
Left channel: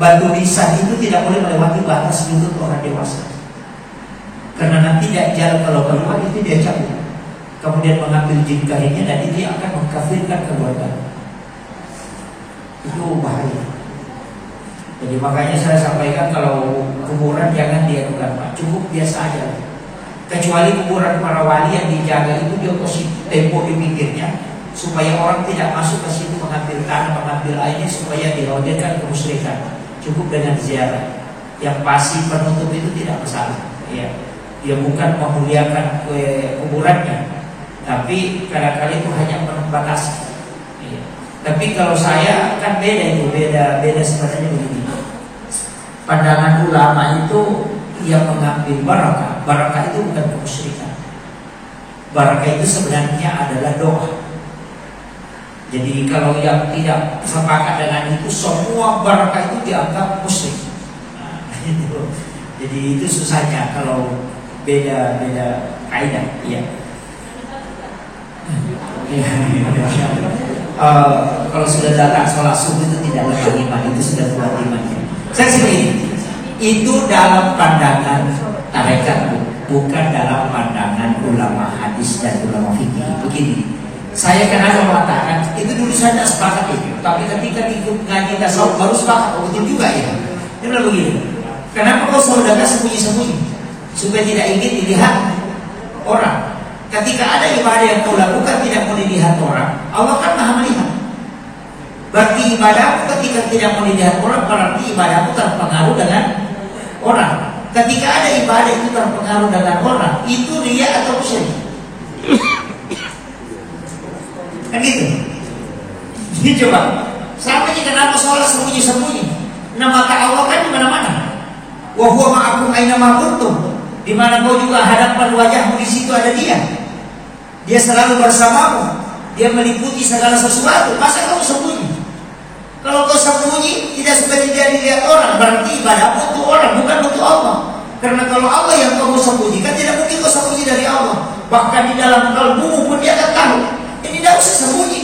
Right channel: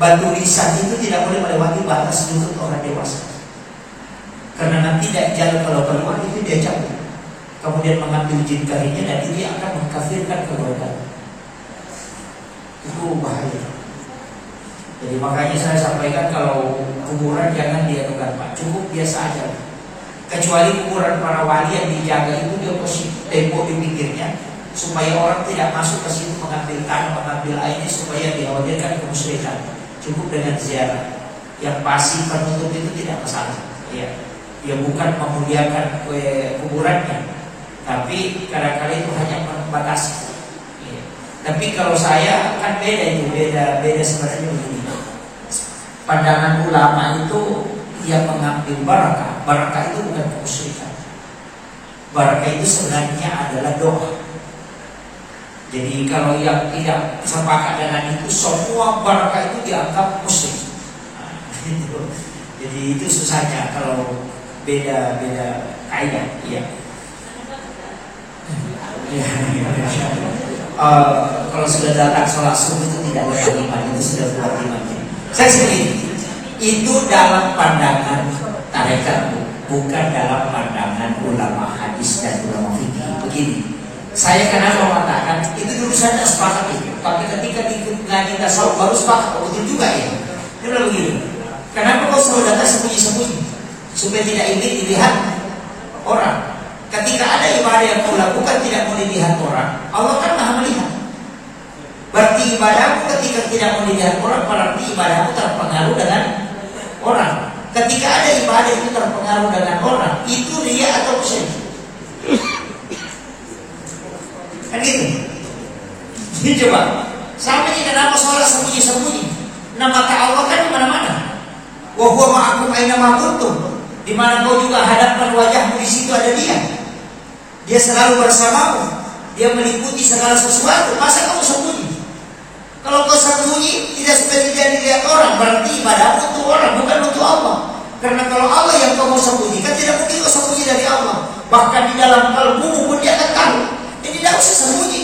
batu lisan itu tidak boleh melewati batas lutut orang dewasa. Karena nanti jalan kalau keluar itu dia cabut. Kemudian mengambil jin ini dan ini akan mengkafirkan keluarga. Itu bahaya. Jadi makanya saya sampaikan kalau kuburan jangan diadukan Pak, cukup biasa aja. Kecuali kuburan para wali yang dijaga itu dia kasih tembok di pinggirnya supaya orang tidak masuk ke situ mengambil tanah, mengambil airnya supaya dihadirkan kemusyrikan. Cukup dengan ziarah. Yang pasti penutup itu tidak masalah. Ya, dia bukan memuliakan kuburannya, tapi kadang-kadang itu hanya membatasi. Ya. Tapi kalau saya kan beda itu, beda sebenarnya begini. Pandangan ulama itu yang mengambil barakah. Barakah itu bukan kemusyrikan. Barakah itu sebenarnya adalah doa. Jadi kalau yang tidak sepakat dengan itu, semua barakah itu dianggap musyrik. Nah, itu. Jadi itu susahnya kalau beda kaidah. Ya. Kalau sudah datang sholat subuh itu tidak lepas iman, itu sudah buat imannya. Saya sendiri itu dalam pandangan tarekat, bukan dalam pandangan ulama hadis dan ulama fikih. Begini, saya kenapa mengatakan itu dulu saya tidak sepakat itu, tapi ketika ikut ngaji tasawuf baru sepakat. Betul juga ya. Kenapa begini? Kenapa kau selalu datang sembunyi-sembunyi supaya tidak ingin dilihat orang? Ketika ada ibadah yang kau lakukan tidak mau dilihat orang, Allah kan maha melihat. Berarti ibadahmu ketika tidak mau dilihat orang, berarti ibadahmu terpengaruh dengan orang. Ketika ada ibadah itu terpengaruh dengan orang, itu riya atau syirik? Kan gitu. Jadi coba, sama ini kenapa sholat sembunyi-sembunyi? Nah mata Allah kan di mana-mana. Wa huwa ma'akum aina ma kuntum. Di mana kau juga hadapkan wajahmu, di situ ada Dia. Dia selalu bersamamu. Dia meliputi segala sesuatu. Masa kau sembunyi? Kalau kau sembunyi tidak seperti jadi lihat orang, berarti ibadahmu untuk orang, bukan untuk Allah. Karena kalau Allah yang kau mau sembunyikan, tidak mungkin kau sembunyi dari Allah. Bahkan di dalam kalbumu pun Dia akan tahu. Ini tidak usah sembunyi.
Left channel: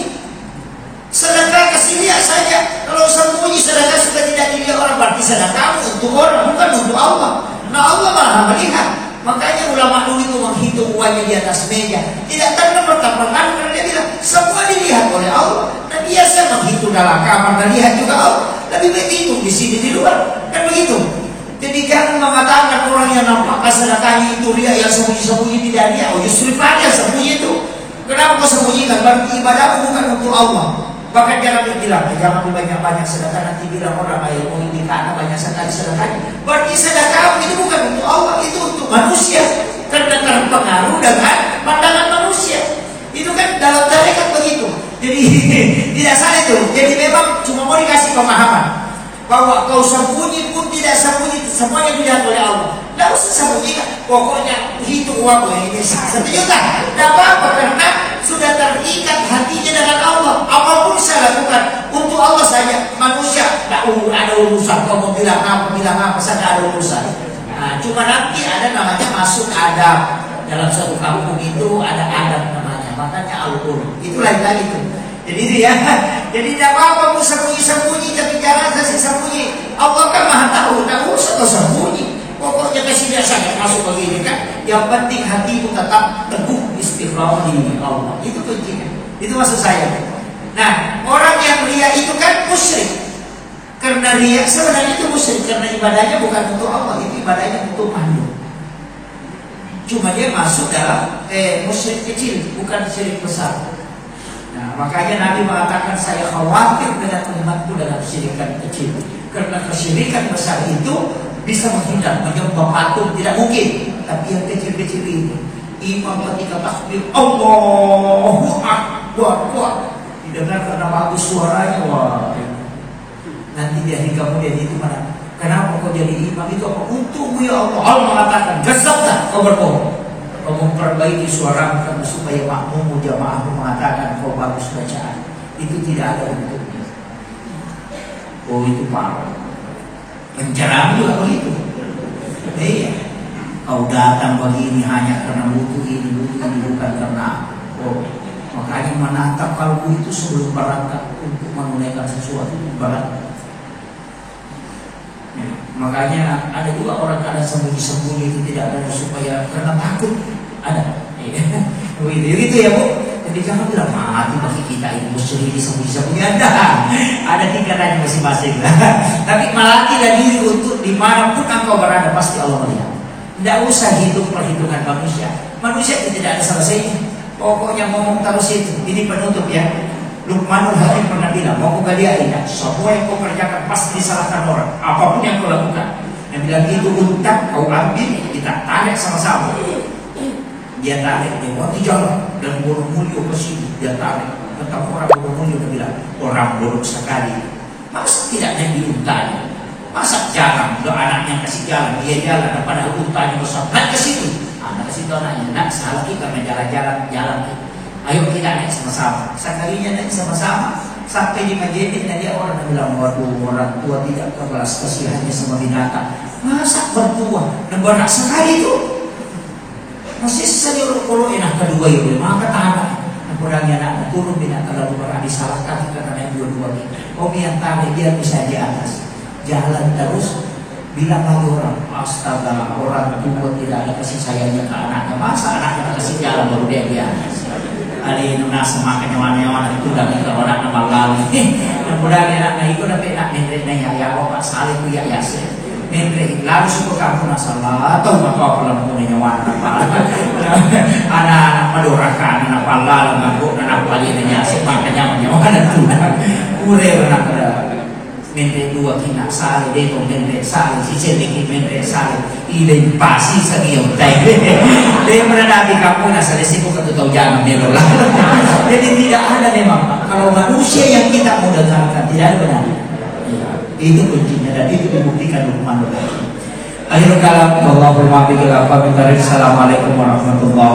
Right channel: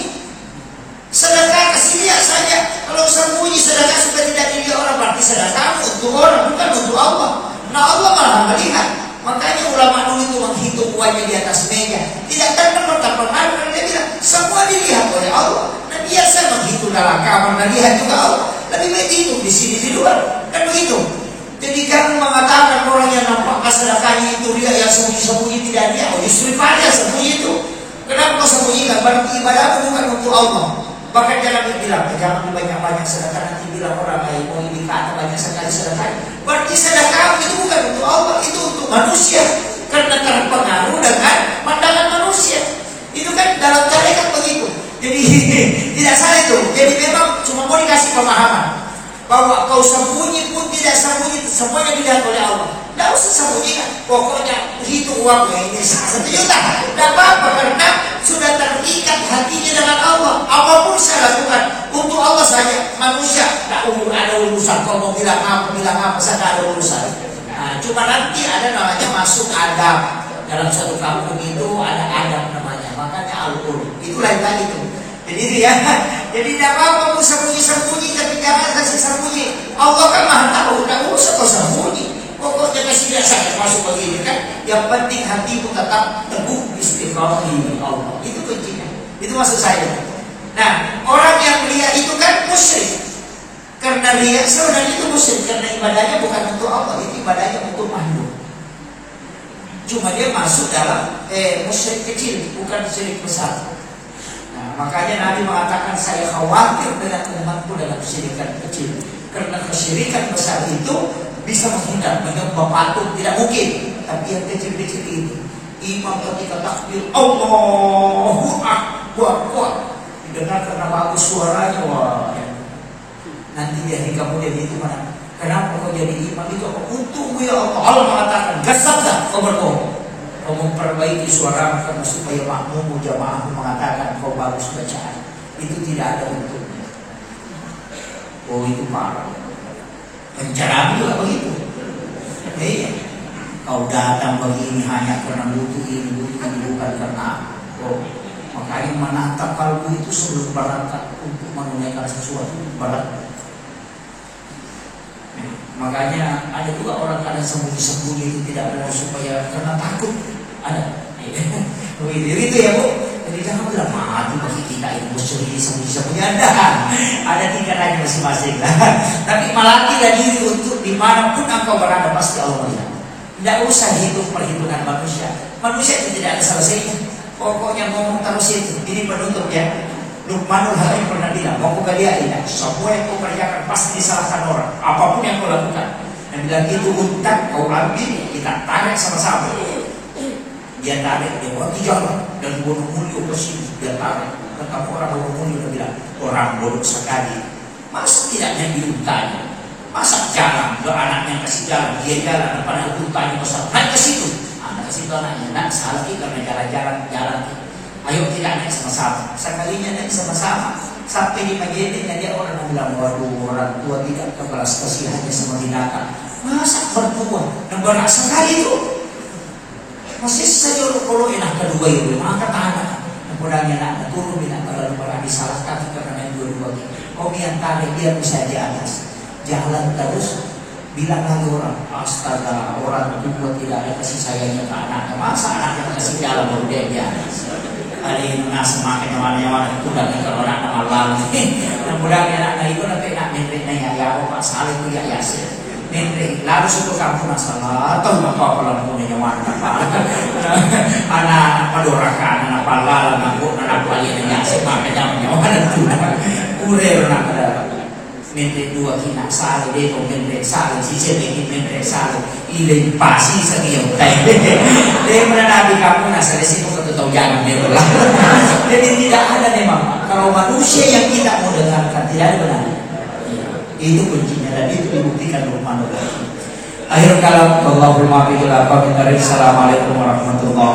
Sedekah kasih lihat saja. Kalau sembunyi sedekah seperti jadi lihat orang, berarti sedekahmu untuk orang, bukan untuk Allah. Nah Allah malah melihat. Makanya ulama dulu itu menghitung uangnya di atas meja. Tidak terpengaruh karena dia bilang semua dilihat oleh Allah. Nah biasa menghitung dalam kamar dan lihat juga Allah. Tapi dia hitung di sini di luar kan begitu. Jadi jangan mengatakan orang yang nampak sedekahnya itu dia yang sembunyi-sembunyi tidak dia. Oh justru dia sembunyi itu. Kenapa kau sembunyikan? Berarti ibadahmu bukan untuk Allah. Bahkan jangan bilang, jangan banyak-banyak sedekah, nanti bilang orang ayo mau ini karena banyak sekali sedekah. Berarti sedekah itu bukan untuk Allah, itu untuk manusia. Karena terpengaruh dengan pandangan manusia. Itu kan dalam tarekat begitu. Jadi tidak salah itu. Jadi memang cuma mau dikasih pemahaman bahwa kau sembunyi pun tidak sembunyi, semuanya dilihat oleh Allah. Tidak usah sembunyikan. Pokoknya hitung uang ini 1 juta. Tidak apa-apa karena sudah terikat hatinya dengan Allah. Apapun saya lakukan untuk Allah saja. Manusia tidak ada urusan. Kau mau bilang apa saya tidak ada urusan. Nah, cuma nanti ada namanya masuk adab. Dalam satu kampung itu ada adab namanya. Makanya al-qul. Itu lain lagi itu. Jadi dia, jadi tidak apa-apa pun sembunyi-sembunyi, tapi jangan kasih sembunyi. Allah kan maha tahu. Tidak usah kau sembunyi. Pokoknya kasih dia sangat masuk begini kan. Yang penting hati itu tetap teguh istiqamah di Allah. Itu penting. Itu maksud saya. Nah, orang yang riya itu kan musyrik. Karena riya sebenarnya itu musyrik karena ibadahnya bukan untuk Allah, itu ibadahnya untuk makhluk. Cuma dia masuk dalam musyrik kecil, bukan syirik besar. Nah, makanya Nabi mengatakan saya khawatir dengan umatku dalam kesyirikan kecil. Karena kesyirikan besar itu bisa menghindar, menyembah patung tidak mungkin. Tapi yang kecil-kecil itu, imam ketika takbir Allahu Akbar, didengar karena bagus suaranya, wah. Nanti dia kemudian itu mana? Kenapa kau jadi imam itu? Untuk ya Allah. Allah mengatakan, jasablah kau berbohong. Kau memperbaiki suaramu karena supaya makmum jamaahmu mengatakan kau bagus bacaan. Itu tidak ada untuknya. Oh itu parah. Pencerahan juga begitu. Iya. Kau datang begini hanya karena butuh ini bukan karena makanya menatap kalbu itu sebelum berangkat untuk menunaikan sesuatu berat. Makanya ada juga orang kadang sembunyi-sembunyi itu tidak ada supaya karena takut ada. Begitu ya Bu. Jadi jangan bilang mati bagi kita ini musyrik sembunyi-sembunyi ada tingkatan masing-masing. Tapi melatih diri untuk dimanapun engkau berada pasti Allah melihat. Tidak usah hitung perhitungan manusia. Manusia itu tidak ada selesainya. Pokoknya ngomong terus itu. Ini penutup ya. Luqmanul Hakim pernah bilang, mau kau galiai kan? Semua yang kau kerjakan pasti disalahkan orang. Apapun yang kau lakukan. Dan bilang itu untak kau ambil, kita tarik sama-sama. Dia tarik, dia buat jalan dan burung mulia bersini. Dia tarik, ketemu orang burung mulia dan bilang, orang burung sekali. Masa tidak jadi untanya? Masa jalan, anaknya kasih jalan, dia jalan, padahal untanya besar. Naik ke situ, anak ke situ anaknya, nak salah kita karena jalan. Ayo kita naik sama-sama. Sekalinya naik sama-sama sampai di Madinah dan dia orang bilang, waduh orang tua tidak kebalas kasihannya sama binatang. Masa bertua dan berat sekali itu. Masih saja kalau enak kedua itu maka tahan. Kurangnya anak turun binatang lalu berat disalahkan karena dua-dua ini. Kau yang tarik dia bisa di atas. Jalan terus bilang lagi orang, astaga orang tua tidak ada kasih sayangnya ke anaknya. Masa anaknya kasih jalan lalu dia di atas. Ada yang semakin nyawa-nyawa itu dari orang nama lalu. Kemudian anak itu tapi nak neneknya ya bapak salih itu ya sih. mentre lalu suku kampung asal atau nggak kau kalau punya nyawa anak madorakan anak pala ngangkuk anak bali nanya semakanya nyawa dan tuh ure anak pada mentre dua kina sale deh mentre sale si cedek mentre sale ide pasi sadio tai deh berada di kampung asal situ satu tahu jangan dia lah jadi tidak ada memang kalau manusia yang kita mau dengarkan tidak ada benar. Itu kuncinya dan itu dibuktikan Luqman lagi. Akhir kalam, Allahumma bihi Assalamualaikum warahmatullahi